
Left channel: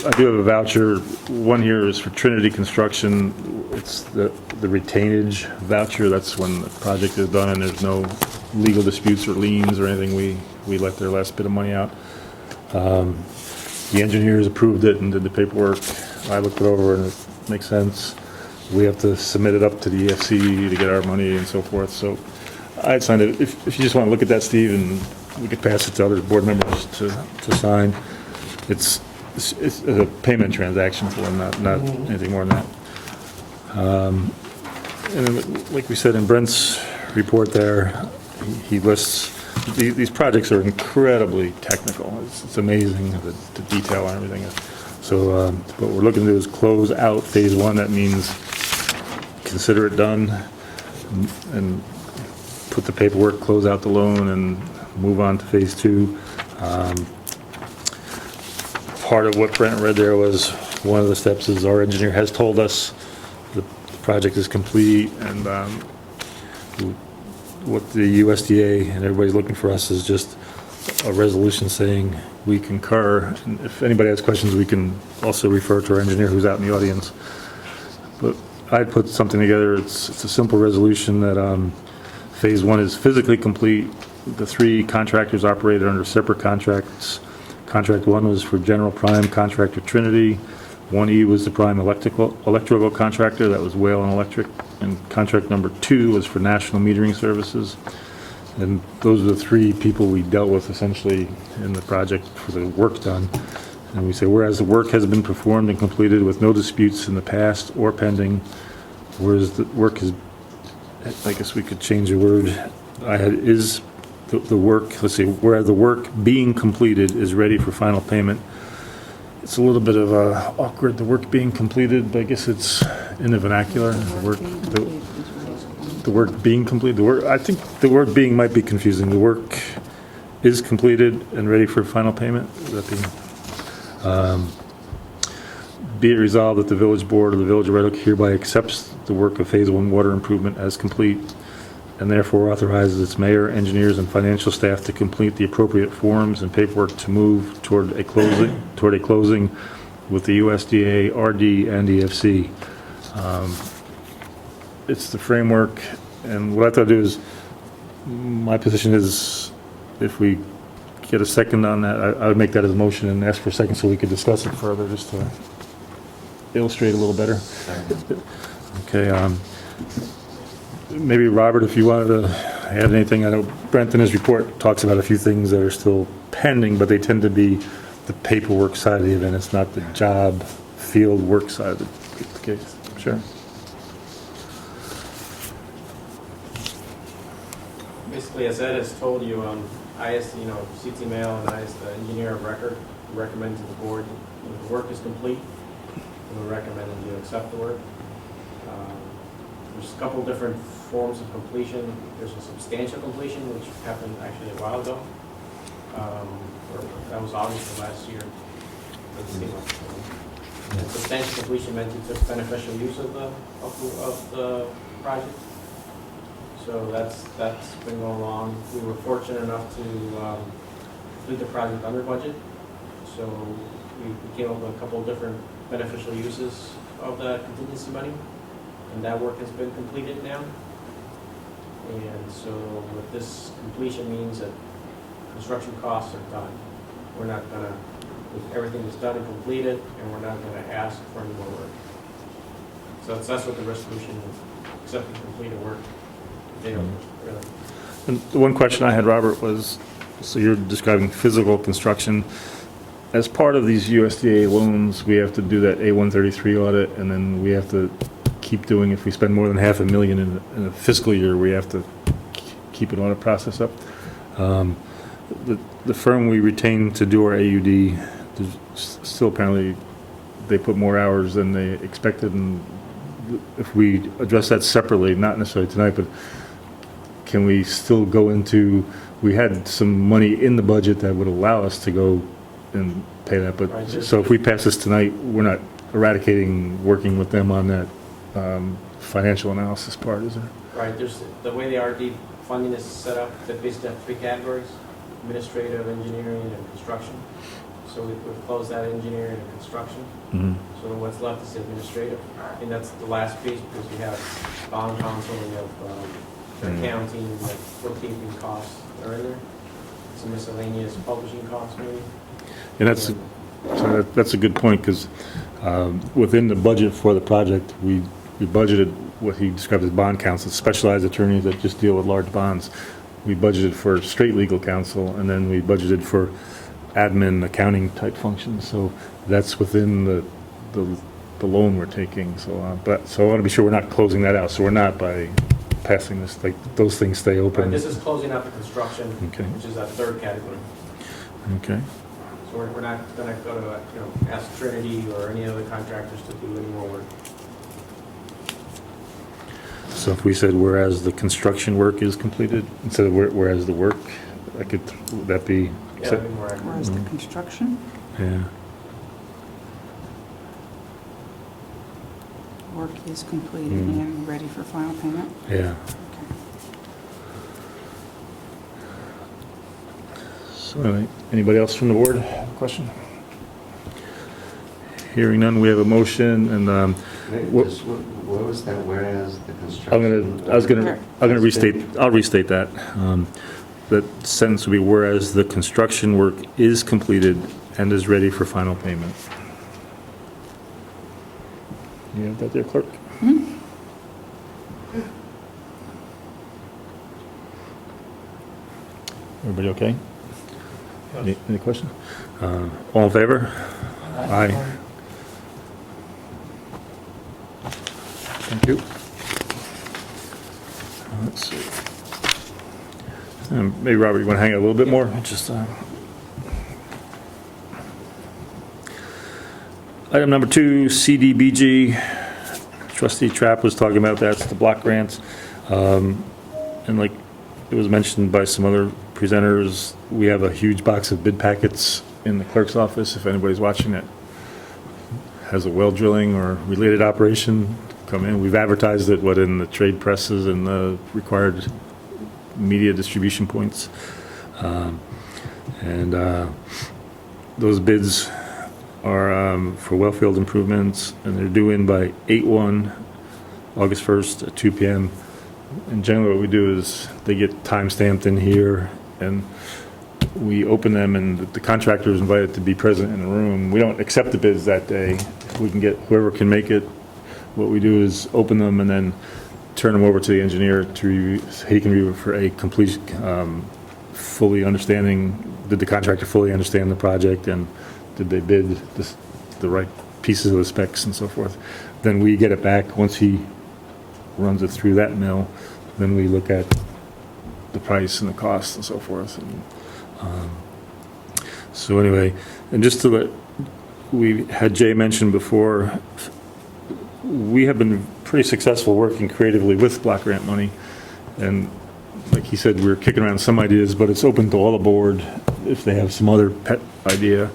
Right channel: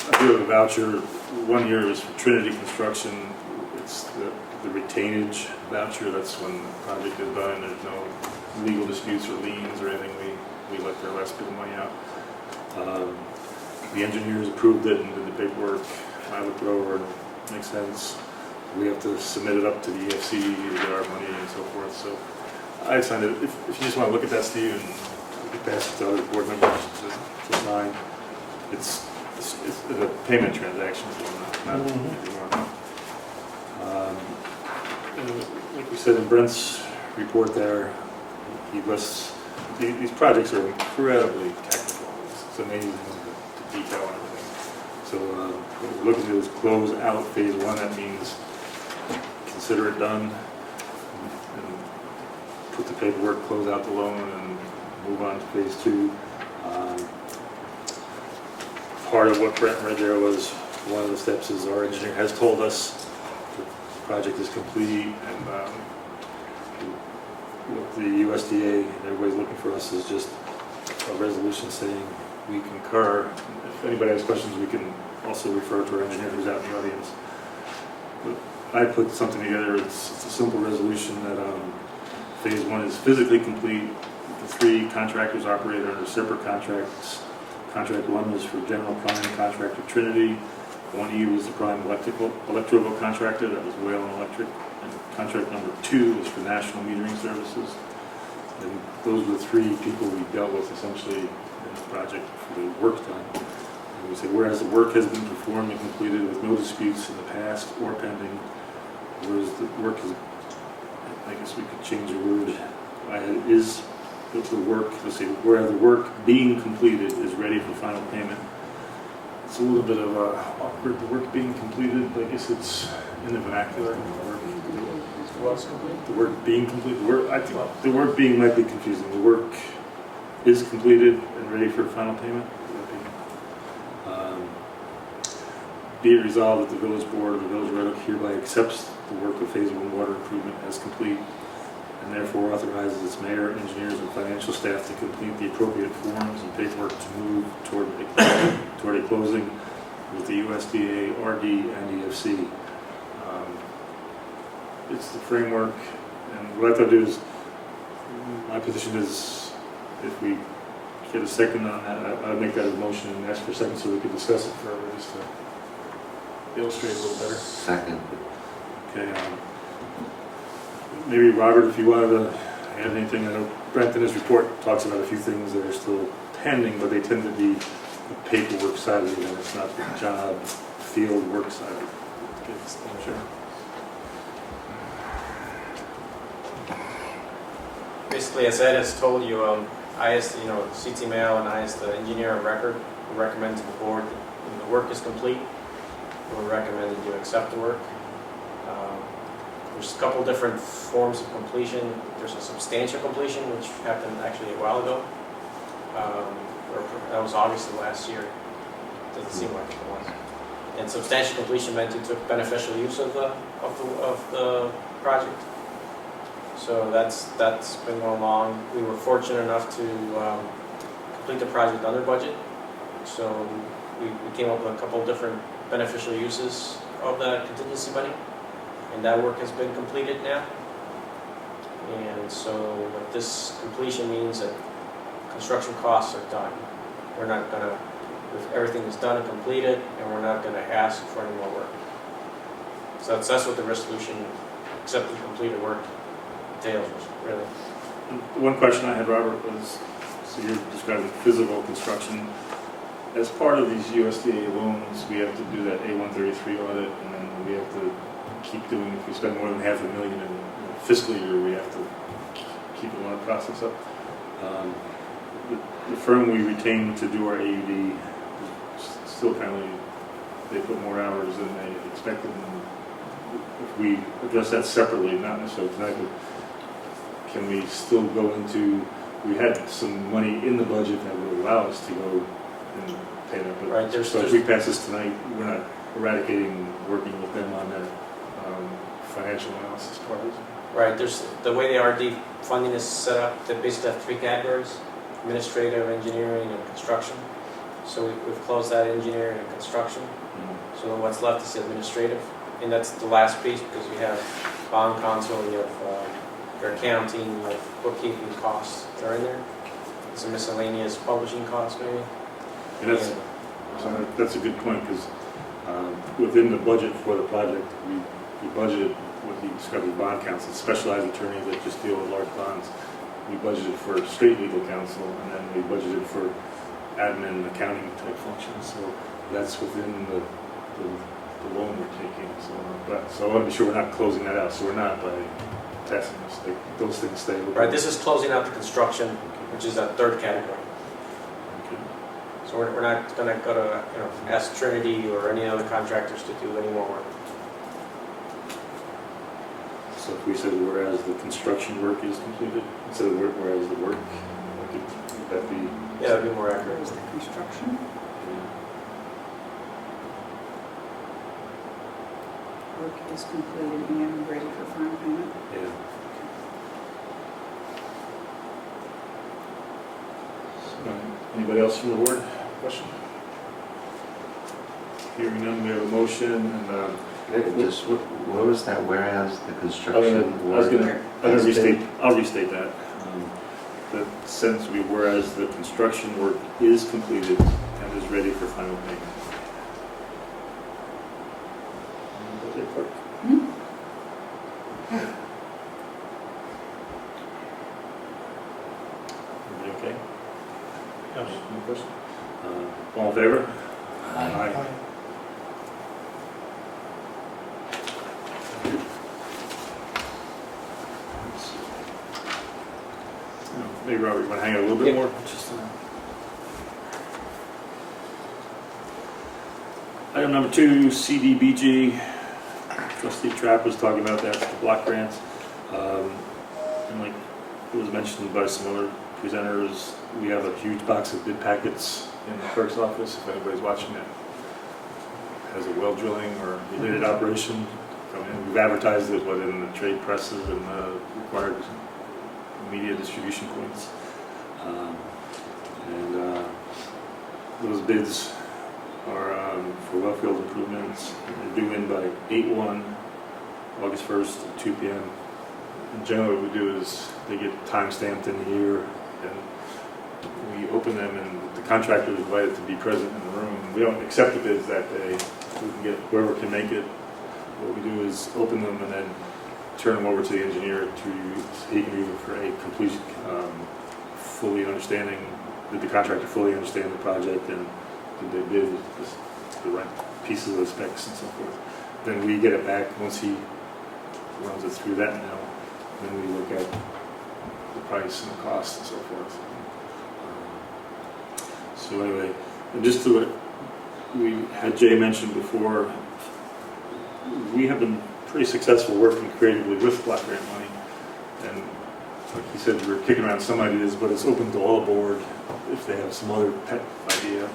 I do have a voucher. One here is for Trinity Construction. It's the retainage voucher. That's when the project is done and there's no legal disputes or liens or anything. We let their last bit of money out. The engineers approved it and did the paperwork. I looked it over and it makes sense. We have to submit it up to the EFC to get our money and so forth. So I signed it. If you just want to look at that, Steve, and we could pass it to other board members to sign. It's a payment transaction for them, not anything more than that. And then, like we said in Brent's report there, he lists these projects are incredibly technical. It's amazing the detail and everything. So what we're looking to do is close out phase 1. That means consider it done and put the paperwork, close out the loan, and move on to phase 2. Part of what Brent read there was one of the steps is our engineer has told us the project is complete, and what the USDA and everybody's looking for us is just a resolution saying we concur. And if anybody has questions, we can also refer to our engineer who's out in the audience. But I put something together. It's a simple resolution that phase 1 is physically complete. The 3 contractors operated under separate contracts. Contract 1 was for General Prime Contractor Trinity. 1E was the Prime Electrical Contractor, that was Whalen Electric. And contract number 2 was for National Metering Services. And those are the 3 people we dealt with essentially in the project for the work done. And we say, whereas the work has been performed and completed with no disputes in the past or pending, whereas the work is, I guess we could change the word, is the work, let's see, where the work being completed is ready for final payment. It's a little bit of awkward, the work being completed, but I guess it's in the vernacular. The work being completed. I think the work being might be confusing. The work is completed and ready for final payment. Be it resolved that the village board of the Village of Red Hook hereby accepts the work of phase 1 water improvement as complete, and therefore authorizes its mayor, engineers, and financial staff to complete the appropriate forms and paperwork to move toward a closing with the USDA, RD, and EFC. It's the framework, and what I thought I'd do is, my position is, if we get a second on that, I would make that as a motion and ask for a second so we could discuss it further, just to illustrate a little better. Second. Okay. Maybe Robert, if you wanted to add anything. I know Brent in his report talks about a few things that are still pending, but they tend to be the paperwork side of the event. It's not the job, field work side of the case. Sure. Basically, as Ed has told you, I asked, CT Mail and I asked the engineer of record who recommends to the board the work is complete. I would recommend that you accept the work. There's a couple different forms of completion. There's a substantial completion, which happened actually a while ago. That was August of last year. Didn't seem like it was. And substantial completion meant you took beneficial use of the project. So that's been going along. We were fortunate enough to complete the project under budget. So we came up with a couple of different beneficial uses of the contingency money, and that work has been completed now. And so what this completion means that construction costs are done. We're not gonna, if everything is done and completed, and we're not gonna ask for any more work. So that's what the resolution, accepting completed work entails, really. And the one question I had, Robert, was, so you're describing physical construction. As part of these USDA loans, we have to do that A133 audit, and then we have to keep doing, if we spend more than $500,000 in a fiscal year, we have to keep an audit process up. The firm we retained to do our AUD, still apparently, they put more hours than they expected, and if we address that separately, not necessarily tonight, but can we still go into, we had some money in the budget that would allow us to go and pay that, but, Right, so if we pass this tonight, we're not eradicating working with them on that financial analysis part, is it? Right, there's, the way the RD funding is set up, they basically have three categories: administrative, engineering, and construction. So we've closed that engineering and construction. Mm-hmm. So then what's left is administrative, and that's the last piece because you have bond counsel, and you have accounting, like bookkeeping costs that are in there. Some miscellaneous publishing costs maybe. And that's a good point, because within the budget for the project, we budgeted what he described as bond counsel, specialized attorneys that just deal with large bonds. We budgeted for straight legal counsel, and then we budgeted for admin, accounting type functions. So that's within the loan we're taking. So I want to be sure we're not closing that out. So we're not, by passing this, like, those things stay open. Right, this is closing out the construction, Okay. which is that third category. Okay. So we're not gonna go to, ask Trinity or any other contractors to do any more work. So if we said whereas the construction work is completed, instead of whereas the work, would that be? Yeah, that'd be more accurate. Where's the construction? Yeah. Work is completed and ready for final payment. Yeah. So, anybody else from the board have a question? Hearing none, we have a motion, and What was that, whereas the construction? I'll restate that. The sentence would be, whereas the construction work is completed and is ready for final payment. You have that there, clerk? Hmm? Everybody okay? Any questions? All in favor? Aye. Thank you. Let's see. Maybe, Robert, you want to hang out a little bit Yep. more? Just, item number 2, CDBG. Trustee Trapp was talking about that. It's the block grants. And like it was mentioned by some other presenters, we have a huge box of bid packets in the clerk's office. If anybody's watching it has a well drilling or related operation, come in. We've advertised it, in the trade presses and the required media distribution points. Those bids are for well field improvements, and they're due in by 8/1, August 1st at 2 p.m. And generally what we do is they get time stamped in here, and we open them, and the contractor is invited to be present in the room. We don't accept the bids that day. We can get whoever can make it. What we do is open them and then turn them over to the engineer to review. He can review it for a complete, fully understanding. Did the contractor fully understand the project, and did they bid the right pieces of the specs and so forth? Then we get it back. Once he runs it through that mill, then we look at the price and the cost and so forth. So anyway, and just to let, we had Jay mentioned before, we have been pretty successful working creatively with block grant money, and like he said, we're kicking around some ideas, but it's open to all the board if they have some other pet idea.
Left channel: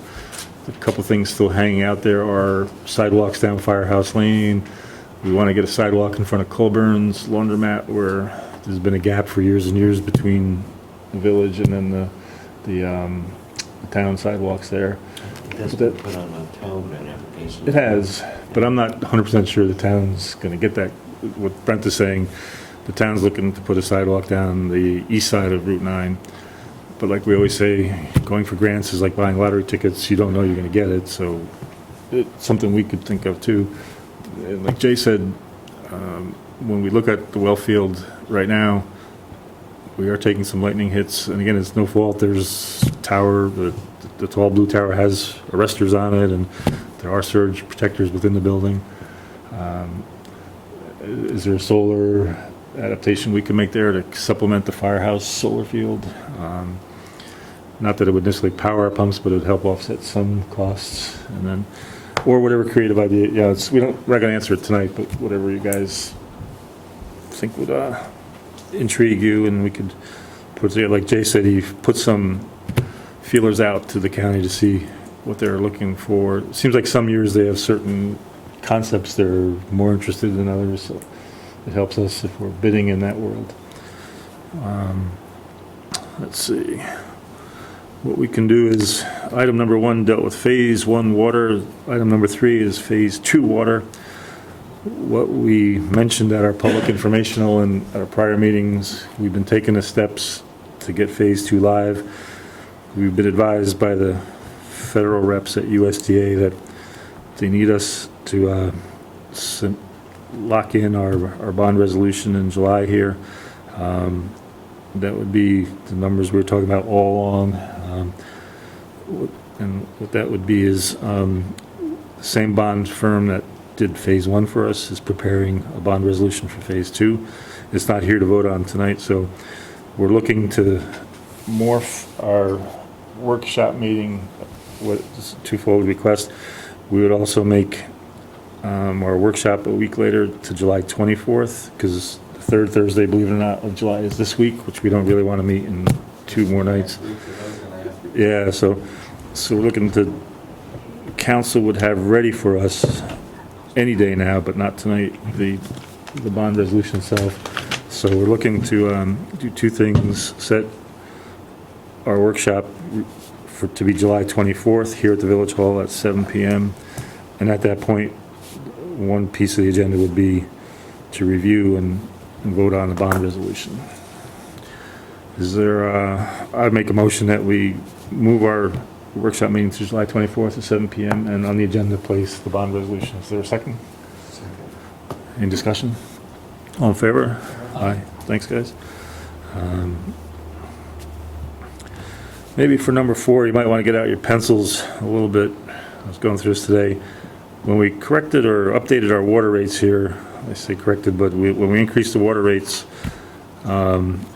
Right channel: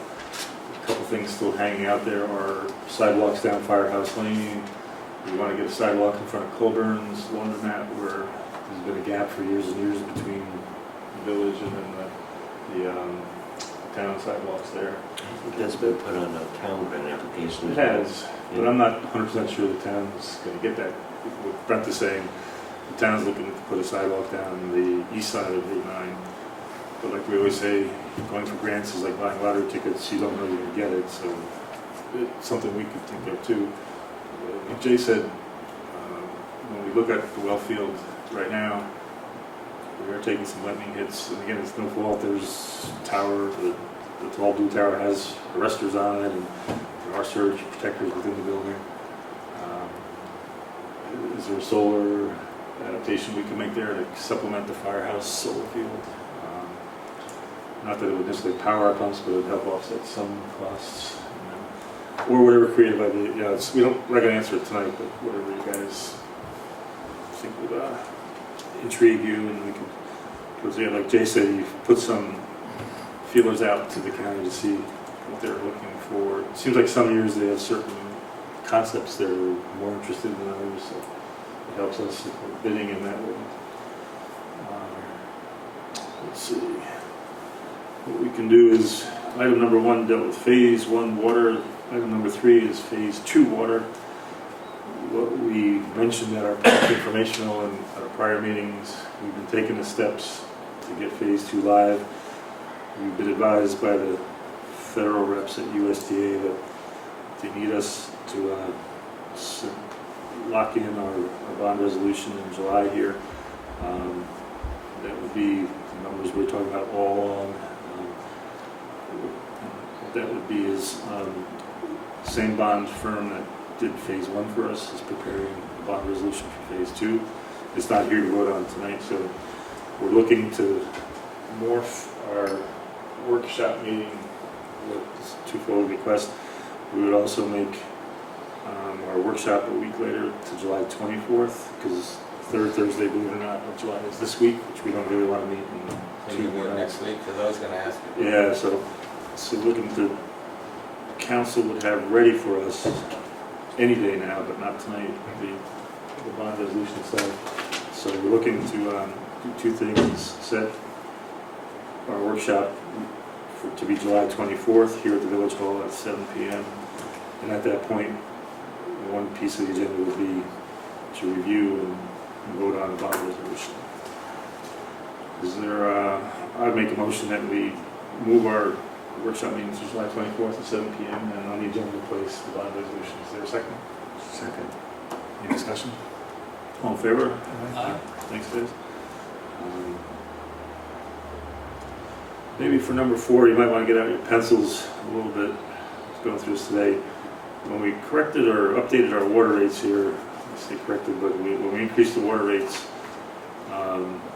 A couple things still hanging out there are sidewalks down Firehouse Lane. We want to get a sidewalk in front of Colburn's Laundromat, where there's been a gap for years and years between the village and then the town sidewalks there. It has been put on a town grant application. It has, but I'm not 100% sure the town's going to get that. What Brent is saying, the town's looking to put a sidewalk down the east side of Route 9. But like we always say, going for grants is like buying lottery tickets. You don't know you're going to get it, so it's something we could think of too. And like Jay said, when we look at the well field right now, we are taking some lightning hits. And again, it's no fault. There's a tower, the tall blue tower has arresters on it, and there are surge protectors within the building. Is there a solar adaptation we can make there to supplement the firehouse solar field? Not that it would necessarily power our pumps, but it would help offset some costs. And then, or whatever creative idea. Yeah, we don't. We're not gonna answer it tonight, but whatever you guys think would intrigue you, and we could put together. Like Jay said, he put some feelers out to the county to see what they're looking for. It seems like some years they have certain concepts they're more interested than others, so it helps us if we're bidding in that world. Let's see. What we can do is, item number 1 dealt with phase 1 water. Item number 3 is phase 2 water. What we mentioned at our public informational and at our prior meetings, we've been taking the steps to get phase 2 live. We've been advised by the federal reps at USDA that they need us to lock in our bond resolution in July here. That would be the numbers we were talking about all along. And what that would be is the same bond firm that did phase 1 for us is preparing a bond resolution for phase 2. It's not here to vote on tonight, so we're looking to morph our workshop meeting with this twofold request. We would also make our workshop a week later to July 24th, because the third Thursday, believe it or not, of July is this week, which we don't really want to meet in 2 more nights. Yeah, so we're looking to, the council would have ready for us any day now, but not tonight, the bond resolution itself. So we're looking to do 2 things: set our workshop to be July 24th here at the Village Hall at 7 p.m. And at that point, one piece of the agenda would be to review and vote on the bond resolution. Is there, I'd make a motion that we move our workshop meeting to July 24th at 7 p.m. and on the agenda place the bond resolution. Is there a second? Second. Any discussion? All in favor? Aye. Thanks, guys. Maybe for number 4, you might want to get out your pencils a little bit. I was going through this today. When we corrected or updated our water rates here, I say corrected, but when we increased the water rates,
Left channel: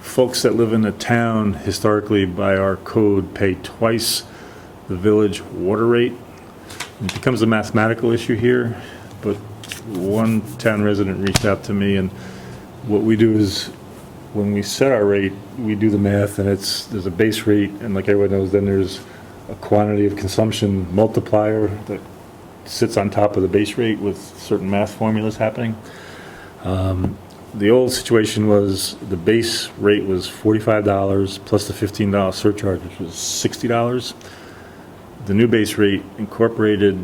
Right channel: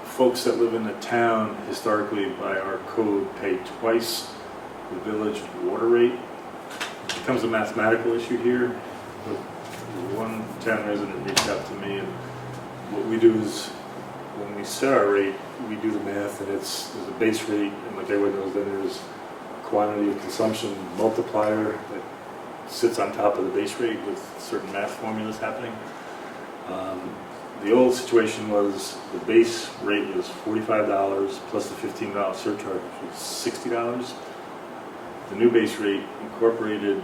folks that live in the town historically by our code pay twice the village water rate. It becomes a mathematical issue here, but one town resident reached out to me, and what we do is when we set our rate, we do the math, and there's a base rate, and like everyone knows, then there's a quantity of consumption multiplier that sits on top of the base rate with certain math formulas happening. The old situation was the base rate was $45 plus the $15 surcharge, which was $60. The new base rate incorporated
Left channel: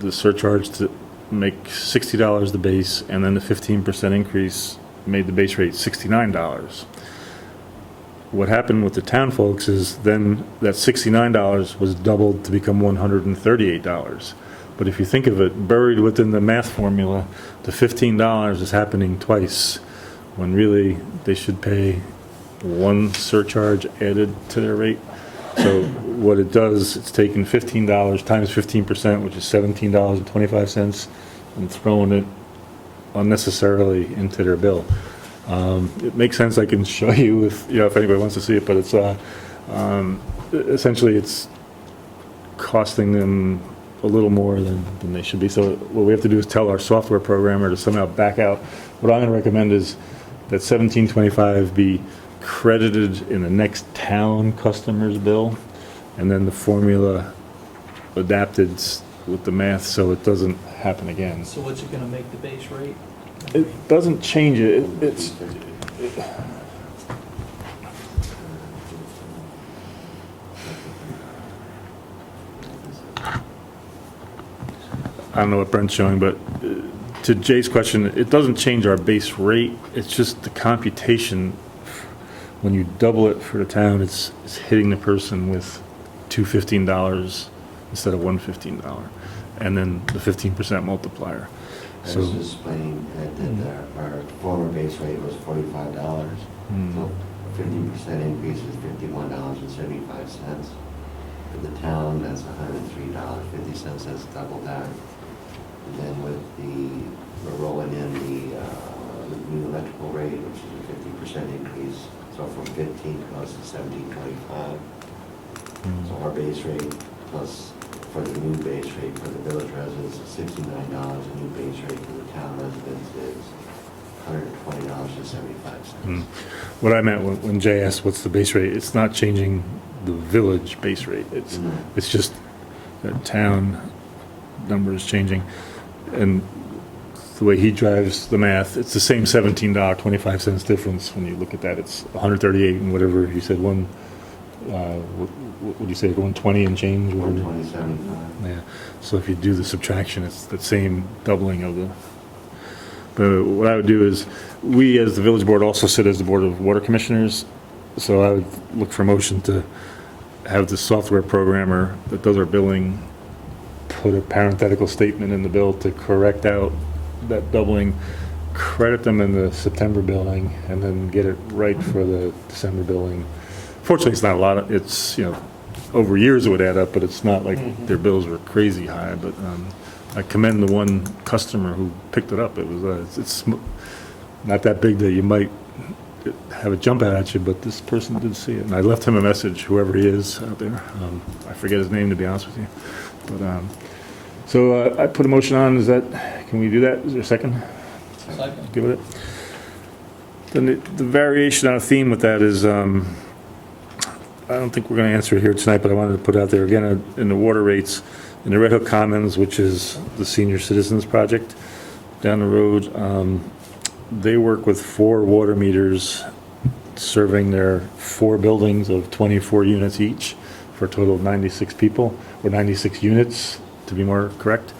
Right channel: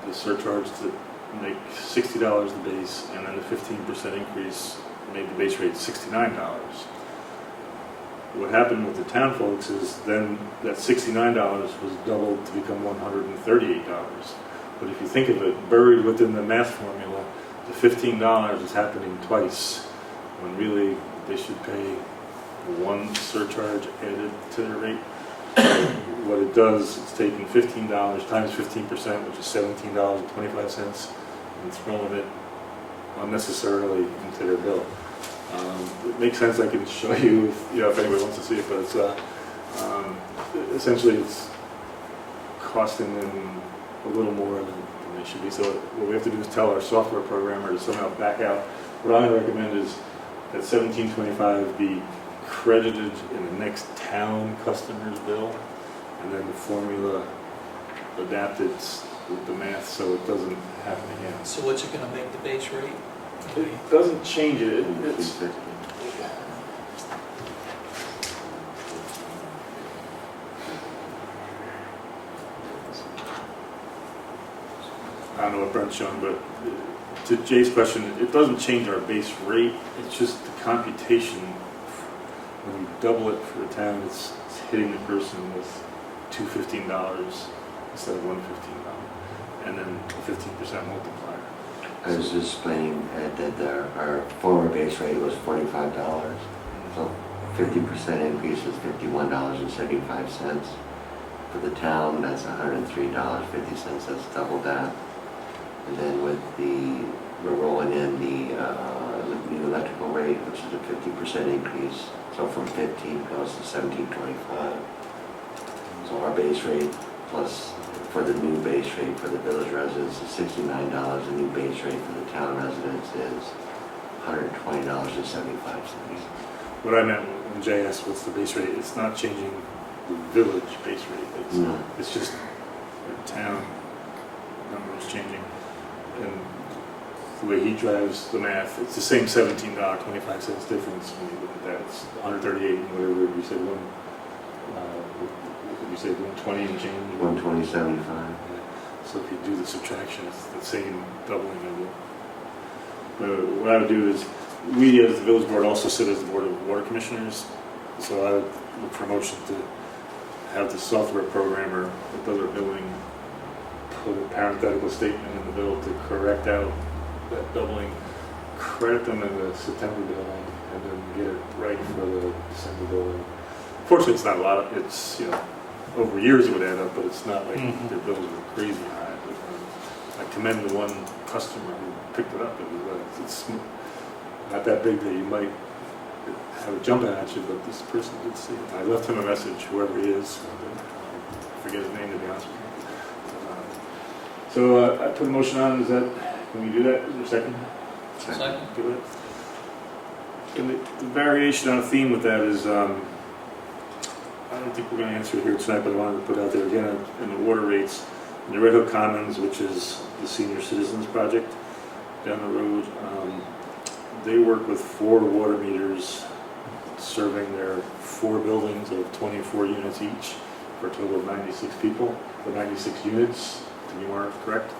the surcharge to make $60 the base, and then the 15% increase made the base rate $69. What happened with the town folks is then that $69 was doubled to become $138. But if you think of it, buried within the math formula, the $15 is happening twice, when really they should pay one surcharge added to their rate. So what it does, it's taking $15 times 15%, which is $17.25, and throwing it unnecessarily into their bill. It makes sense. I can show you if anybody wants to see it, but it's essentially it's costing them a little more than they should be. So what we have to do is tell our software programmer to somehow back out. What I'm going to recommend is that $17.25 be credited in the next town customer's bill, and then the formula adapted with the math so it doesn't happen again. So what's it gonna make the base rate? It doesn't change it. It's I don't know what Brent's showing, but to Jay's question, it doesn't change our base rate. It's just the computation. When you double it for the town, it's hitting the person with $215 instead of $115, and then the 15% multiplier. I was just explaining that our former base rate was $45. So 50% increase is $51.75. For the town, that's $103.50. That's double that. And then we're rolling in the new electrical rate, which is a 50% increase. So from 15 goes to 17.25. So our base rate plus for the new base rate for the village residents is $69. The new base rate for the town residents is $120.75. What I meant when Jay asked what's the base rate, it's not changing the village base rate. It's just the town number is changing. And the way he drives the math, it's the same $17.25 difference. When you look at that, it's 138 and whatever you said, what would you say, 120 and change? 120.75. Yeah. So if you do the subtraction, it's the same doubling of the. But what I would do is, we as the village board also sit as the board of water commissioners. So I would look for motion to have the software programmer that does our billing put a parenthetical statement in the bill to correct out that doubling, credit them in the September billing, and then get it right for the December billing. Fortunately, it's not a lot. It's, over years it would add up, but it's not like their bills were crazy high. But I commend the one customer who picked it up. It was it's not that big that you might have it jump out at you, but this person did see it, and I left him a message, whoever he is out there. I forget his name, to be honest with you. But so I put a motion on. Can we do that? Is there a second? Second. Give it. Then the variation on theme with that is, I don't think we're going to answer it here tonight, but I wanted to put it out there again in the water rates in the Red Hook Commons, which is the senior citizens project down the road. They work with 4 water meters serving their 4 buildings of 24 units each for a total of 96 people, or 96 units to be more correct.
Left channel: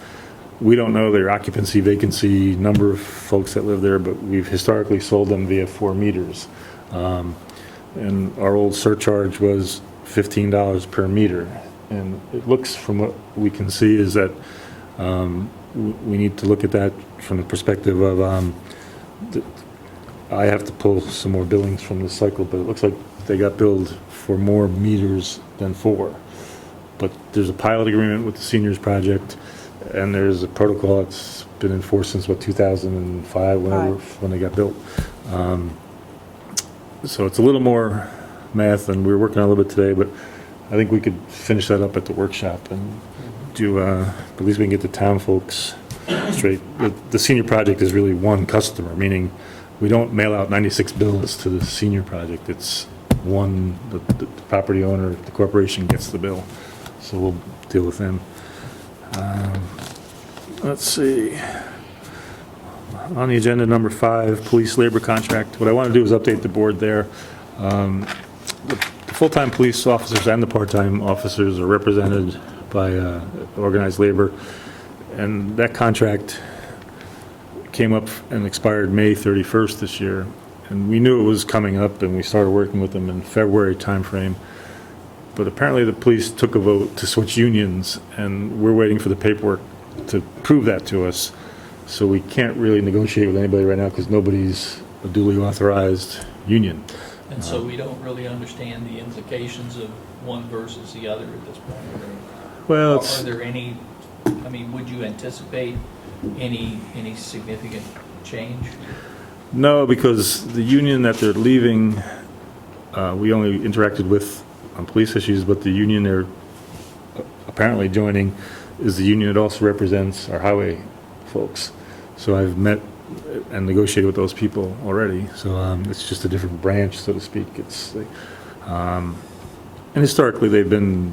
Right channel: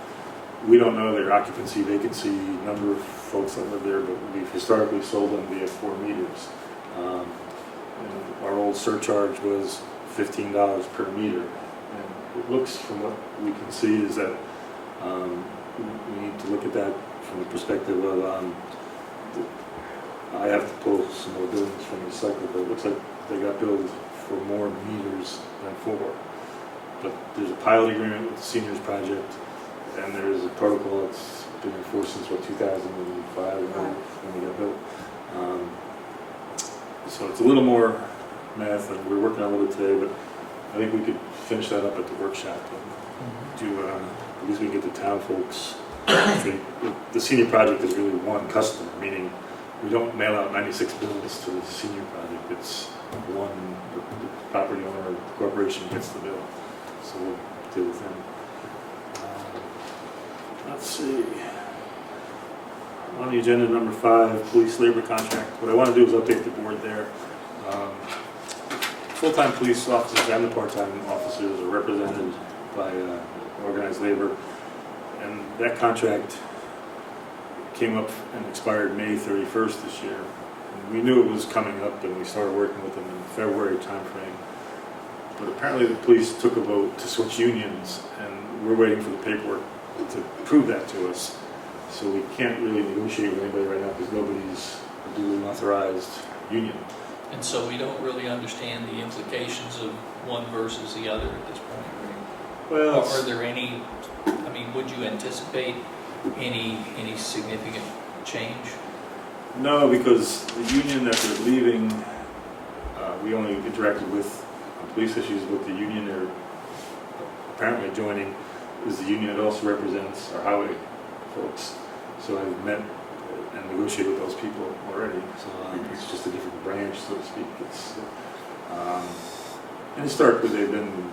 We don't know their occupancy, vacancy, number of folks that live there, but we've historically sold them via 4 meters. And our old surcharge was $15 per meter. And it looks, from what we can see, is that we need to look at that from the perspective of I have to pull some more billings from the cycle, but it looks like they got billed for more meters than 4. But there's a pilot agreement with the seniors project, and there's a protocol that's been enforced since 2005, when they got built. So it's a little more math, and we're working on a little bit today, but I think we could finish that up at the workshop and do, at least we can get the town folks straight. The senior project is really one customer, meaning we don't mail out 96 bills to the senior project. It's one, the property owner, the corporation gets the bill. So we'll deal with them. Let's see. On the agenda, number 5, police labor contract. What I want to do is update the board there. The full-time police officers and the part-time officers are represented by organized labor, and that contract came up and expired May 31st this year. And we knew it was coming up, and we started working with them in February timeframe. But apparently the police took a vote to switch unions, and we're waiting for the paperwork to prove that to us. So we can't really negotiate with anybody right now because nobody's a duly authorized union. And so we don't really understand the implications of one versus the other at this point. Well, Are there any, would you anticipate any significant change? no, because the union that they're leaving, we only interacted with on police issues, but the union they're apparently joining is the union that also represents our highway folks. So I've met and negotiated with those people already. So it's just a different branch, so to speak. It's and historically they've been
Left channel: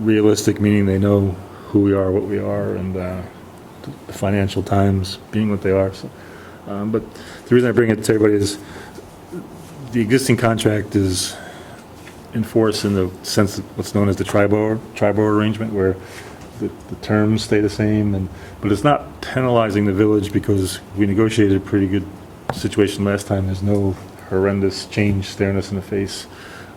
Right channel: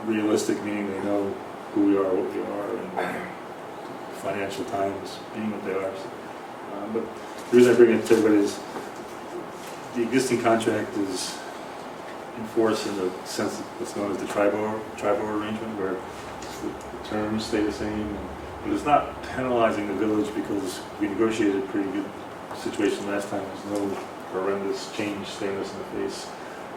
realistic, meaning they know who we are, what we are, and the financial times being what they are. So, but the reason I bring it to everybody is the contract is enforced in the sense of what's known as the tri-board arrangement, where the terms stay the same, but it's not penalizing the village because we negotiated a pretty good situation last time. There's no horrendous change staring us in the face.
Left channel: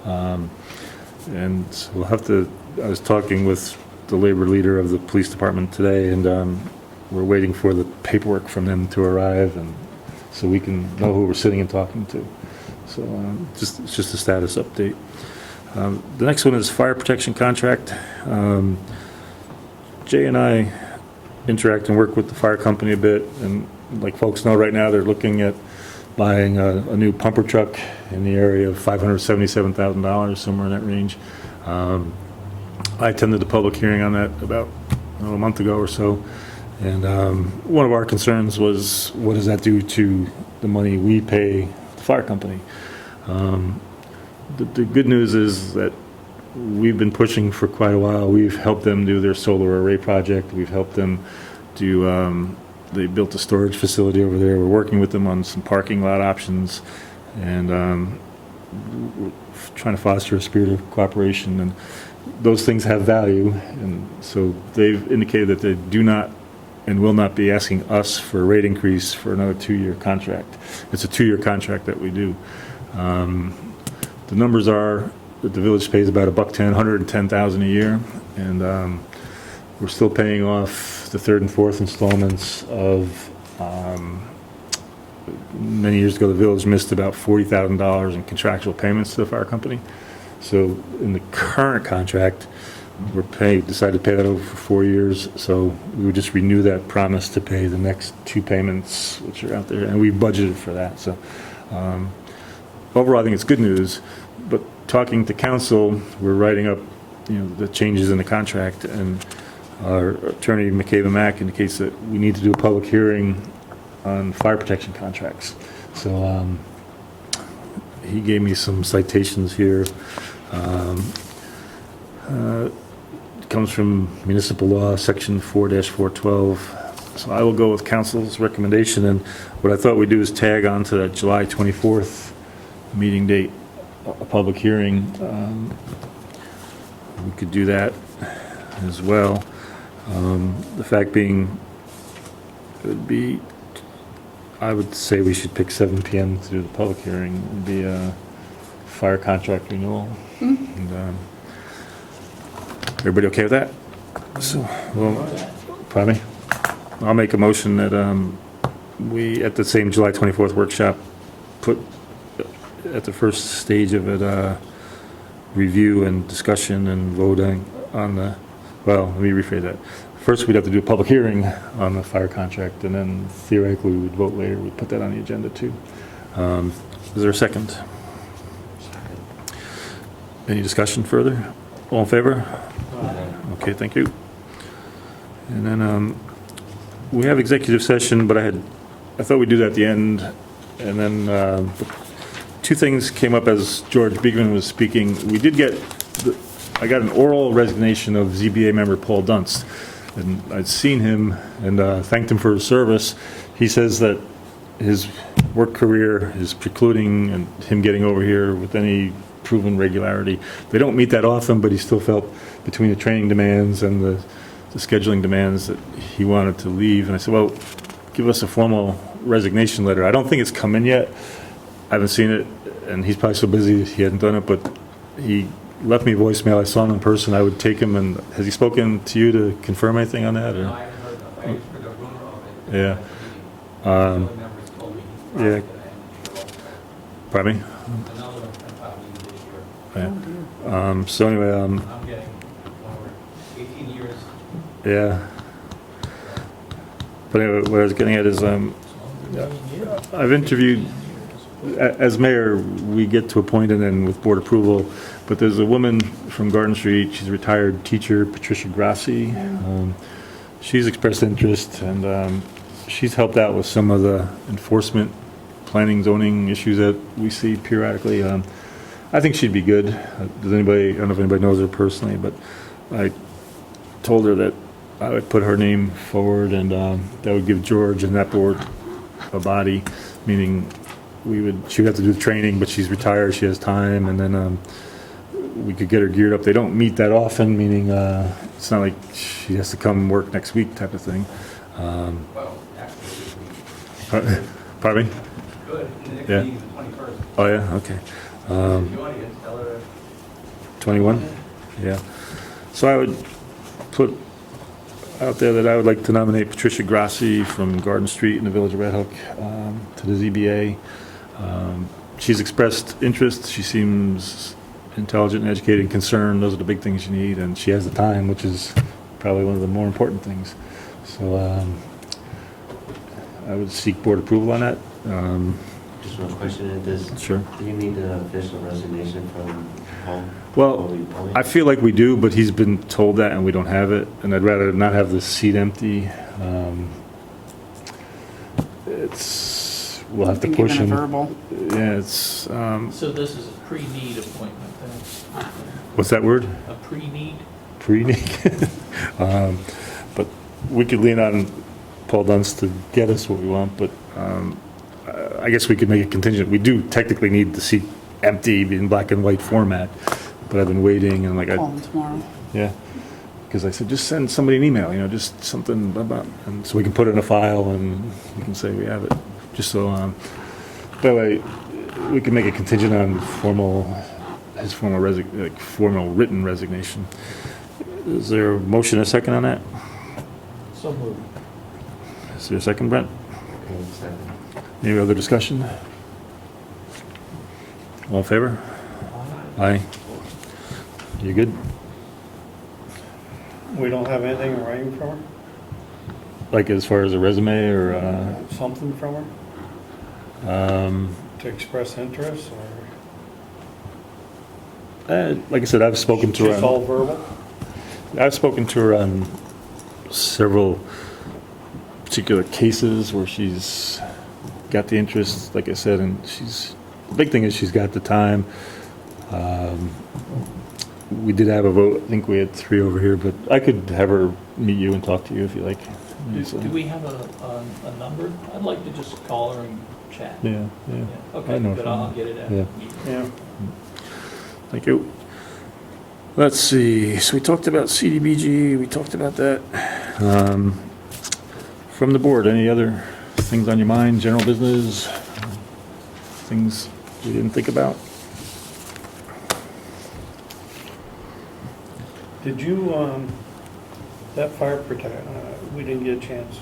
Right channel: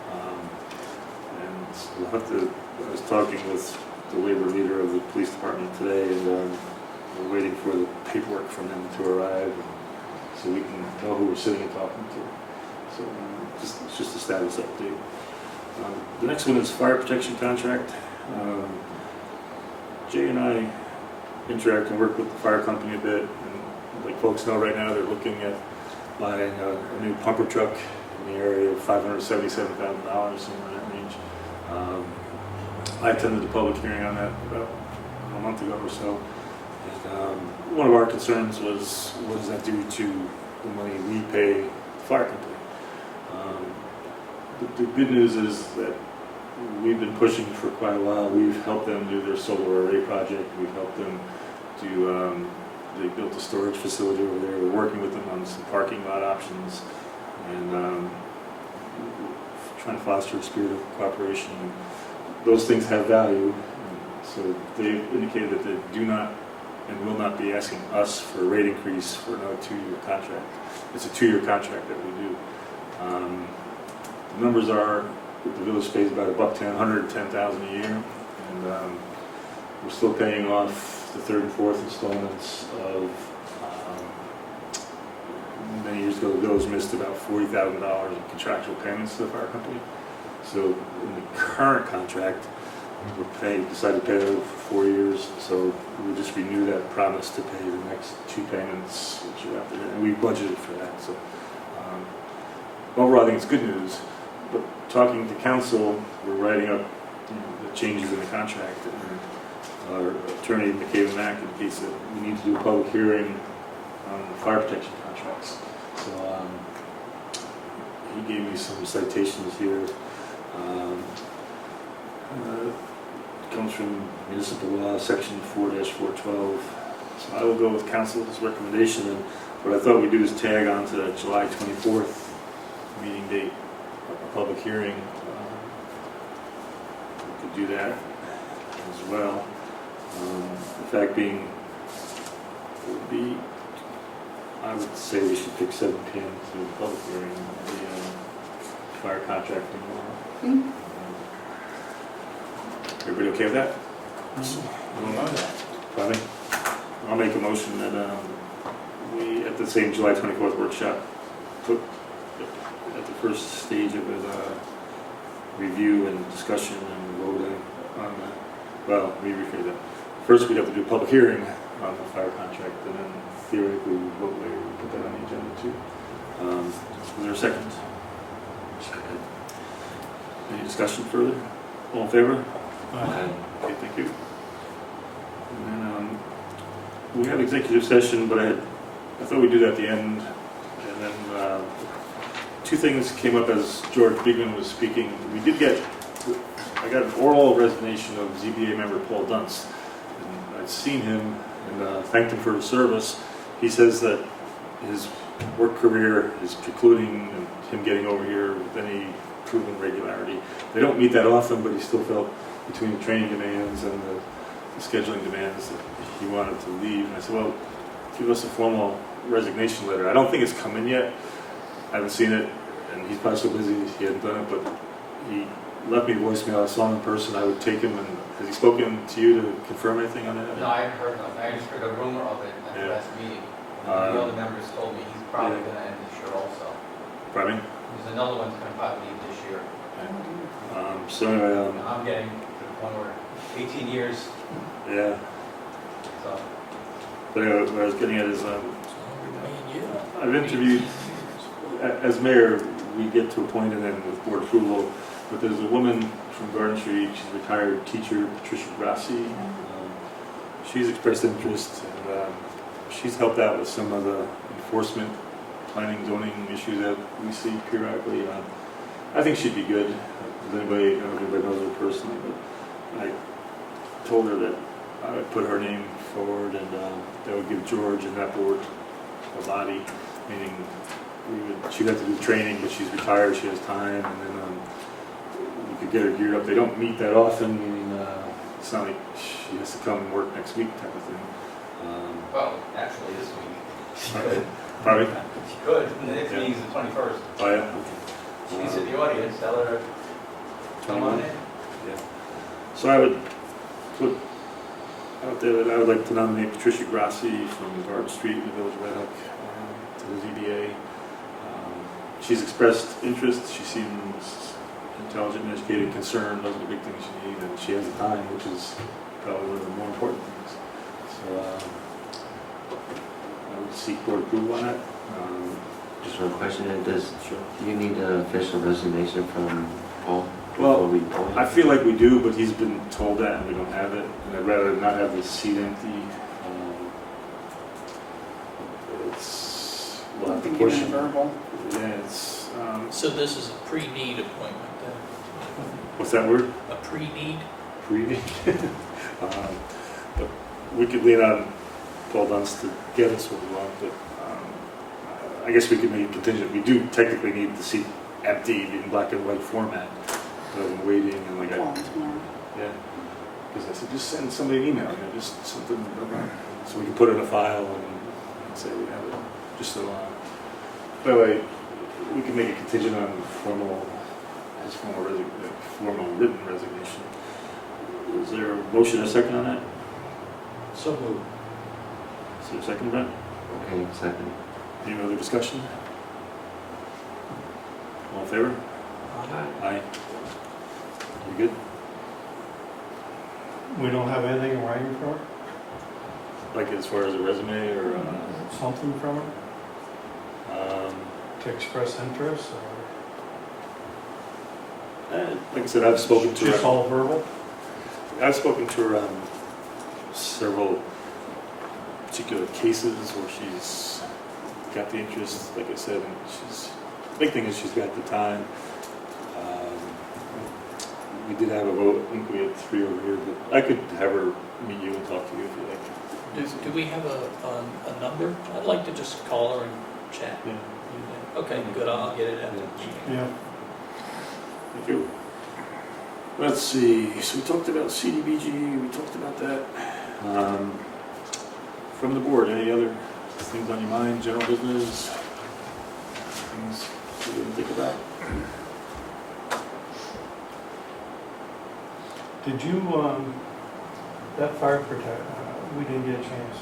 And so we'll have to, I was talking with the labor leader of the police department today, and we're waiting for the paperwork from them to arrive, and so we can know who we're sitting and talking to. So it's just a status update. The next one is fire protection contract. Jay and I interact and work with the fire company a bit, and like folks know right now, they're looking at buying a new pumper truck in the area of $577,000, somewhere in that range. I attended the public hearing on that about a month ago or so, and one of our concerns was, what does that do to the money we pay the fire company? The good news is that we've been pushing for quite a while. We've helped them do their solar array project. We've helped them do, they built a storage facility over there. We're working with them on some parking lot options, and we're trying to foster a spirit of cooperation. And those things have value, and so they've indicated that they do not and will not be asking us for a rate increase for another 2-year contract. It's a 2-year contract that we do. The numbers are that the village pays about $110, $110,000 a year, and we're still paying off the 3rd and 4th installments of, many years ago the village missed about $40,000 in contractual payments to the fire company. So in the current contract, decided to pay that over for 4 years, so we would just renew that promise to pay the next 2 payments, which are out there, and we budgeted for that. So overall, I think it's good news. But talking to council, we're writing up, the changes in the contract, and our attorney, Michaela Mack, indicates that we need to do a public hearing on fire protection contracts. So he gave me some citations here. It comes from Municipal Law, Section 4-412. So I will go with council's recommendation, and what I thought we'd do is tag on to that July 24th meeting date, a public hearing. We could do that as well. The fact being, it would be, I would say we should pick 7 p.m. to do the public hearing. It would be a fire contract renewal. And, everybody okay with that? So, pardon me? I'll make a motion that we, at the same July 24th workshop, put at the first stage of it, review and discussion and voting on the, well, let me rephrase that. First, we'd have to do a public hearing on the fire contract, and then theoretically we'd vote later. We'd put that on the agenda too. Is there a second? Any discussion further? All in favor? Okay, thank you. And then we have executive session, but I thought we'd do that at the end. And then 2 things came up as George Beekman was speaking. We did get, I got an oral resignation of ZBA member Paul Dunst. And I'd seen him and thanked him for his service. He says that his work career is precluding him getting over here with any proven regularity. They don't meet that often, but he still felt between the training demands and the scheduling demands that he wanted to leave. And I said, well, give us a formal resignation letter. I don't think it's come in yet. I haven't seen it, and he's probably so busy he hadn't done it, but he left me voicemail. I saw him in person. I would take him. And has he spoken to you to confirm anything on that? No, I heard a rumor of it at the Yeah. last meeting. The other members told me he's probably yeah. going to end this year also. Pardon me? There's another one's going to probably leave this year. So anyway, I'm getting one over 18 years. yeah. But anyway, what I was getting at is I've interviewed, as mayor, we get to a point and then with board approval, but there's a woman from Garden Street, she's a retired teacher, Patricia Grassi. She's expressed interest, and she's helped out with some of the enforcement, planning, zoning issues that we see periodically. I think she'd be good. Does anybody, I don't know if anybody knows her personally, but I told her that I would put her name forward, and that would give George and that board a body, meaning she would have to do training, but she's retired, she has time, and then we could get her geared up. They don't meet that often, meaning it's not like she has to come work next week type of thing. Well, actually, this week. Pardon me? If you could, if Yeah. it needs the 21st. Oh, yeah, okay. She's in the audience, tell her. 21? Yeah. So I would put out there that I would like to nominate Patricia Grassi from Garden Street in the Village of Red Hook to the ZBA. She's expressed interest. She seems intelligent and educated and concerned. Those are the big things you need, and she has the time, which is probably one of the more important things. So I would seek board approval on that. Just one question, Sure. do you need an official resignation from Paul? Well, I feel like we do, but he's been told that and we don't have it, and I'd rather not have the seat empty. We'll have to Been push given a him. verbal. Yeah, it's, So this is a pre-need appointment then? what's that word? A pre-need? Pre-need. But we could lean on Paul Dunst to get us what we want, but I guess we could make it contingent. We do technically need the seat empty in black and white format, but I've been waiting and Call him tomorrow. yeah, because I said just send somebody an email, just something about, and so we can put it in a file and we can say we have it, just so that way we can make it contingent on his formal written resignation. Is there a motion and a second on that? So moved. Is there a second, Brent? Okay, second. Any other discussion? All in favor? Aye. You good? We don't have anything in writing from her? Like as far as a resume or, Something from her to express interest, or? like I said, I've spoken to Just her. all verbal? I've spoken to her on several particular cases where she's got the interest, like I said, and the big thing is she's got the time. We did have a vote. I think we had 3 over here, but I could have her meet you and talk to you if you like. Do we have a number? I'd like to just call her and chat. Yeah, Yeah. Okay, I know. good, I'll get it out. Yeah. Yeah. thank you. Let's see, so we talked about CDBG, we talked about that. From the board, any other things on your mind, general business, things we didn't think about? Did you, that fire protect, we didn't get a chance.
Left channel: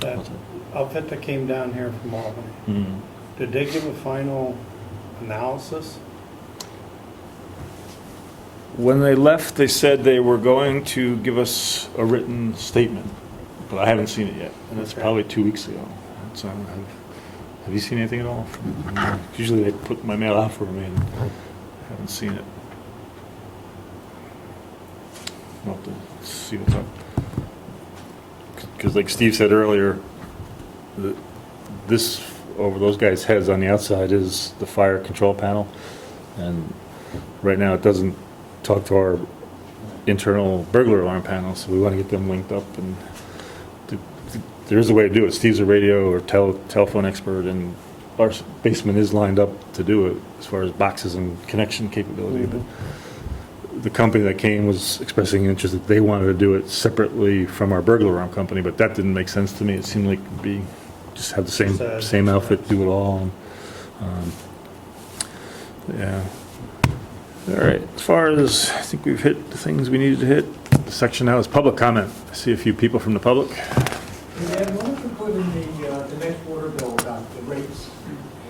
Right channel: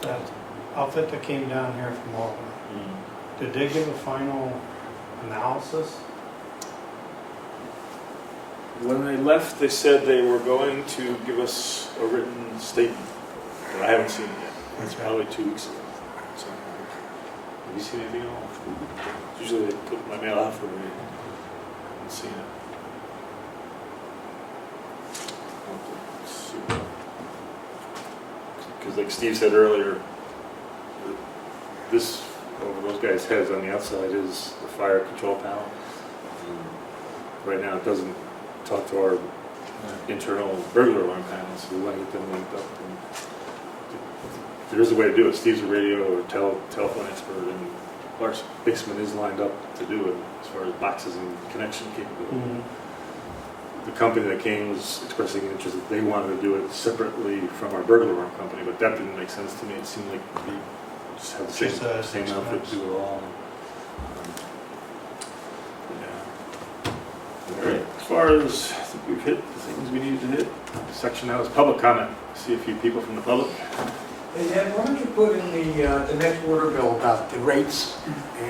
That outfit that came down here from Albany, did they give a final analysis? When they left, they said they were going to give us a written statement, but I haven't seen it yet, and that's probably 2 weeks ago. So, have you seen anything at all? Usually they put my mail out for me, and I haven't seen it. We'll have to see what's up. Because like Steve said earlier, this, over those guys' heads on the outside, is the fire control panel, and right now it doesn't talk to our internal burglar alarm panel, so we want to get them linked up. And there is a way to do it. Steve's a radio or telephone expert, and our basement is lined up to do it as far as boxes and connection capability. But the company that came was expressing interest that they wanted to do it separately from our burglar alarm company, but that didn't make sense to me. It seemed like it'd be just have the same outfit, do it all. And, yeah. All right, as far as, I think we've hit the things we needed to hit. The section now is public comment. I see a few people from the public. Hey, Ed, why don't you put in the next order bill about the rates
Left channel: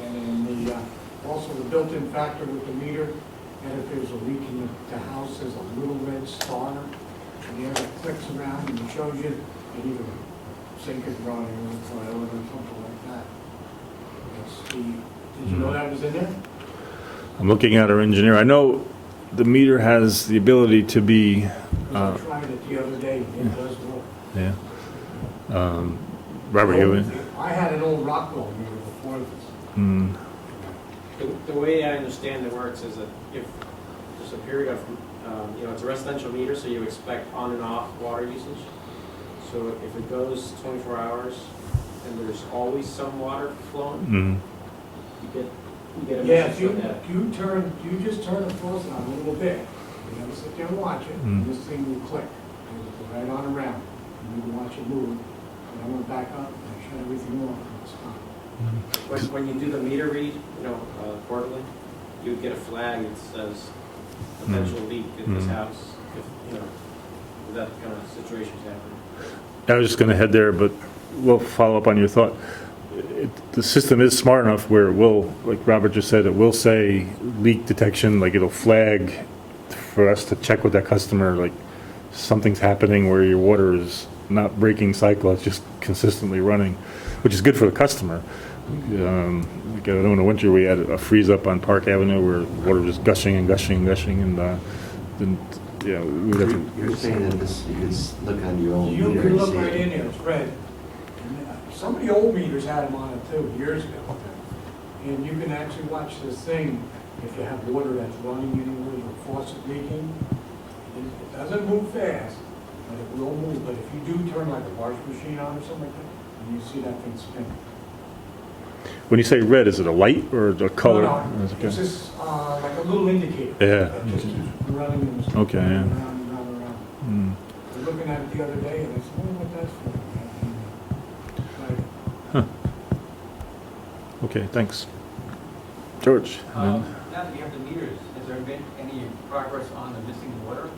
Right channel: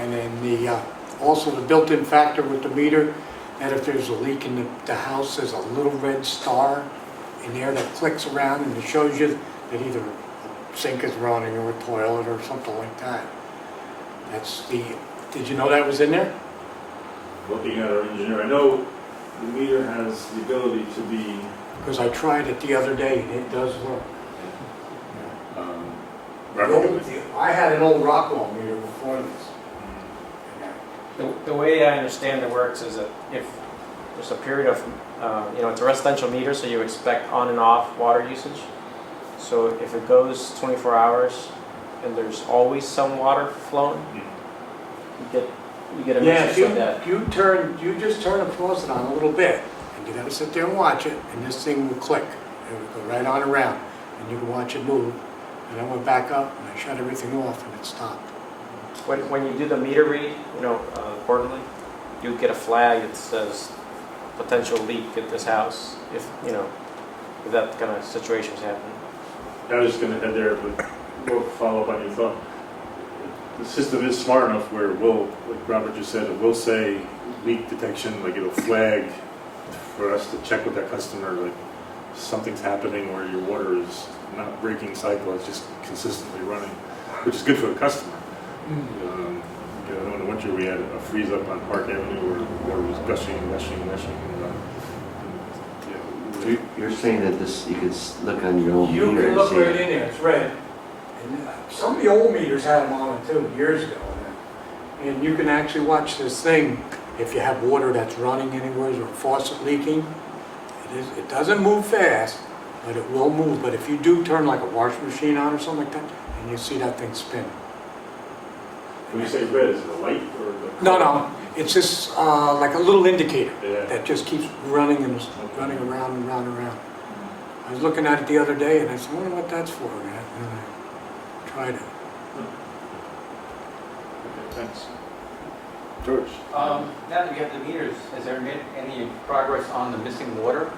and then also the built-in factor with the meter, and if there's a leak in the house, there's a little red star in there that clicks around and it shows you that either a sink is running or a toilet or something like that. Did you know that was in there? I'm looking at our engineer. I know the meter has the ability to be. Because I tried it the other day, and it does work. Yeah. Robert, you have it? I had an old Rockwell meter before this. The way I understand it works is that if there's a period of, it's a residential meter, so you expect on and off water usage. So if it goes 24 hours and there's always some water flowing, you get a message of that. You just turn the faucet on a little bit. You gotta sit there and watch it, and this thing will click. It would go right on around, and you can watch it move. And I went back up, and I shut everything off, and it stopped. When you do the meter read, quarterly, you get a flag that says potential leak at this house, if that kind of situations happen. I was just going to head there, but we'll follow up on your thought. The system is smart enough where it will, like Robert just said, it will say leak detection, like it'll flag for us to check with that customer, like something's happening where your water is not breaking cycle, it's just consistently running, which is good for the customer. Like, I know in the winter we had a freeze up on Park Avenue where the water was gushing and gushing and gushing, and yeah, we'd have to, You're saying that this, you could look on your own You meter can and look see. right in there, it's red. And some of the old meters had them on it too, years ago. And you can actually watch this thing if you have water that's running anywhere or a faucet leaking. It doesn't move fast, but it will move. But if you do turn like a washing machine on or something like that, and you see that thing spin. when you say red, is it a light or a color? No, it's just like a little indicator Yeah. that just keeps running and Okay, running yeah. around and around and around. Mm. I was looking at it the other day and I said, I wonder what that's for, man. And I tried it. Okay, thanks. George? Now that you have the meters, has there been any progress on the missing water?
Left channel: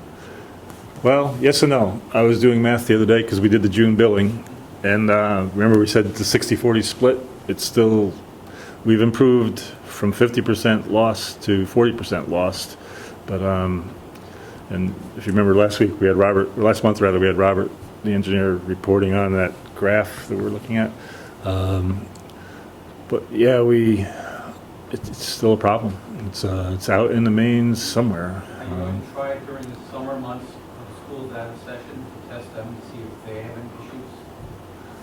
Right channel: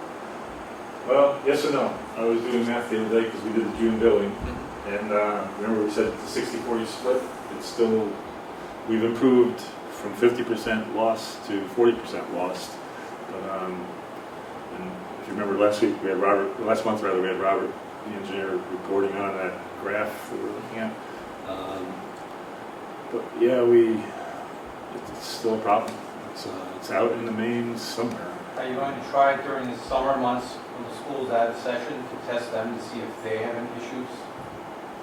Well, yes and no. I was doing math the other day because we did the June billing, and remember we said it's a 60-40 split. It's still, we've improved from 50% lost to 40% lost. But and if you remember last month we had Robert, the engineer, reporting on that graph that we're looking at. But yeah, it's still a problem. It's out in the mains somewhere. Are you going to try during the summer months when the school's out of session to test them to see if they have any issues?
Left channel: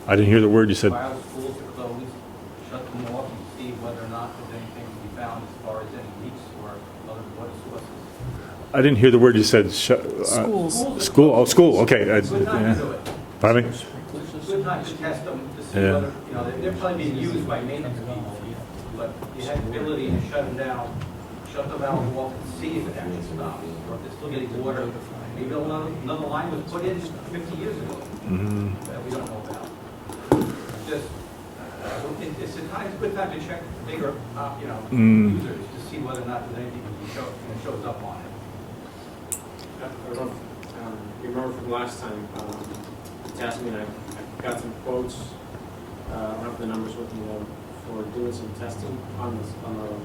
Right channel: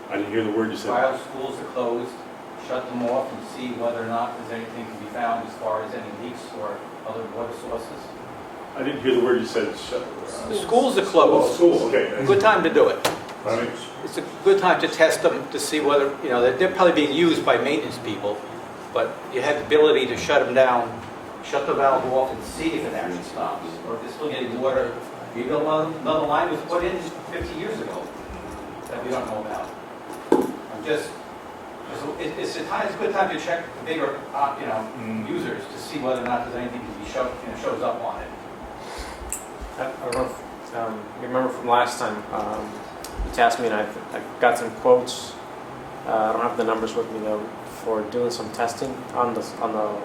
I didn't hear the word you said. While schools are closed, shut them off and see whether or not there's anything to be found as far as any leaks or other water sources. I didn't hear the word you said. Schools are School. Oh, closed. school. Okay. Good time to do it. Pardon me? It's a good time to test them to see Yeah. whether, they're probably being used by maintenance people, but you have the ability to shut them down, shut the valve off and see if it actually stops, or if it's still getting water. Maybe another line was put in 50 years ago Mhm. that we don't know about. Just, it's a good time to check bigger, users to see whether or not there's anything that shows up on it. I don't know if, you remember from last time, you tasked me and I got some quotes. I don't have the numbers with me now, for doing some testing on the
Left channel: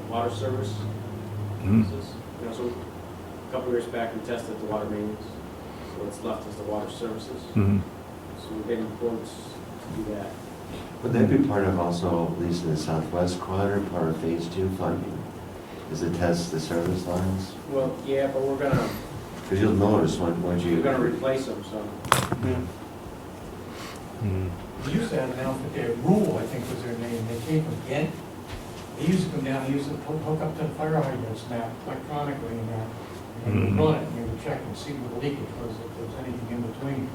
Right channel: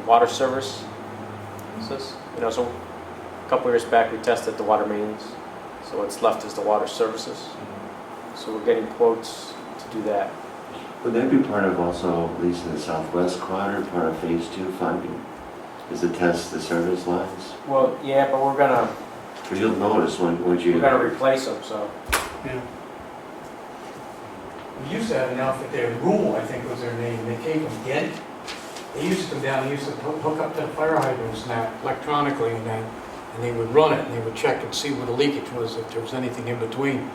water service. Mhm. So a couple years back we tested the water mains. So what's left is the water services. Mhm. So we're getting quotes to do that. Would that be part of also, at least in the southwest quadrant, part of phase 2 funding? Is to test the service lines? Well, yeah, but we're gonna Because you'll notice when replace them. So Mhm. We used to have an outfit there, Rule, I think was their name, they came from Ghent. They used to come down, they used to hook up the fire hydrants and that electronically and they would run it and they would check and see what the leakage was, if there was anything in between.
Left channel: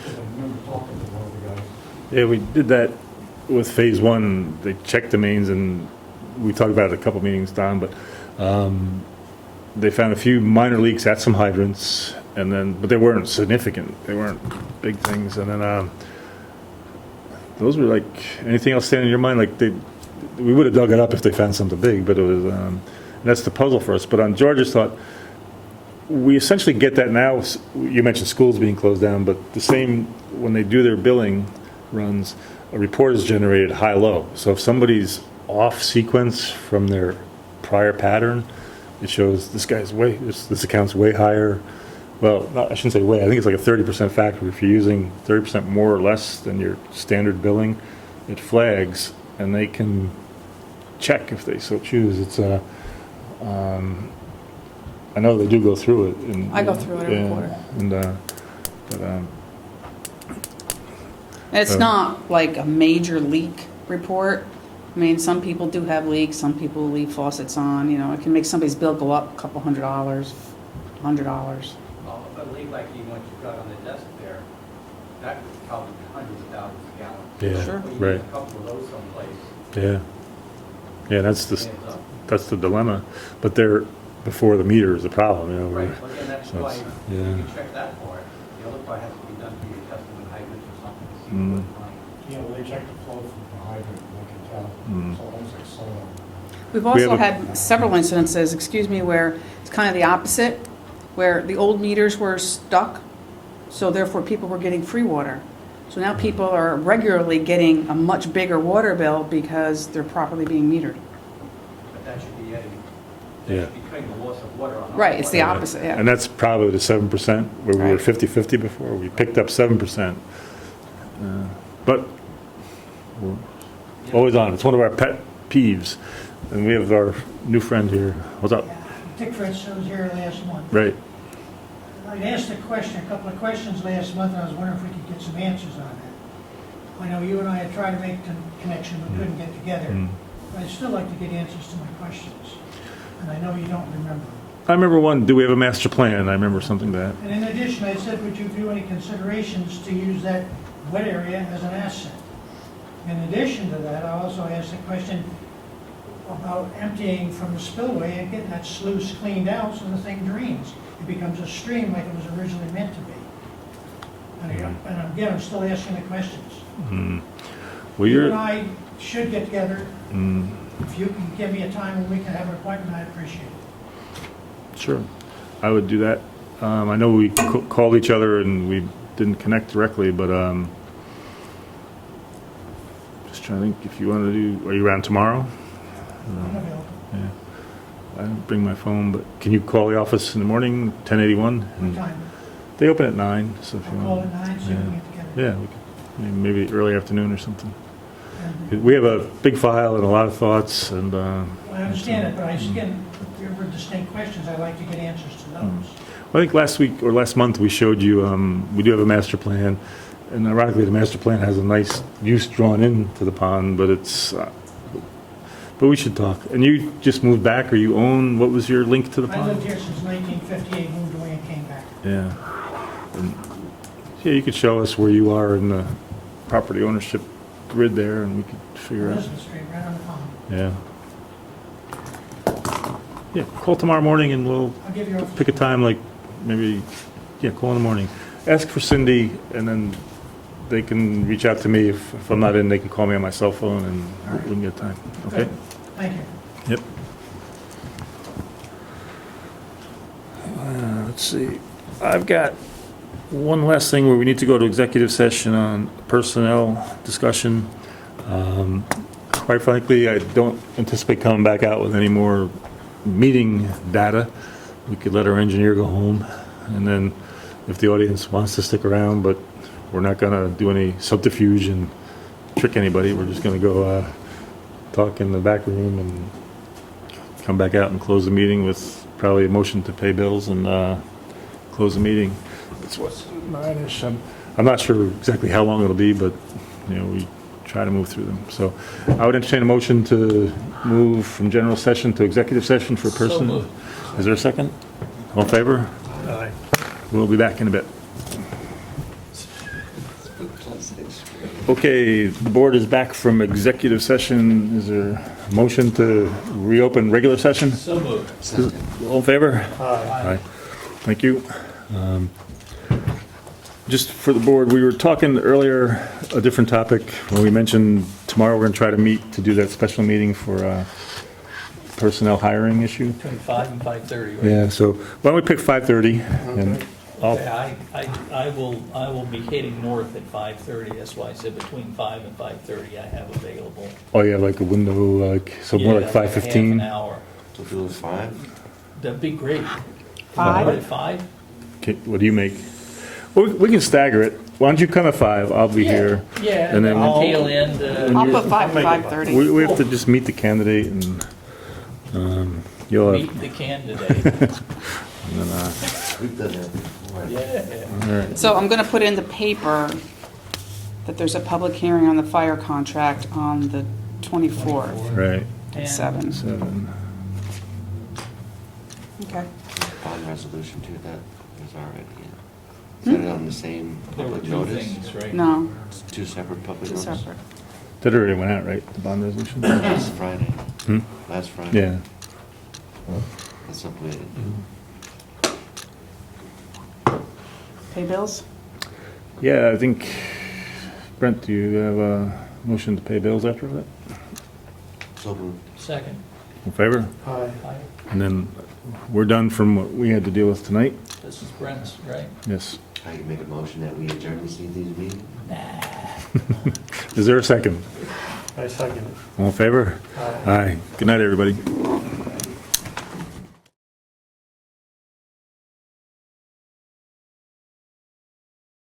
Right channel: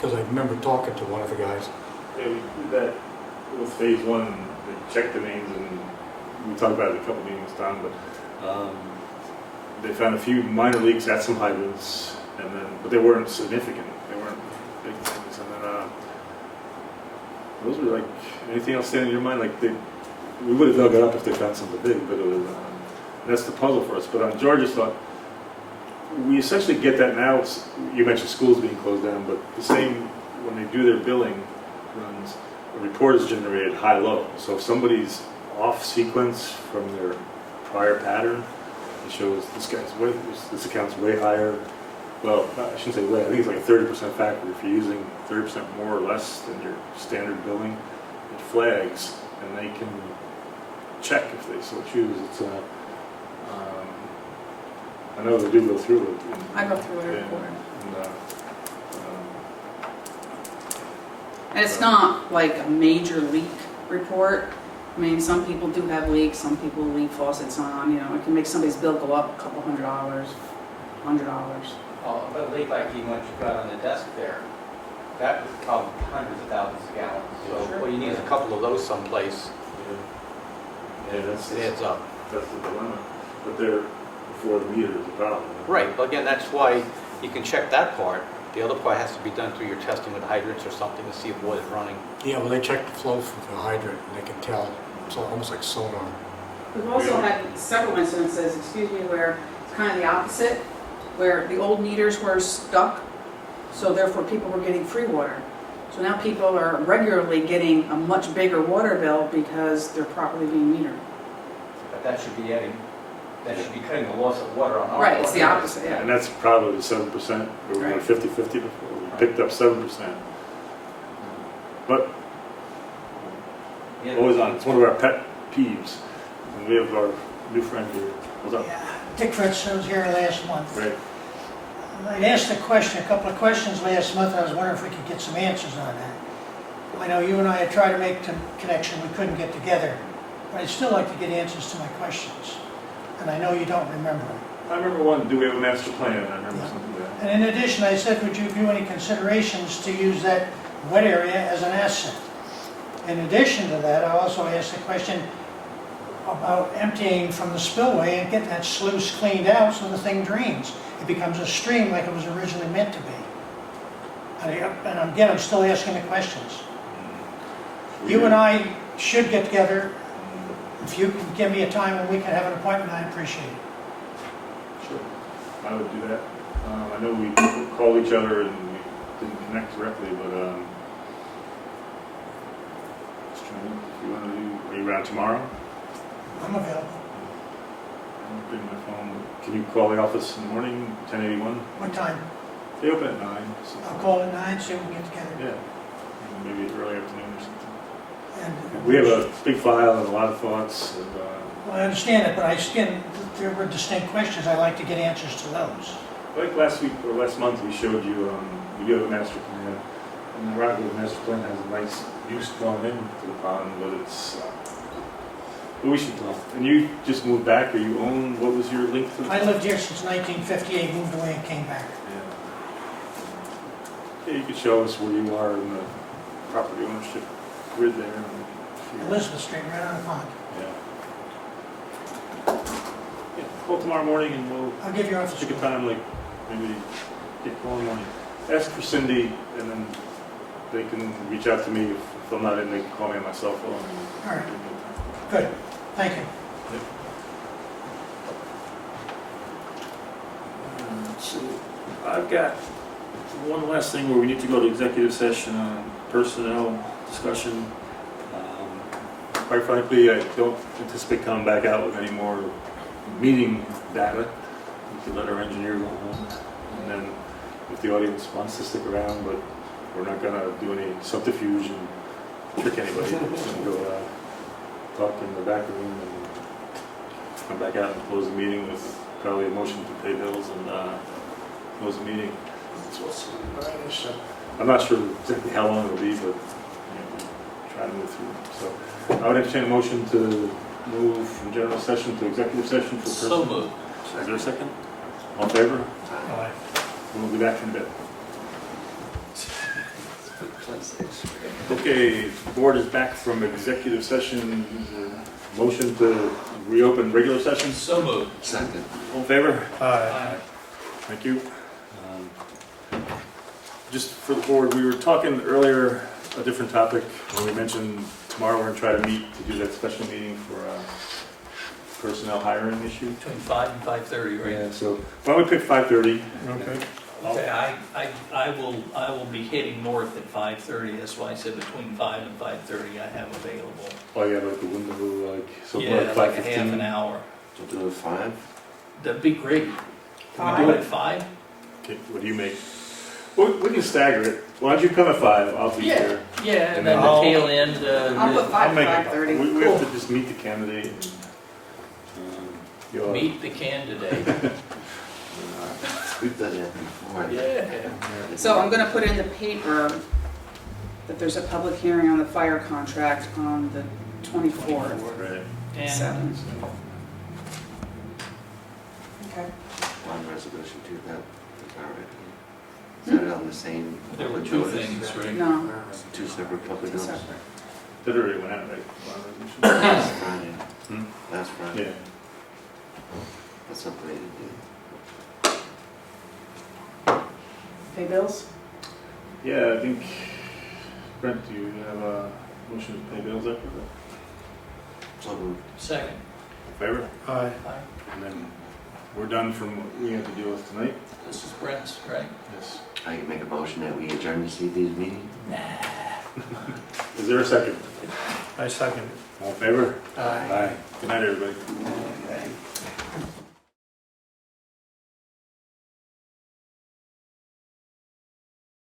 Because I remember talking to one of the guys. Yeah, we did that with phase 1. They checked the mains, and we talked about it a couple meetings, Don, but they found a few minor leaks at some hydrants, but they weren't significant. They weren't big things. And then those were like, anything else standing in your mind? Like we would have dug it up if they found something big, but it was, and that's the puzzle for us. But on George's thought, we essentially get that now. You mentioned schools being closed down, but the same when they do their billing runs, a report is generated high-low. So if somebody's off sequence from their prior pattern, it shows this account's way higher. Well, I shouldn't say way. I think it's like a 30% factor. If you're using 30% more or less than your standard billing, it flags, and they can check if they so choose. It's I know they do go through it. And, I go through it every quarter. And it's not like a major leak report. I mean, some people do have leaks, some people leave faucets on, it can make somebody's bill go up a couple $100, $100. Well, a leak like you got on the desk there, that was probably hundreds of thousands of gallons. Yeah, So, well, you need a couple of those someplace. Yeah, that's Heads up. the dilemma. But they're before the meter is a problem. Right, well, again, that's why you Yeah. can check that part The other part has to be done through your testing with hydrants or something to see if water's running. Yeah, well, they check the flow from the hydrant, and they can tell, it's almost like sonar. We've also have a- had several incidences, excuse me, where it's kind of the opposite, where the old meters were stuck, so therefore people were getting free water. So now people are regularly getting a much bigger water bill because they're properly being metered. But that should be adding, Yeah. that should be cutting the loss of water on our. Right, it's the part. opposite, yeah. And that's probably the 7%, where we were Right. 50/50 before. We picked up 7%. But Yeah. we're always on. It's one of our pet peeves. And we have our new friend here. What's up? Yeah, Dick Fritz, I was here last month. Right. I'd asked a couple of questions last month, and I was wondering if we could get some answers on that. I know you and I had tried to make the connection, we couldn't get together. But I'd still like to get answers to my questions, and I know you don't remember them. I remember one, do we have a master plan? I remember something to that. And in addition, I said, would you do any considerations to use that wet area as an asset? In addition to that, I also asked a question about emptying from the spillway and getting that sluice cleaned out so the thing drains. It becomes a stream like it was originally meant to be. And again, I'm still asking the questions. Well, You you're- and I should get together. Mm, If you can give me a time when we can have an appointment, I'd appreciate it. Sure. I would do that. I know we called each other and we didn't connect directly, but just trying to think if you want to do, are you around tomorrow? I'm available. I didn't bring my phone, but can you call the office in the morning, 1081? What time? They open at 9. So I'll call at 9, see if we can get together. Yeah, maybe early afternoon or something. And- We have a big file and a lot of thoughts, and Well, I understand it, but again, there were distinct questions. I'd like to get answers to those. I think last week or last month we showed you, we do have a master plan, and ironically the master plan has a nice use drawn into the pond, but it's, but we should talk. And you just moved back, or you own, what was your link to the I pond? lived here since 1958, moved away and came back. Yeah. And, yeah, you could show us where you are in the property ownership grid there, and we could figure out. Elizabeth Street, right on the pond. Yeah. Yeah, call tomorrow morning and we'll I'll give you office. pick a time, like maybe, yeah, call in the morning. Ask for Cindy, and then they can reach out to me. If I'm not in, they can call me on my cell phone, and All right. we can get time. Good, Okay? thank you. Let's see. I've got one last thing where we need to go to executive session on personnel discussion. Quite frankly, I don't anticipate coming back out with any more meeting data. We could let our engineer go home, and then if the audience wants to stick around, but we're not gonna do any subterfuge and trick anybody. We're just gonna go talk in the back room and come back out and close the meeting with probably a motion to pay bills and close the meeting. It's what's 9-ish. I'm not sure exactly how long it'll be, but you know, we try to move through them. So I would entertain a motion to move from general session to executive session for So personnel. moved. Is there a second? All in favor? We'll be back in a bit. Okay, the board is back from executive session. Is there a motion to reopen regular session? So moved. All in favor? Aye. Thank you. Just for the board, we were talking earlier, a different topic, when we mentioned tomorrow we're going to try to meet to do that special meeting for personnel hiring issue. Between 5 and 5:30, right? Yeah, so why don't we pick 5:30? and I'll- Okay, I will be heading north at 5:30, that's why I said between 5 and 5:30 I have available. Oh, yeah, like a window, like, so more like Yeah, like a half 5:15? an hour. So if it was 5? That'd be great. Five? Do it at 5? Okay, what do you make? Well, we can stagger it. Why don't you come at 5? I'll be here. Yeah, And and then then the I'll- tail end, I'll put 5 to make it 5:30. We have to just meet the candidate and you'll have. meet the candidate. and then, We've done that before. Yeah. all right. So I'm gonna put in the paper that there's a public hearing on the fire contract on the 24th Right. at And 7. 7. Okay. Bond resolution too, that was already, is that on the same There were public two notice? things, right? No, It's 2 separate public two notices? separate. That already went out, right? The bond resolution? Last Friday. Hmm? Last Friday. Yeah. That's something they didn't do. Pay bills? Yeah, I think, Brent, do you have a motion to pay bills after that? So moved. Second. In favor? Aye. And then we're done from what we had to deal with tonight? This is Brent's, right? Yes. I can make a motion that we adjourn this evening's meeting. Is there a second? I second. All in favor? Aye. Aye. Good night, everybody.